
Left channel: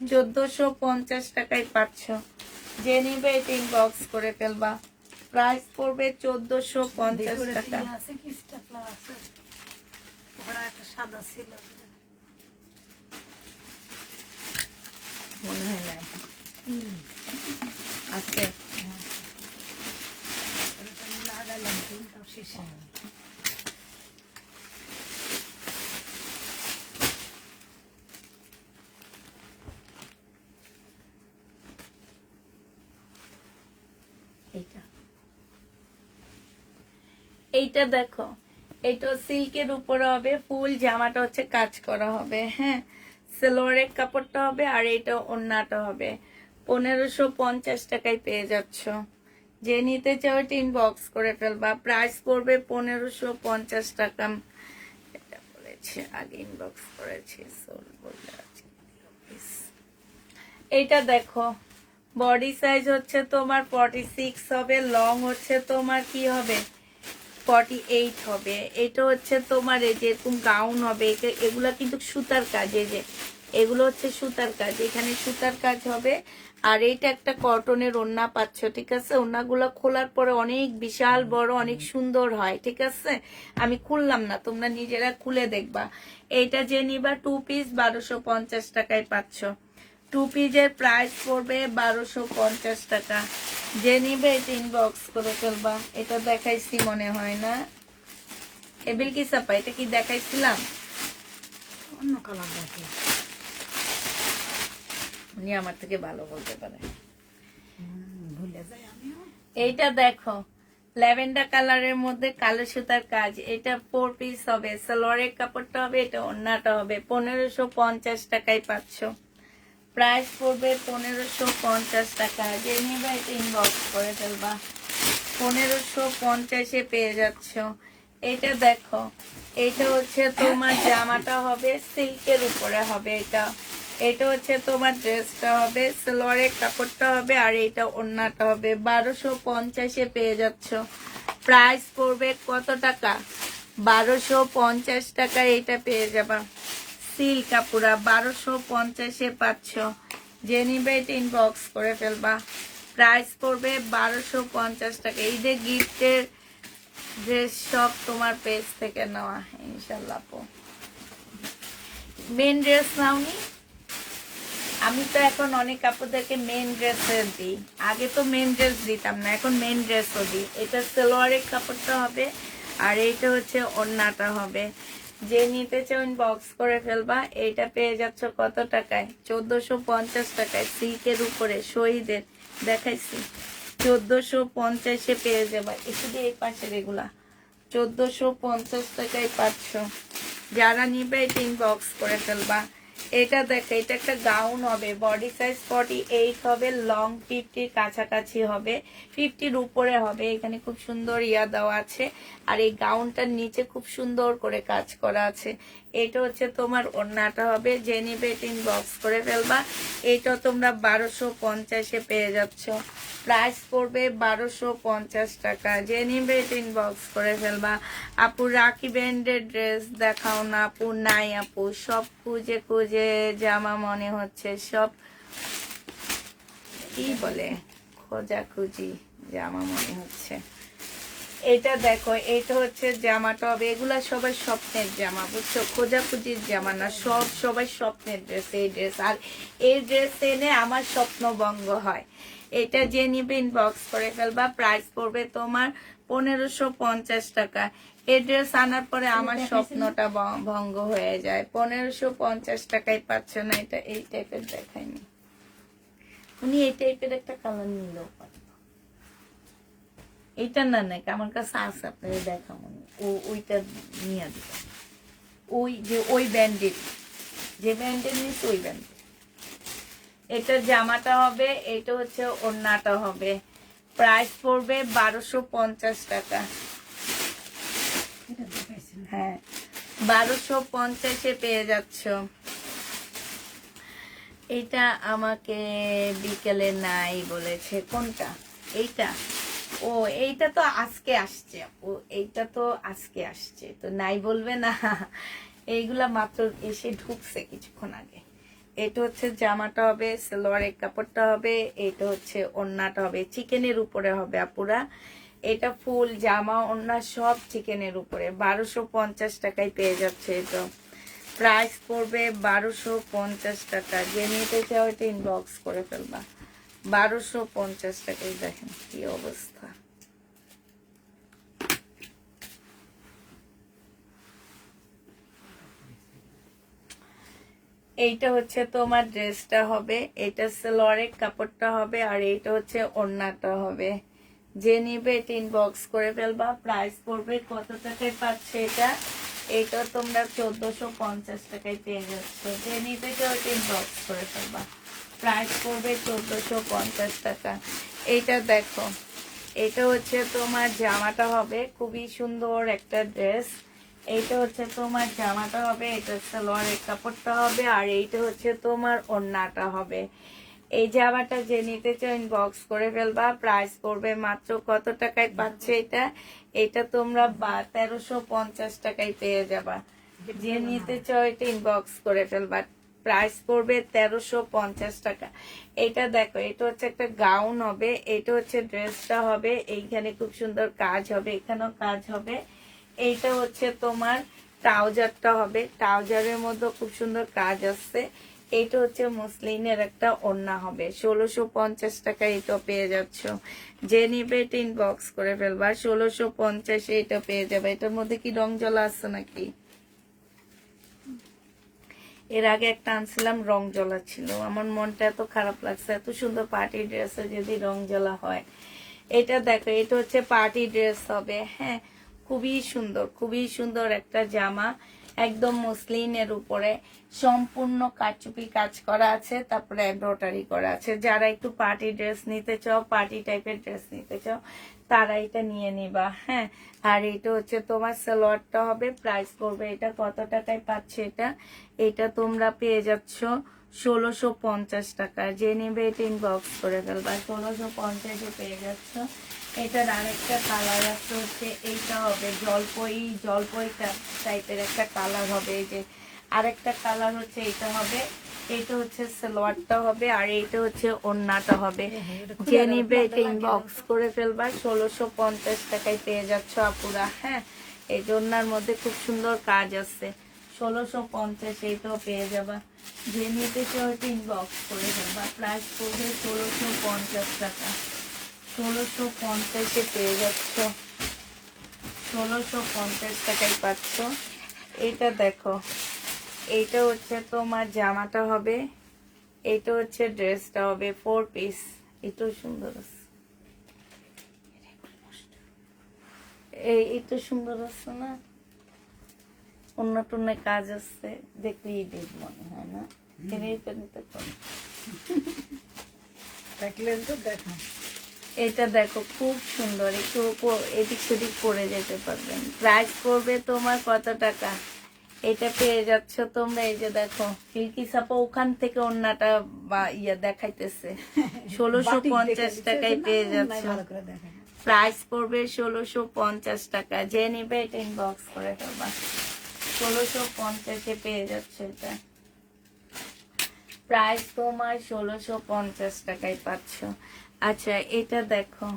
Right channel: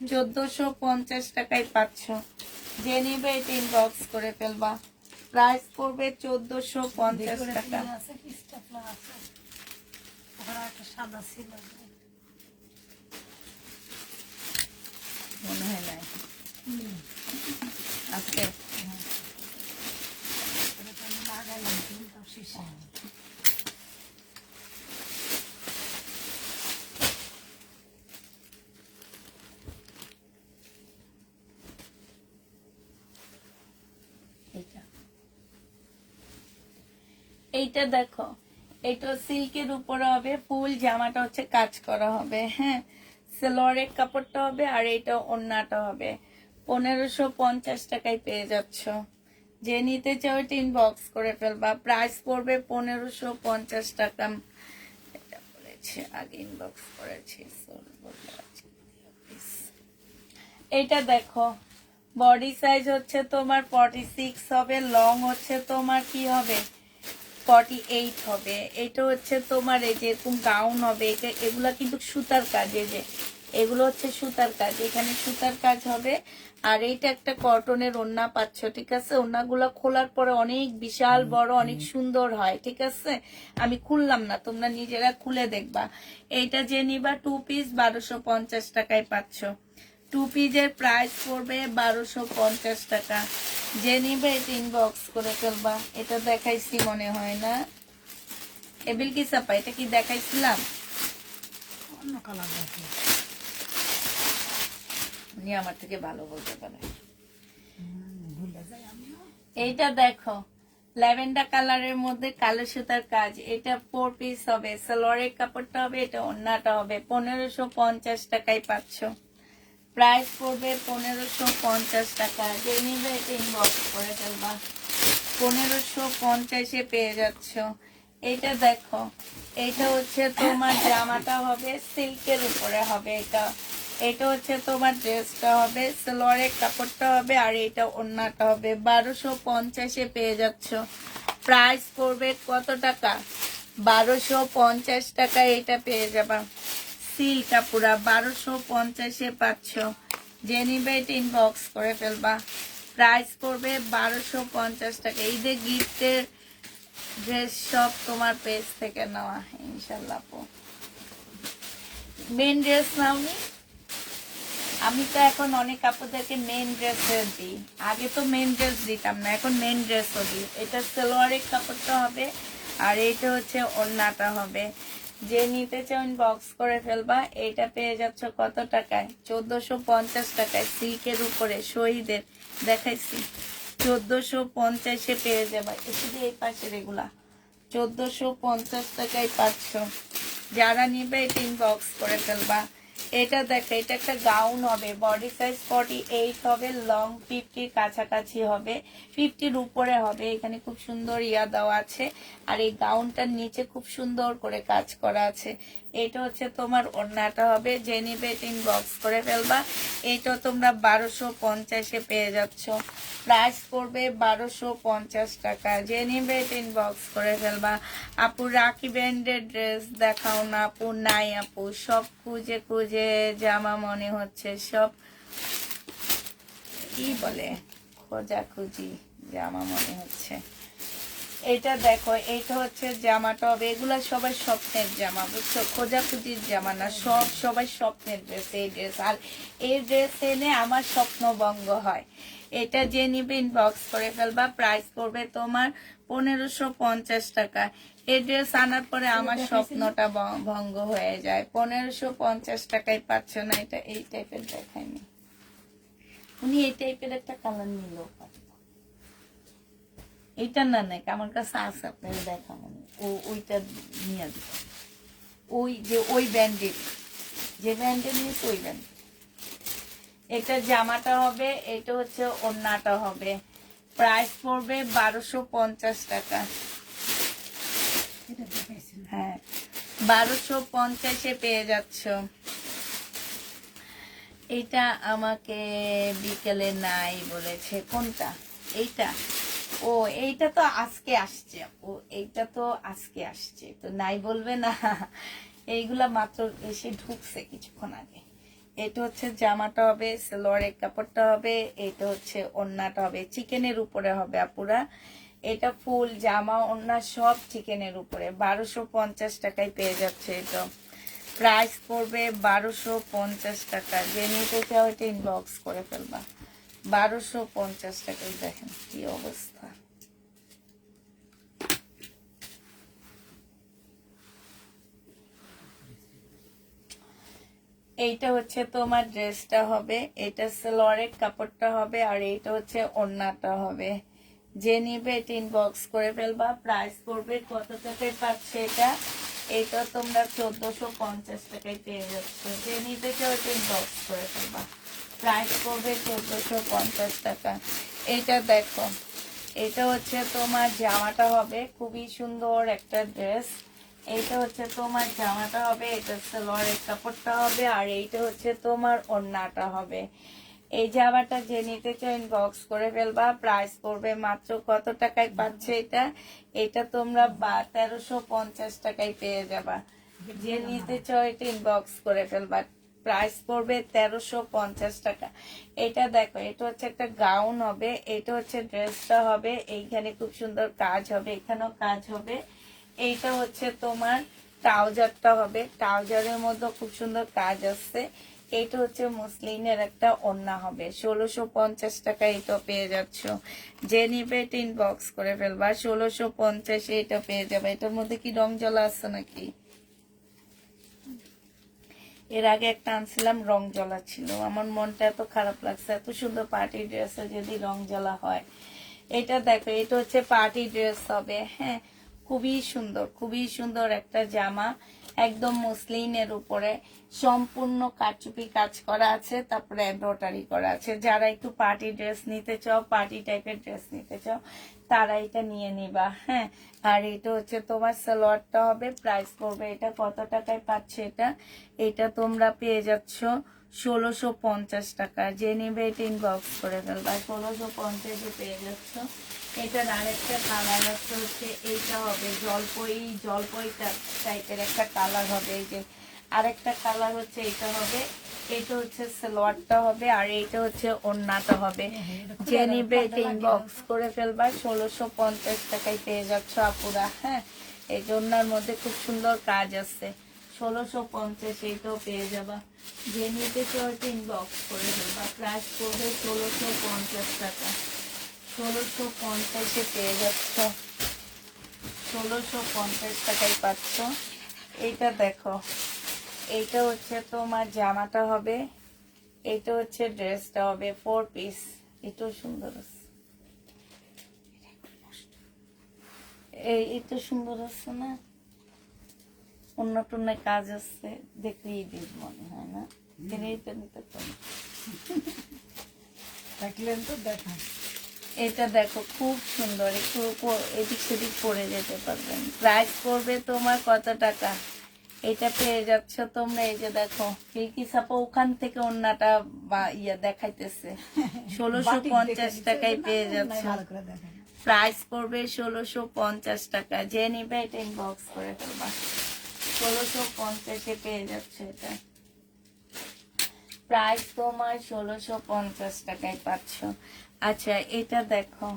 1450 টাকায় পাচ্ছ। যে নিবে এটা ইনবক্স করে ফেলবা, প্রাইস পড়বে 1450 টাকা। মনে হয় না আছে, লাগালাম কিন্তু শেষে এইটা দেখো, এটা সিল্কের উপরে হবে, ফুল জামাটা হচ্ছে কাজ করা হবে, হ্যাঁ। সালোয়ারের কাপড়টা হবে, আর এটা ওড়নাটা হবে। 1550 টাকায় পেয়ে যাচ্ছ। যে নিতে চাও এটা ইনবক্স করে ফেলবা, প্রাইস পড়বে 1550 টাকা। এটা বলেছি আগে, ইনবক্স করেছি। এইটা দেখো, বডি সাইজ হচ্ছে তোমার 46 হবে, লং হচ্ছে তোমার কি হবে 48 হবে। এটা হচ্ছে তোমার এই যে এরকম গাউন হবে, এগুলা কিন্তু সুতার কাজ, এই যে এগুলো হচ্ছে সুতার কাজ, এখানে সুতার কাজ হবে। আর এইটা একটা কটনের ওড়না পাচ্ছ, ঠিক আছে? ওড়নাগুলো খোলার পরে অনেক বিশাল বড়, অনেক সুন্দর হয়, ঠিক আছে? আমি খুললাম না, তোমরা নিজেরা খুলে দেখবা। এইটা যে নিবা 2 পিস 1250 টাকায় পাচ্ছ। 2 পিসের প্রাইস পড়বে 1250 টাকা। যে নিবে ইনবক্স করে ফেলবা। এটা দেখাইছি মনে হয় না, এবিল কি সাপা, এটা কি দেখাইছিলাম? অন্য কালার দেখো। উনি আমার থেকে ভালো বলতে পারে। ভুলে যাই আমিও। এইটা দেখো, ল্যাভেন্ডার কালারের মধ্যে কালো সুতার কাজ। এটা 4 পিস হবে, সালোয়ারের কাপড়টা হবে, এটা ওড়নাটা হবে। 1550 টাকায় পাচ্ছ। প্রাইস পড়বে 1550 টাকা। যে নিবে এটা ইনবক্স করে ফেলবা। 1550-এ পেয়ে যাচ্ছ। এটা দেখো, এটা হচ্ছে তোমার জামাটা হবে সিল্কের উপরে হবে। এটা হচ্ছে তোমার ড্রেসটা হবে, সালোয়ারের কাপড়টা হবে, আর এটা ওড়নাটা হবে। 1250-এ পেয়ে যাচ্ছ। প্রাইস পড়বে কত টাকা? 1250 টাকা এটা পেয়ে যাবা। সিল্ক কাপুরা 1250-এ পাচ্ছ। যে নিবে এটা ইনবক্স করে ফেলবা। প্রাইস পড়বে 1250 টাকা। এই যে গিফটের ড্রেস সব তোমার পেজ থেকে নেওয়া, ইনশাল্লাহ। মেন ড্রেস নাওনি? আমি তো এখন অনেক কাপড়দেরকে মেন ড্রেস দিই। আগে তো মেন ড্রেস দিতাম না, এখন মেন ড্রেসও দিই। এটা সালোয়ারের কাপড়টা হবে, আর এইটা হচ্ছে ওড়নাটা হবে। যে নিতে চাও বক্স করে ফেলবা। এটা পেয়ে যাচ্ছ কত টাকায়? 1450 টাকা। সিল্কের উপরে শহীদের দেখাইছি, 1450-এ পেয়ে যাবা। একটু দিয়ে এই পাশে রেগুলা 1450 টাকায় পাচ্ছ। যারা নিবে এটা ইনবক্স করে ফেলবা। এটা দেখো, এটা একটা গাউন হবে, বডি সাইজ 48 হবে, লং 50 কাছাকাছি হবে, 50-র উপরে হবে। এখানে খুব সুন্দর ইয়া দেওয়া আছে, আর এই গাউনটার নিচে খুব সুন্দর করে কাজ করা আছে। এটা হচ্ছে তোমার ওড়নাটা হবে। যে নিবে এটা ইনবক্স করে ফেলবা। এটা তোমরা 1250-এ পেয়ে যাচ্ছ। প্রাইস পড়বে 1250 টাকা। যে নিবে এটা ইনবক্স করে ফেলবা। আপু রাখি ব্র্যান্ডের ড্রেস দেখাও না আপু। নাই আপু, সব খুঁজে খুঁজে জামা মনে হচ্ছে, সব কি বলে খোঁজাখুঁজি জামা মনে হচ্ছে। এটা দেখো, এটা হচ্ছে জামাটা হবে। এগুলা সবার স্বপ্নের জামা, বুঝছো? খোঁজাখুঁজির জামা না, সবার স্বপ্নের ড্রেস এই ড্রেস। আর এই ড্রেস এনে আমার স্বপ্ন ভঙ্গ হয়। এটা যে নিবে ইনবক্স করে ফেলবা। প্রাইস পড়বে তোমার 1550 টাকা। এই ড্রেস আনার পরে আমার স্বপ্নটা ভঙ্গ হয়ে যায়। 1550 টাকায় পাচ্ছ না। এটা এই টাইপের দেখায়নি উনি, এই টাইপের একটা কালার নিলেও পারে। এইটা না নাকি আমার কাছে আছে, আপনার দেখাবো। ওইটা নিয়ে দিব। ওই যে ওই ব্যান্ডের, যে ব্যান্ডের নিয়েছে ওই ব্যান্ডের। এটার জামাটা হবে, এটা হচ্ছে ওড়নাটা হবে। প্রাইস পড়বে 1250 টাকা। এটা দেখাইছিলাম। হ্যাঁ, 1250-এ পেয়ে যাচ্ছ। এইটা আমাকে বিকেলে নাই বলেছে। কোনটা? এইটা? ও, এইটা তো আজকে আসছে। ও, এইটা তো আজকে আসছে, তো নাই বলবে না। এইগুলা মাত্র এসে ঢুকছে কিছুক্ষণ আগে। এটা হচ্ছে জামাটা হবে, সালোয়ারের কাপড়টা হবে, এটা হচ্ছে ওড়নাটা হবে, চিকেনের উপরে হবে আপুরা। এটা ফুল জামা ওড়না সব চিকেনের উপরে। 1250 টাকায় পেয়ে যাচ্ছে এটা। প্রাইস পড়বে 1250 টাকা। যে নিতে চাও এটা ইনবক্স করে ফেলবা। 1250 টাকায় দেখেন কি অবস্থা। এইটা হচ্ছে তোমার ড্রেসটা হবে, এটা সালোয়ারের কাপড়টা হবে, আর এইটা হচ্ছে ওড়নাটা হবে। যে নিবে এটা ইনবক্স করে ফেলবা। প্রাইস পড়বে কত টাকায় পাচ্ছে এটা? এটা তোমরা 1450 টাকায় পেয়ে যাচ্ছ। যে নিবে কেউ এটা ইনবক্স করে ফেলবা। প্রাইস পড়বে 1450 টাকা। এইটা দেখো, এটা হচ্ছে তোমার জামাটা হবে, খুবই সুন্দর একটা ড্রেস। এইটা হচ্ছে তোমার জামাটা হবে, এটা সালোয়ারের কাপড়টা হবে, আর এইটা হচ্ছে তোমার ওড়নাটা হবে। এই জামাটা যে নিতে চাও ইনবক্স করে ফেলবা। প্রাইস পড়বে মাত্র কত টাকায় পাচ্ছে এটা? এটা তোমরা 1350 টাকায় পেয়ে যাবা। যে নিতে চাও এটা ইনবক্স করে ফেলবা। প্রাইস পড়বে 1350 টাকা। এটা দেখো, এটা হচ্ছে একটা গাউন হবে, এটা হচ্ছে ড্রেসটা হবে, এইখানে খুব সুন্দর কাজ হবে, এখানেও কাজ হবে। এইটা হচ্ছে তোমার ট্রাউজারটা হবে, ট্রাউজারের মধ্যে খুব সুন্দর কাজ আসছে। এইটা হচ্ছে মুসলিনের একটা ওড়না হবে। 1650 টাকা এটা পেয়ে যাচ্ছ। যে নিবে এটা ইনবক্স করে ফেলবা। 1650 এটা পেয়ে যাবে। এটার মধ্যে কি রং জ্বলা আছে নাকি? এর আগে একটা আনছিলাম, রং জ্বলা ছিল। আমার মনটা এত খারাপ লাগছে, এত সুন্দর পার্টি ড্রেসে যদি রং জ্বলা হয়। এটা দেখো, এটা হচ্ছে পার্টি ড্রেস হবে। হ্যাঁ, খুবই সুন্দর, খুবই সুন্দর একটা জামা, একদম মসলিনের উপরে সম্পূর্ণ কারচুপি কাজ করা আছে, তারপরে এমব্রয়ডারি করা আছে। যারা একটু পার্টি ড্রেস নিতে চাও, পার্টি টাইপের ড্রেস নিতে চাও, তারা এটা নিয়ে নিবা। হ্যাঁ, আর এটা হচ্ছে তোমার সালোয়ারটা হবে। প্রাইস পড়বে এটা কত টাকায় পাচ্ছে এটা? এটা তোমরা পেয়ে যাচ্ছ 1650 টাকা। যে নেবে এটা ইনবক্স করে ফেলবা। 1650 পেয়ে যাচ্ছ। এটার আরেকটা কালার আছে, হচ্ছে এইটা হবে জলপই টাইপের একটা কালার হবে। এই যে আরেকটা কালার হচ্ছে এইটা হবে। এইটা হচ্ছে সালোয়ারটা হবে, আর এইটা হচ্ছে ওড়নাটা হবে। যে নিবে এটা ইনবক্স করে ফেলবা। 1650 টাকায় পেয়ে যাচ্ছ আপুরা। হ্যাঁ, এই ওড়নার মধ্যে খুব সুন্দর কাজ আছে। 1650 এইটাও পেয়ে যাবা। যে নিতে চাও এটা ইনবক্স করে ফেলবা। প্রাইস পড়বে 1650 টাকা। 1650 পেয়ে যাচ্ছ। 1650 টাকায় পাচ্ছ। এইটা দেখো, এইটা হচ্ছে তোমার জামাটা হবে, এইটা হচ্ছে ড্রেসটা হবে 4 পিস। এটাও সুন্দর আছে, এইটা সুন্দর আছে না? অন্য টন্য কাজ আছে, দেখলেই দেখ মনে হয় না? এইটা নিতে পারো। দেখলেন তো, দেখো এটা দেখো, খুব সুন্দর, একটু এদিক সেদিক পরে যেতে পারবেন। প্রাইস পড়বে তোমার কত টাকা? এটা পেয়ে যাচ্ছ তোমরা। এই যে দেখো, ফিরকি সাপা ওখান থেকে অন্যটা বা দেখাইতেছে। 1650 টাকায় পেয়ে যাচ্ছ। ভালো করে দেখো। প্রাইস পড়বে 1650 টাকা। যে নিবে এটা ইনবক্স করে ফেলবা। 1650 পেয়ে যাচ্ছে এটা। প্রাইস তোমার 1650 টাকায় পাচ্ছ। আচ্ছা, এটা দেখো,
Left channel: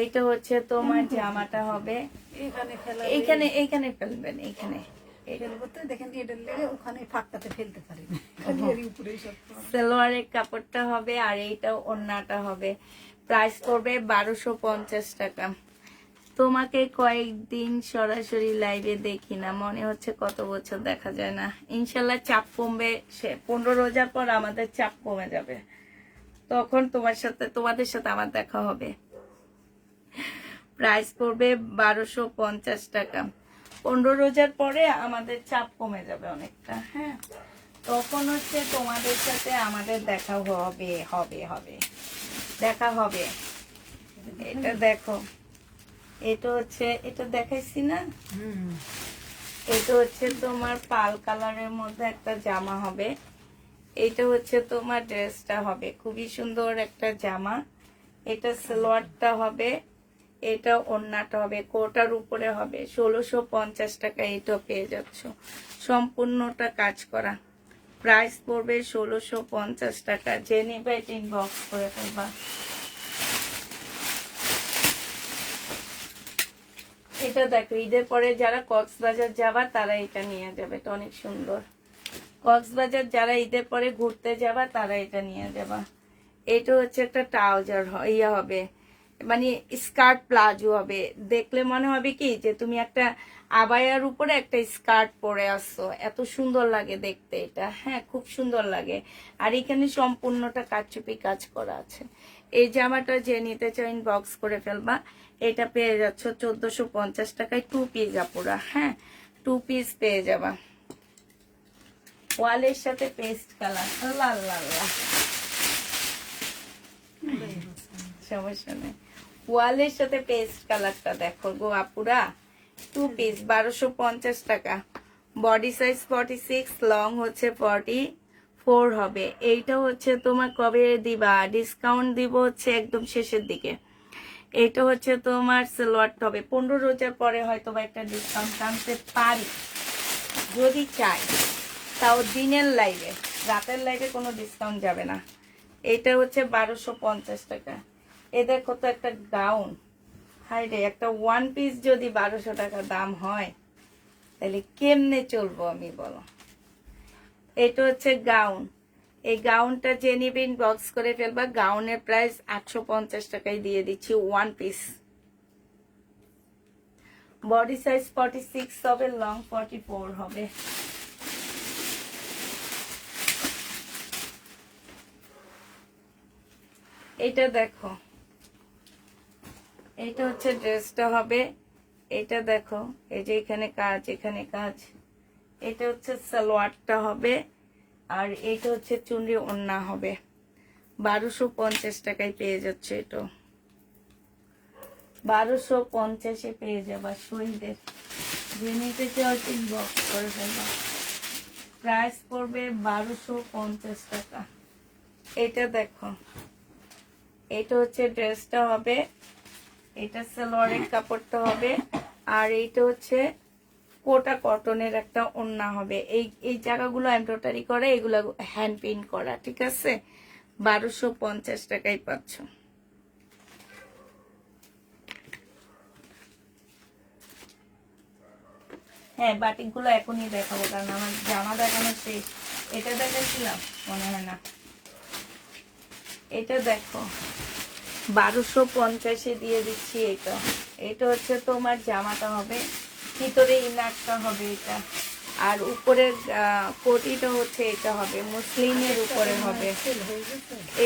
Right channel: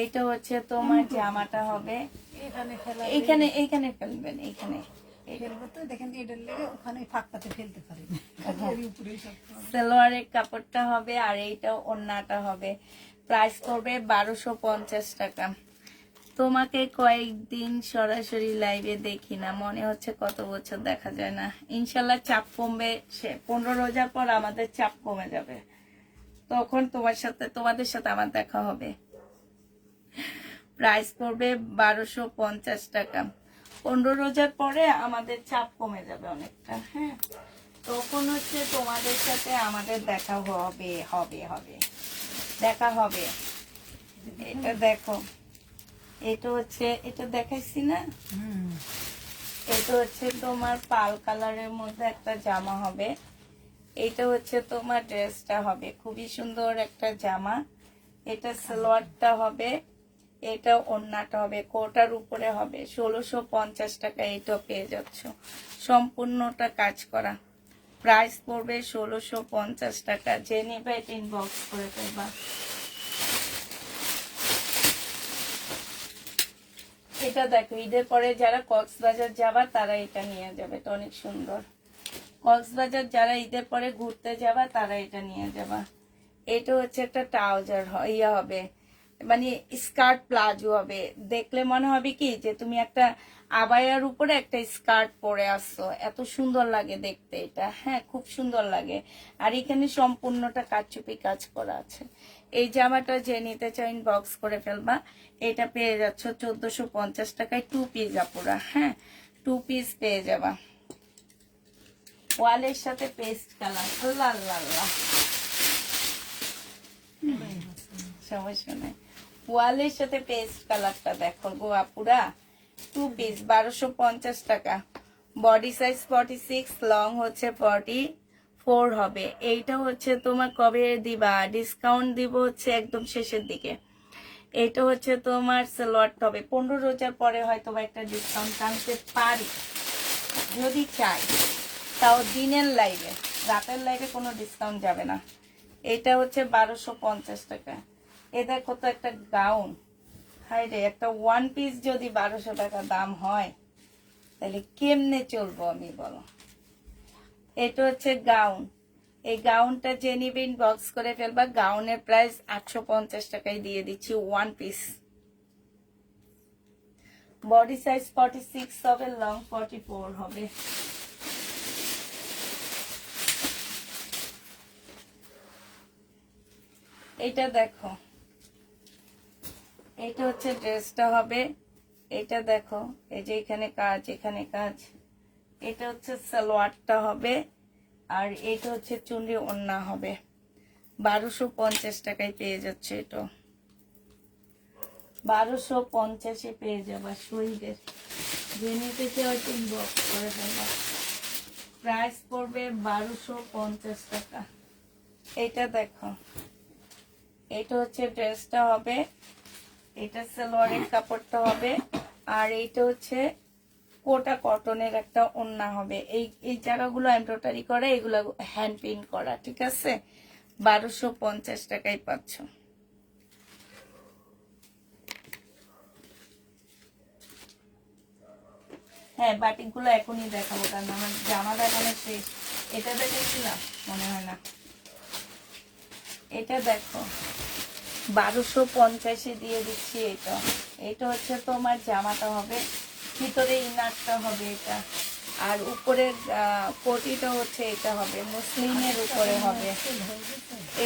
এইটা হচ্ছে তোমার জামাটা হবে। এখানে ফেলা এইখানে এইখানে ফেলবেন, এইখানে। ফেলবো তো, দেখেন এটার লেগে ওখানে ফাঁকটাতে ফেলতে পারি না। এর উপরেই সব সালোয়ারের কাপড়টা হবে, আর এইটাও ওড়নাটা হবে। প্রাইস করবে 1250 টাকা। তোমাকে কয়েকদিন সরাসরি লাইভে দেখি না, মনে হচ্ছে কত বছর দেখা যায় না। ইনশাল্লাহ চাপ কমবে, 15 রোজার পর আমাদের চাপ কমে যাবে, তখন তোমাদের সাথে আমার দেখা হবে। প্রাইস পড়বে 1250 টাকা। 15 রোজার পরে আমাদের চাপ কমে যাবে অনেকটা। হ্যাঁ, তখন হচ্ছে তোমাদের সাথে আমাদের দেখা হবে হবে হবে দেখা হবে। এটা দেখো, এটা হচ্ছে, এটা দেখাইছি না? এটা হচ্ছে তোমার পাল কালারের মধ্যে একটা জামা হবে। এটা হচ্ছে তোমার ড্রেসটা হবে, খুবই সুন্দর একটা জামা। এটা সালোয়ারটা হবে, এটা ওড়নাটা হবে, কোটার উপরে হবে। 1650 টাকা এটা পেয়ে যাচ্ছ, সম্পূর্ণটা কাজ করা। প্রাইস পড়বে 1650 টাকা। যে নেবে এটা ইনবক্স করে ফেলবা। এটা দেখো, ঈদের পরে যারা কক্সবাজার যাবা তারা এটা নিয়ে যাবে, এটা অনেক সুন্দর। কক্সবাজার যারা ঈদের পরে ঘুরতে যাবা তারা এটা নিয়ে যাবা। এটা হচ্ছে একটা ট্রাউজার ইয়ে হবে, মানে স্কার্ট প্লাজো হবে। দেখলে মনে হবে কি যে তুমি একটা আবায়ার উপরে একটা স্কার্ট পরে আসছো, এত সুন্দর লাগে দেখতে এটা। হ্যাঁ, খুব সুন্দর লাগে। আর এখানে সম্পূর্ণটা কারচুপি কাজ করা আছে। এই জামাটা যে নিতে চাও ইনবক্স করে ফেলবা। এটা পেয়ে যাচ্ছ 1450 টাকায় 2 পিস আপুরা। হ্যাঁ, 2 পিস পেয়ে যাবা। ওয়ালের সাথে পেস্ট কালার, আল্লাহ আল্লাহ আল্লাহ, সমস্যা নেই। ওয়ালের সাথে পেস্ট কালারটা দেখো গো আপুরা। 2 পিস 1250 টাকা। বডি সাইজ 46, লং হচ্ছে 4 হবে। এইটা হচ্ছে তোমার কবে দিবা, ডিসকাউন্ট দিব হচ্ছে একদম শেষের দিকে। এটা হচ্ছে তোমার সালোয়ারটা হবে 15 রোজার পরে হয়তো বা একটা ডিসকাউন্ট আনতে পারি যদি চাই, তাও দিনের লাইভে, রাতের লাইভে কোনো ডিসকাউন্ট যাবে না। এটা হচ্ছে 1250 টাকা। এ দেখো তো একটা গাউন, হাই রে, একটা ওয়ান পিস যদি 1200 টাকা দাম হয় তাহলে কেমনে চলবো আমি বলো। এটা হচ্ছে গাউন, এই গাউনটা যে নিবে ইনবক্স করে ফেলবা। গাউনের প্রাইস 850 টাকায় দিয়ে দিচ্ছি ওয়ান পিস। বডি সাইজ 46 হবে, লং 44 হবে। এটা দেখো, এটা হচ্ছে ড্রেসটা হবে। এটা দেখো, এই যে এখানে কাজ, এখানে কাজ। এটা হচ্ছে সালোয়ারটা হবে, আর এটা হচ্ছে চুনরি ওড়না হবে। 1250 টাকায় পেয়ে যাচ্ছে। এটা 1250-এ পেয়ে যাবা শহীদের। যে নিতে চাও ইনবক্স করে ফেলবা। প্রাইস পড়বে 1250 টাকা। এটা দেখো, এটা হচ্ছে ড্রেসটা হবে, এটা সালোয়ারের কাপড়টা হবে, আর এইটা হচ্ছে কোটা কটনের একটা ওড়না হবে। এই জায়গাগুলো এমব্রয়ডারি করা, এগুলো হ্যান্ড পেইন্ট করা, ঠিক আছে। 1250 টাকায় পাচ্ছ। হ্যাঁ, বাটিকগুলো এখনই দেখাবো, কারণ আমার জামা দেখানো শেষ। এটা দেখাচ্ছিলাম মনে হয় না। এটা দেখো, 1250-এ দিয়ে দিচ্ছি। এটা এটা হচ্ছে তোমার জামাটা হবে, ভিতরে ইনারটা হবে এটা, আর উপরের কোটিটা হচ্ছে এটা হবে, মুসলিমের উপরে হবে।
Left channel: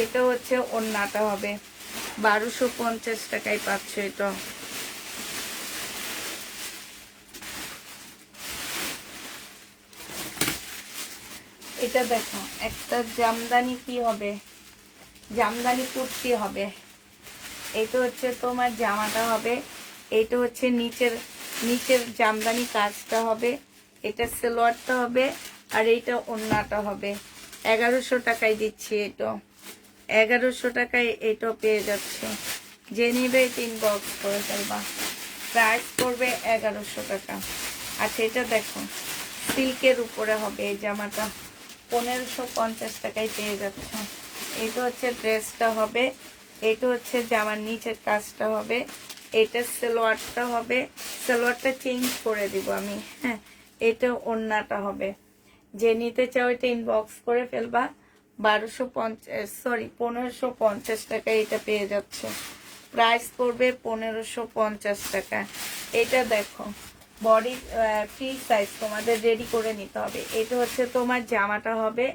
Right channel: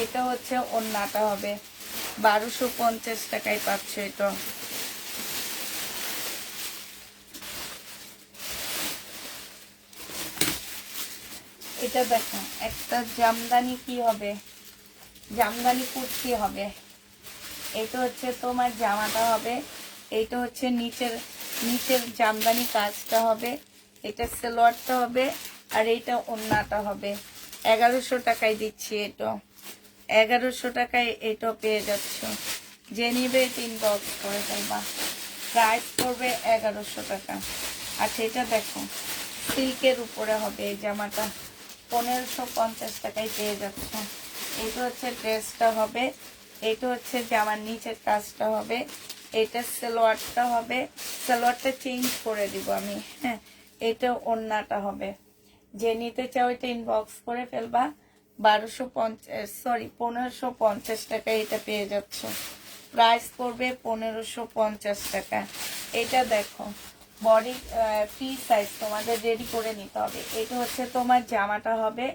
এটা হচ্ছে ওড়নাটা হবে। 1250 টাকায় পাচ্ছ এটা। এটা দেখো, একটা জামদানি কি হবে, জামদানি কুর্তি হবে। এটা হচ্ছে তোমার জামাটা হবে, এটা হচ্ছে নিচের জামদানি কাজটা হবে, এটা সালোয়ারটা হবে, আর এইটা ওড়নাটা হবে। 1100 টাকায় দিচ্ছি এটা। 1100 টাকায় এটা পেয়ে যাচ্ছে। যে নিবে 3 বক্স করে ফেলবা। প্রাইস পড়বে 1100 টাকা। আচ্ছা, এটা দেখো, সিল্কের উপরে হবে এই জামাটা। 1550 টাকায় পেয়ে যাচ্ছে। এটা হচ্ছে ড্রেসটা হবে, এটা হচ্ছে জামার নিচের কাজটা হবে, এটা সালোয়ারটা হবে। সালোয়ারটা চেঞ্জ করে দিব আমি, হ্যাঁ। এটা ওড়নাটা হবে। যে নিতে চাও এটা ইনবক্স করে ফেলবা। 1550 টাকায় এটা পেয়ে যাচ্ছে। প্রাইস পড়বে 1550 টাকা। এটা দেখো, বডি ফ্রি সাইজ, তোমাদের রেডি করে নিতে হবে। এটা হচ্ছে তোমার জামাটা হবে,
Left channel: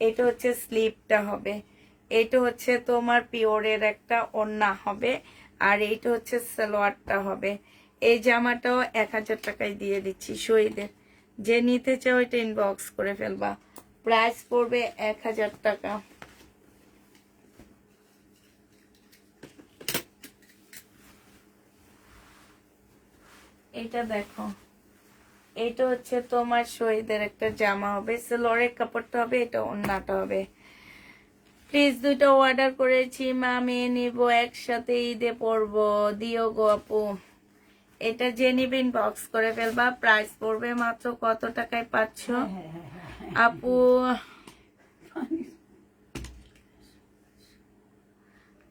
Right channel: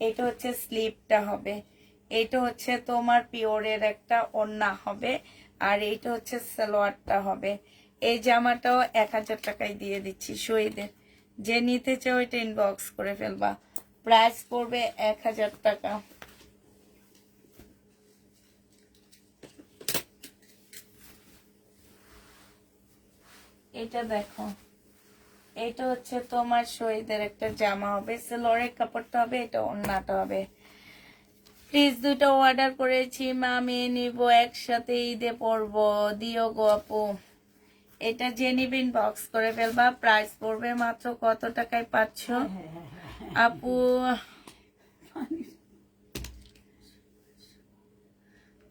এটা হচ্ছে স্লিভটা হবে, এটা হচ্ছে তোমার পিওরের একটা ওড়না হবে, আর এইটা হচ্ছে সালোয়ারটা হবে। এই জামাটাও 1000 টাকায় দিয়ে দিচ্ছি শহীদের। যে নিতে চাও এটা ইনবক্স করে ফেলবা। প্রাইস পড়বে 1000 টাকা। এটা দেখো, এটা হচ্ছে তোমার শহীদের একটা জামা হবে, সালোয়ারের কাপড়টা হবে, এটা ওড়নাটা হবে। প্লিজ দুইটা অর্ডার করেছি মা, মেয়ে নিব একসাথে, ঈদে পরবো, দিও গো আপু। এটা যে নিবেন বক্স করে ফেলবা। প্রাইস পড়বে মাত্র কত টাকায় পাচ্ছ আপু?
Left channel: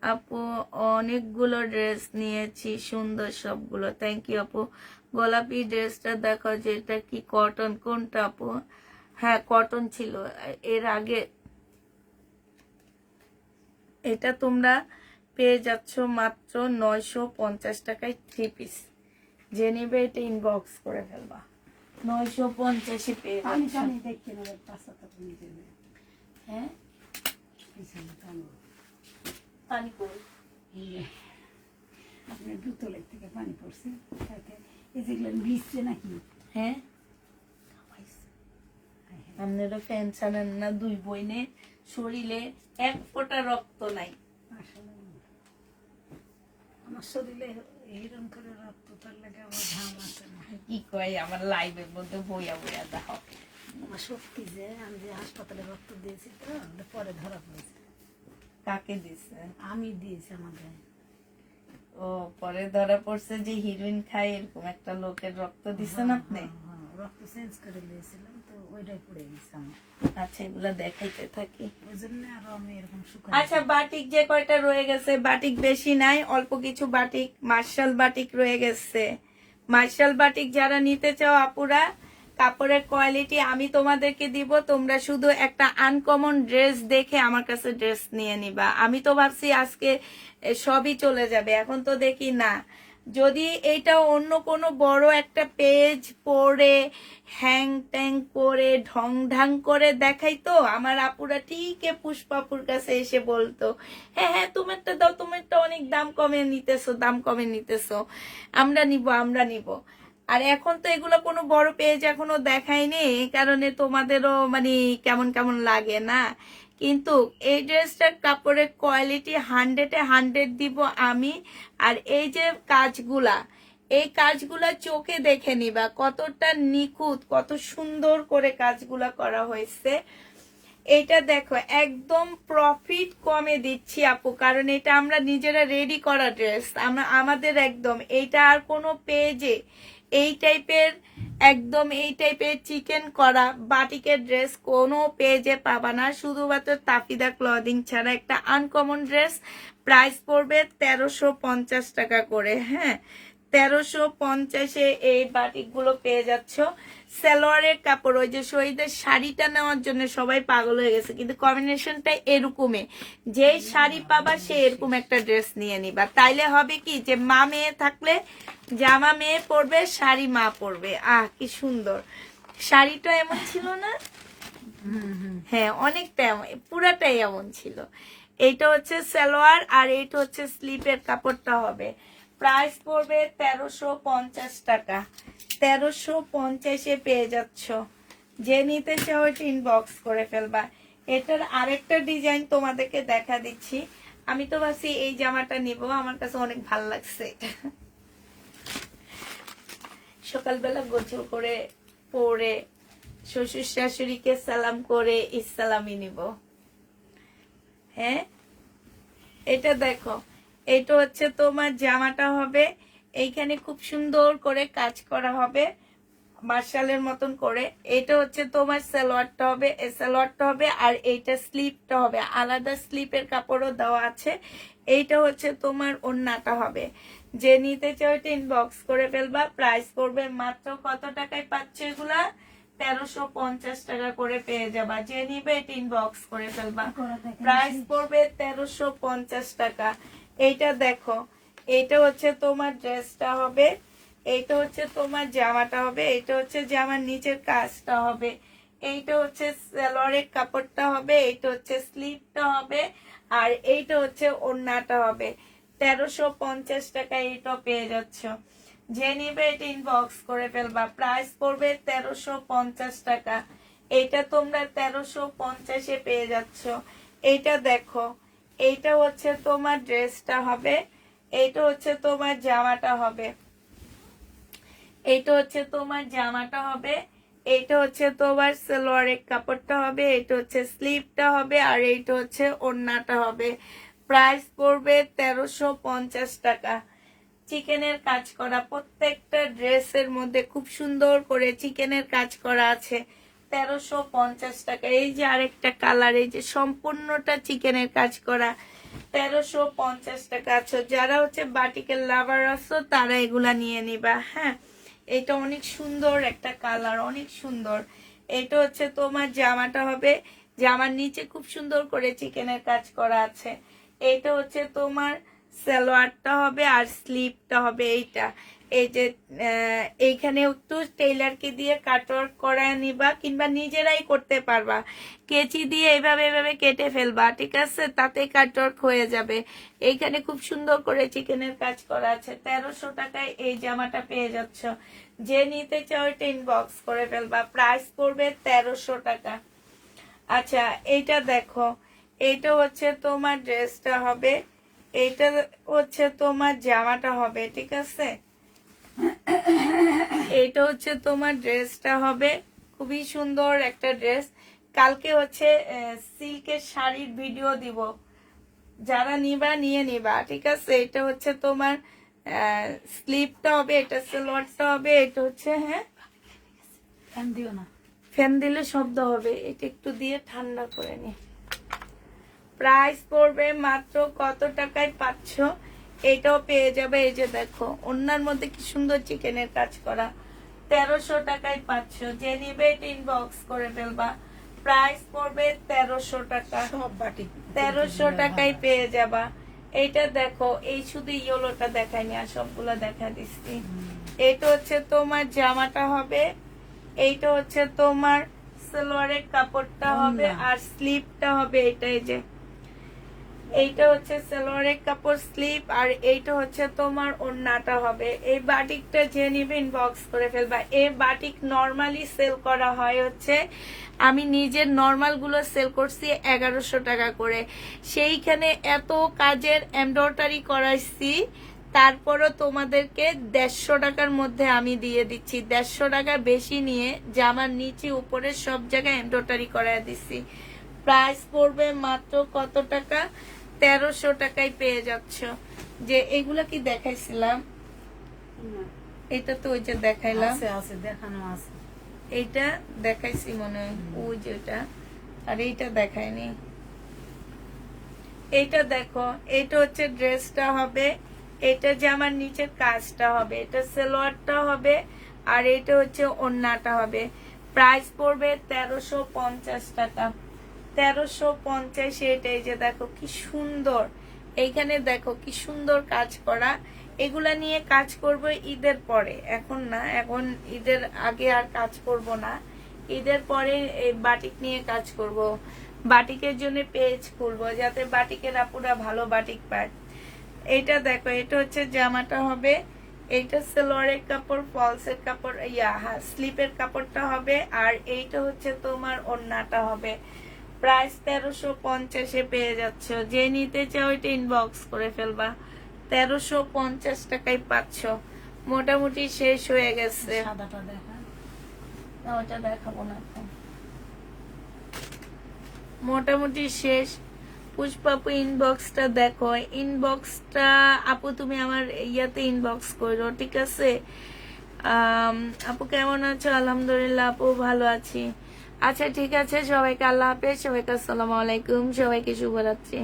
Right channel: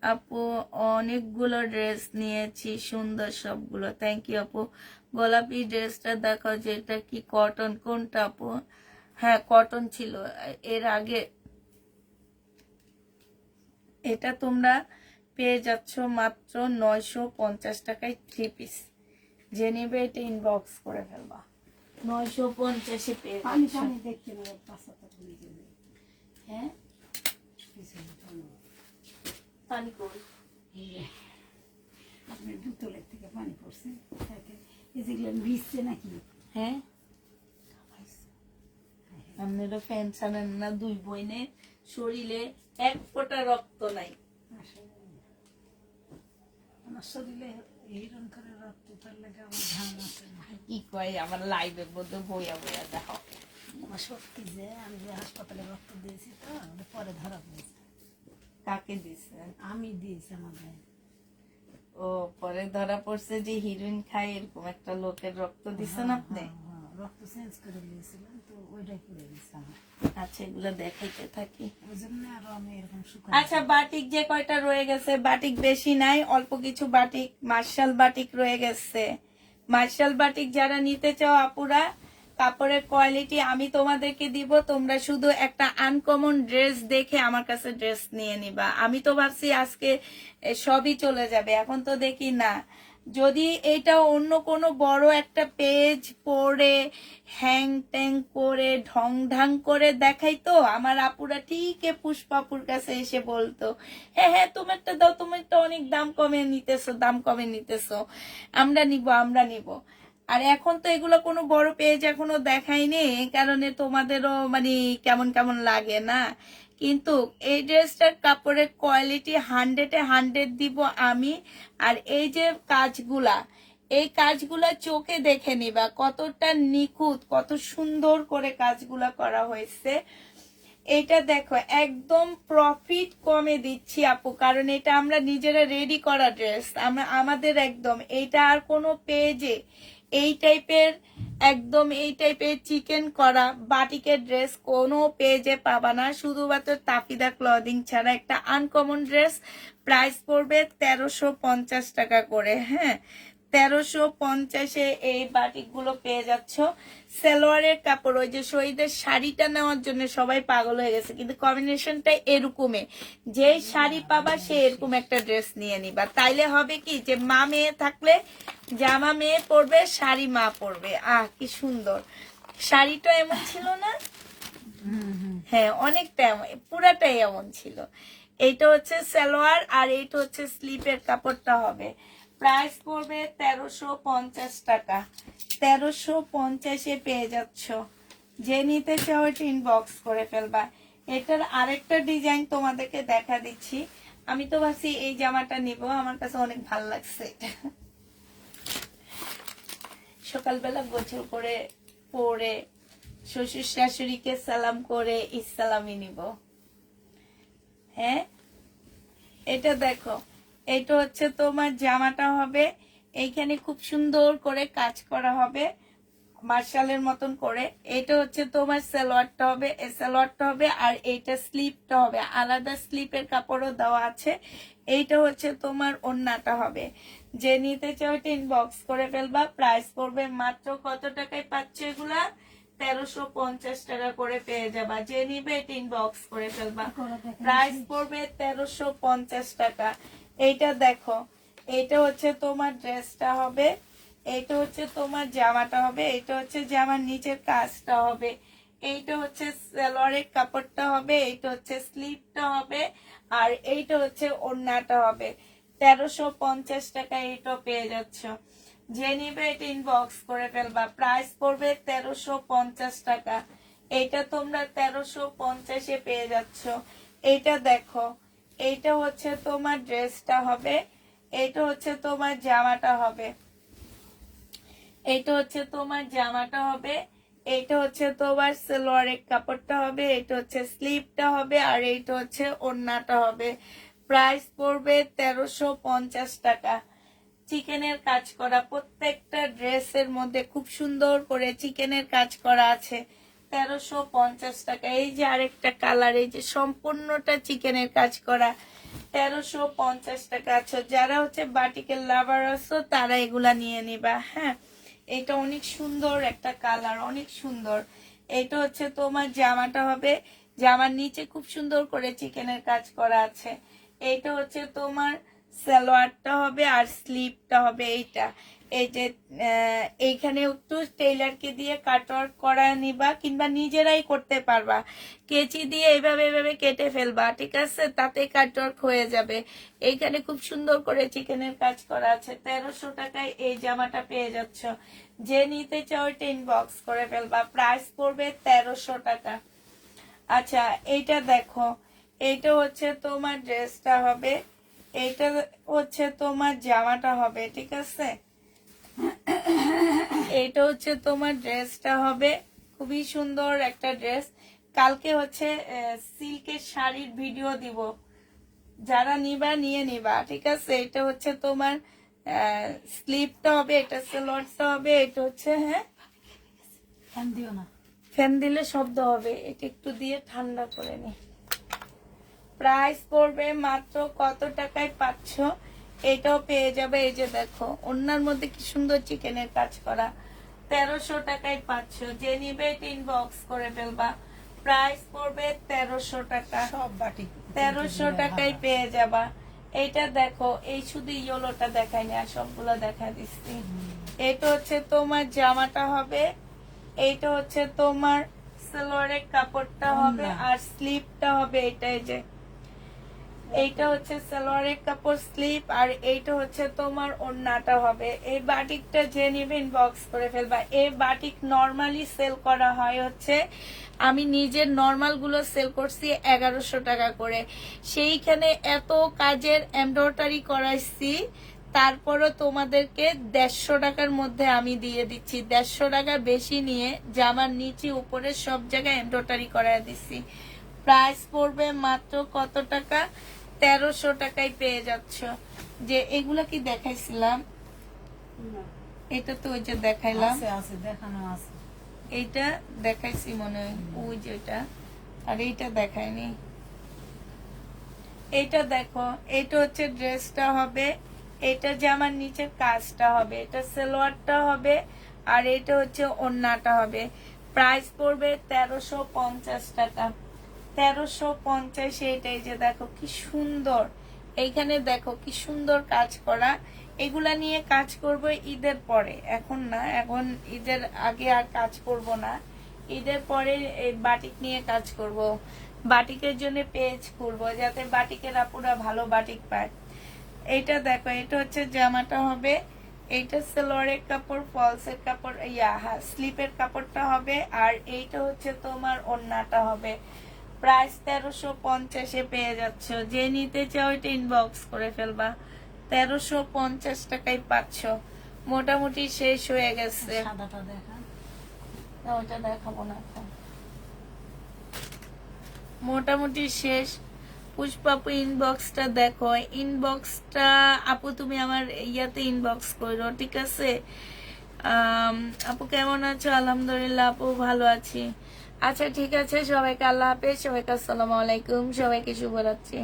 আপু অনেকগুলো ড্রেস নিয়েছি, সুন্দর সবগুলো, থ্যাংক ইউ আপু। গোলাপি ড্রেসটা দেখো, যেটা কি কটন, কোনটা আপু? হ্যাঁ, কটন ছিল এর আগে। এটা তোমরা পেয়ে যাচ্ছ মাত্র 950 টাকায় 3 পিস। যে নিবে এটা ইনবক্স করে ফেলবা। 950-এ পেয়ে যাচ্ছ। হ্যাঁ, পানি কই? আপনার দুতলের থেকে পানি পড়ছে, এই যেগুলো ভিজছে নাকি? হ্যাঁ, আপনারা ফ্যান চালান না, দুই বইনে শরীরে এক ফোঁটা রক্ত নাই। আমার শরীরে এইরকম করে রক্ত তার লাগে আমার ঘাম আসে না। কি কয়, আমার লাইভের মধ্যে বইয়া বইয়া দেখো, আমার শক্তি যে আমি যে হাসপাতালে রক্ত দিয়েছি তো ওটা পরে ধরা পড়েছে। কাকে দিছে? আমি দিয়েছি আমার গায়ে। ও পরে ধরা পড়ছে যে হিরোইন খায় এরকম একটা লোকের রক্ত দিছেন আপনি? হ্যাঁ, রক্ত চেঞ্জ করে দিয়েছিলাম তো ওইটাই পড়ে গেছে আমার। আচ্ছা, এগুলো দেখাইতে থাকি। ওই জন্য আরো আমি এরকম শুকাই। আচ্ছা, বাটিক যে কয়টা রয়ে গেছে, বাটিক বেশি নাই, অল্প কিছু বাটিক, মার্শাল বাটিক রয়ে গেছে। মার্শাল বাটিক যারা নিতে চাও আপুরা, কাপড়ের কোয়ালিটি আমি তোমাদেরকে দিব, তোমরা শুধু একটা আনকমন ড্রেস দেখে আমার কাছে ড্রেস নিয়ে নিবা। আমি তো ভাবছি আজকে সবই চলে যাবে, এখন তো দেখি না। যদি এইটা অন্য কোনো বড় একটা পেজ পড়ে হ্যাং ট্যাং করে ঢং ঢাং করে দেখাইতো, আমার আপুরা ঠিক পুষ্পাপুর কাছে এসে বলতো, হ্যাঁ হ্যাঁ তোমারটা দাও, তোমারটা অনেক দাম কমে নিতেছো, দাম কমে নিতেছো, আমরা নিব। আর এখন তো এগুলো কোনো বড় পেজ এখনো দেখায়নি, এই কারণে তোমাদেরও মানে কেমন কেমন লাগে না। কিন্তু এই ড্রেসটার কাপড়ের কোয়ালিটি 100-100 দিব আমি। আর এই যে কাজগুলা, এই কাজগুলা চোখে দেখে নিবা কতটা নিখুঁত, কত সুন্দর করে কাজগুলা করা হয়েছে। এটা দেখো একদম প্রফিট কমে দিচ্ছি আপু, কারণ এটা আমরা নিজেরা রেডি করা ড্রেস, আমরা আমাদের একদম এইটা আর কোনো পেজে এই টাইপের একদম এই টাইপের চিকেন করা বাটিকের ড্রেস কোনো পেজে পাবা না, শুধুমাত্র তাফিদা ক্লদিং ছাড়া। একটা আনকমন ড্রেস, প্রাইস পড়বে 1350 টাকা করে। হ্যাঁ, 1350-এ এই বাটিক গুলো পেয়ে যাচ্ছ। সালোয়ারের কাপড়, ওই যে শহীদের শাড়িটা নেওয়ার জন্য সবাই পাগল হয়ে গেছে, কিন্তু কম্বিনেশনটা এরকমই, যে শাড়ি পাবা সে এরকম একটা ড্রেস নিয়ে নিবা। তাইলে হবে কি যে মা মেয়ে থাকলে জামা মেয়ে পরবে, শাড়ি মা পরবে। কি সুন্দর শাড়িটা এমন ছিল না? হ্যাঁ, অনেকটা পুরাটাই এমন ছিল। এইটা হচ্ছে সালোয়ার আর এইটা হচ্ছে স্লিপের কাপড়টা হবে। প্রাইস পড়বে 1350 টাকা। 1350-এ পেয়ে যাচ্ছ। যে নিতে চাও এটা ইনবক্স করে ফেলবা। এটার আরেকটা ডিজাইন তোমাদেরকে দেখা দিচ্ছি। আমি তো ভাবছি এই জামাটা নিব, আমার কাছে অনেক ভালো লাগছে। সকালবেলা গোসল করে পরে শ্বশুর শাশুড়িকে সালাম করে ইসলামি নিব। হ্যাঁ, এটা দেখো, এটা হচ্ছে তোমার জামাটা হবে, এইখানে খুব সুন্দর করে কাজ করা হবে মার্শালের মতন করে। এটা হচ্ছে তোমার সালোয়ারটা হবে, এই সালোয়ারটা হবে, আর এইটা স্লিপটা হবে, আলাদা স্লিপের কাপড়ও দেওয়া আছে। এইটা হচ্ছে তোমার ওড়নাটা হবে। যে নিতে চাও এটা ইনবক্স করে ফেলবা। প্রাইস পড়বে মাত্র কত টাকায় পাচ্ছ এগুলা? 1350 টাকা করে পেয়ে যাবা। যে নিবে এটা ইনবক্স করে ফেলবা। প্রাইস পড়বে 1350 টাকা। এইটা দেখো, এইটা হচ্ছে তোমার ড্রেসটা হবে, এইটা হচ্ছে তোমার জামাটা হবে, এইটা হচ্ছে জামার নিচের কাজটা হবে, এইটা হচ্ছে সালোয়ারের কাপড়টা হবে, এইটা হচ্ছে স্লিভটা হবে, আর এইটা হচ্ছে ওড়নাটা হবে। 1350 টাকা এইটা পেয়ে যাচ্ছ। যে নিবে এটা ইনবক্স করে ফেলবা। প্রাইস পড়বে 1350 টাকা। এইটা তোমরা 1350-এ পেয়ে যাচ্ছ। এইটা দেখো, এইটা হচ্ছে তোমার ড্রেসটা হবে, এইটা হচ্ছে তোমার জামাটা হবে, এইটা হচ্ছে তোমার জামাটা হবে, এইটা হচ্ছে তোমার সালোয়ারের কাপড়টা হবে, এইটা হচ্ছে স্লিভটা হবে, আর এইটা হচ্ছে ওড়নাটা হবে। প্রাইস পড়বে 1350 টাকা। চিকেনের কাজ করা, প্রত্যেকটা ড্রেসের মধ্যে খুব সুন্দর করে চিকেনের কাজ করা আছে। 1350 টাকা। এই যে আরেকটা কালার, এই যে সম্পূর্ণটা চিকেনের কাজ করা, 1350 টাকা। আচ্ছা, যারা হচ্ছে বাটিকের লাভার আছো তারা এগুলা নিয়ে নিবা। হ্যাঁ, এটা অনেক সুন্দর একটা কালার, অনেক সুন্দর। এটা হচ্ছে তোমার জামাটা হবে, জামার নিচে খুব সুন্দর করে চিকেনের কাজ করা আছে। এটা হচ্ছে তোমার সালোয়ারটা হবে, আর স্লিভটা হবে এইটা। এই যে এইখানে একটু টেইলারকে দিয়ে কাটওয়ার্ক করা নিবা, কিংবা নিজেরাই করতে পারবা, কেচি দিয়ে এইভাবে এইভাবে কেটে ফেলবা, ঠিক আছে, তাতে কাটওয়ার্ক হয়ে যাবে। এইখানে খুব সুন্দর করে চিকেনের কাজ করা আছে। 1300 টাকায় এই জামাটা পেয়ে যাচ্ছ। যে নিতে চাও এটা ইনবক্স করে ফেলবা। প্রাইস পড়বে 1300 টাকা। আচ্ছা, এইটা দেখো, এইটা হচ্ছে তোমার ড্রেসটা হবে, এইটা হচ্ছে তোমার জামাটা হবে, ঠিক আছে। এইটা হচ্ছে তোমার ড্রেসটা হবে, খুবই সুন্দর একটা ড্রেস। কালকে হচ্ছে সিল্কের শাড়ির ভিডিও দিব, যারা নিবা নিয়ে নিবা, ঠিক আছে। এটা হচ্ছে তোমার স্লিপটা হবে, এটা সালোয়ারটা হবে, এটা হচ্ছে হ্যাঁ ফ্যান দিও না। ফ্যান দিলে শব্দ হবে, এটা একটু দিয়ে ঠান্ডা করে নি। প্রাইস পড়বে মাত্র কত টাকায় পাচ্ছ, এটাও পেয়ে যাবে। এই যে দেখো ওনার মধ্যে কি সুন্দর চিকেনের কাজ করা, 1300 টাকায় পাচ্ছ। যে নিবে এটা ইনবক্স করে ফেলবা। প্রাইস পড়বে 1300 টাকা, সব বাটি 1300 টাকায় পেয়ে যাবা। এইটা দেখো, এই শুধু ইয়েলোটা দেখাইনি, আর সবগুলো দেখা দিচ্ছি। এটা হচ্ছে তোমার জামাটা হবে, এইটা হচ্ছে তোমার সালোয়ারের কাপড়টা হবে, আর স্লিপটা হবে এটাই যে, এইটা হচ্ছে সালোয়ারের কাপড় স্লিপ, আর এইটা হচ্ছে তোমার ওড়নাটা হবে। এই বাটিকটা যে নিবে ইনবক্স করে ফেলবা। এই বাটিক নরমালি সেল করা হয় হচ্ছে, আমি নিজের নরমাল গুলো সেল করছি 1100 টাকা করে। সেইখানে এত কাজের এমব্রয়ডারি করাইছি, তারপরও তোমাদেরকে 150 টাকার মধ্যে আমি দিয়ে দিচ্ছি। 150 টাকা বেশি নিয়ে জামার নিচে উপরে সব জায়গায় এমব্রয়ডারি করাই দিচ্ছি। প্রাইস পড়বে মাত্র কত টাকা, 1300 টাকায় পেয়ে যাচ্ছ। যে এগুলা কি দেখাইছিলাম, এটা তো ওই যে দেখাইলাম, আছে আছে দেখানো আছে। এইটা দেখাইছি মনে হয়, ওই যে এটা, আর এইটা দেখাইনি। এইটা দেখো, এটা হচ্ছে ড্রেসটা হবে, এটা জামার নিচের কাজটা হবে, এটা সালোয়ারটা হবে, আর এইটা হচ্ছে ওড়নাটা হবে। প্রাইস পড়বে 1350 টাকা, 1350। এটাই যে দেখো কি সুন্দর, এইখানে দেখো কি সুন্দর কাজ করা। এগুলা নিয়ে কাজ করব ঈদের পরে, এখন না, এখন ঈদের আগে আর কাজ করব না। ঈদের পরে এই বাটিক নিয়ে কাজ করব, বাটিকের জন্য পেজ খুলবো যাতে বাটিকের আপুরা ভালো বাটিক পায়। এইটা দেখো, এটা হচ্ছে জামাটা হবে, এইটা সালোয়ারের কাপড়, ফলসের কাপড়, স্লিপের কাপড়টা হবে, আর এইটা হচ্ছে তোমার ওড়নাটা হবে। প্রাইস 1350 পেয়ে যাচ্ছ। যে নিতে চাও এটা ইনবক্স করে ফেলবা। 1350 টাকায় পাচ্ছ। মোটামুটি শেষ হয়ে গেছে। সাদাটা দেখা। না, ওটা দেখাবো না এখন। মোটামুটি শেষ। পুষ্পাপু ইনবক্সটা দেখো, ইনবক্সটা আপু তুমি আমার ইয়াতে ইনবক্স করো, ঠিক আছে। আপু কেমন আছো? আলহামদুলিল্লাহ আপু ভালো আছি। আচ্ছা ঠিক আছে, সবাইকে আল্লাহ হাফেজ, সবাইকে আসসালামু আলাইকুম, সবাইকে শুভরাত্রি।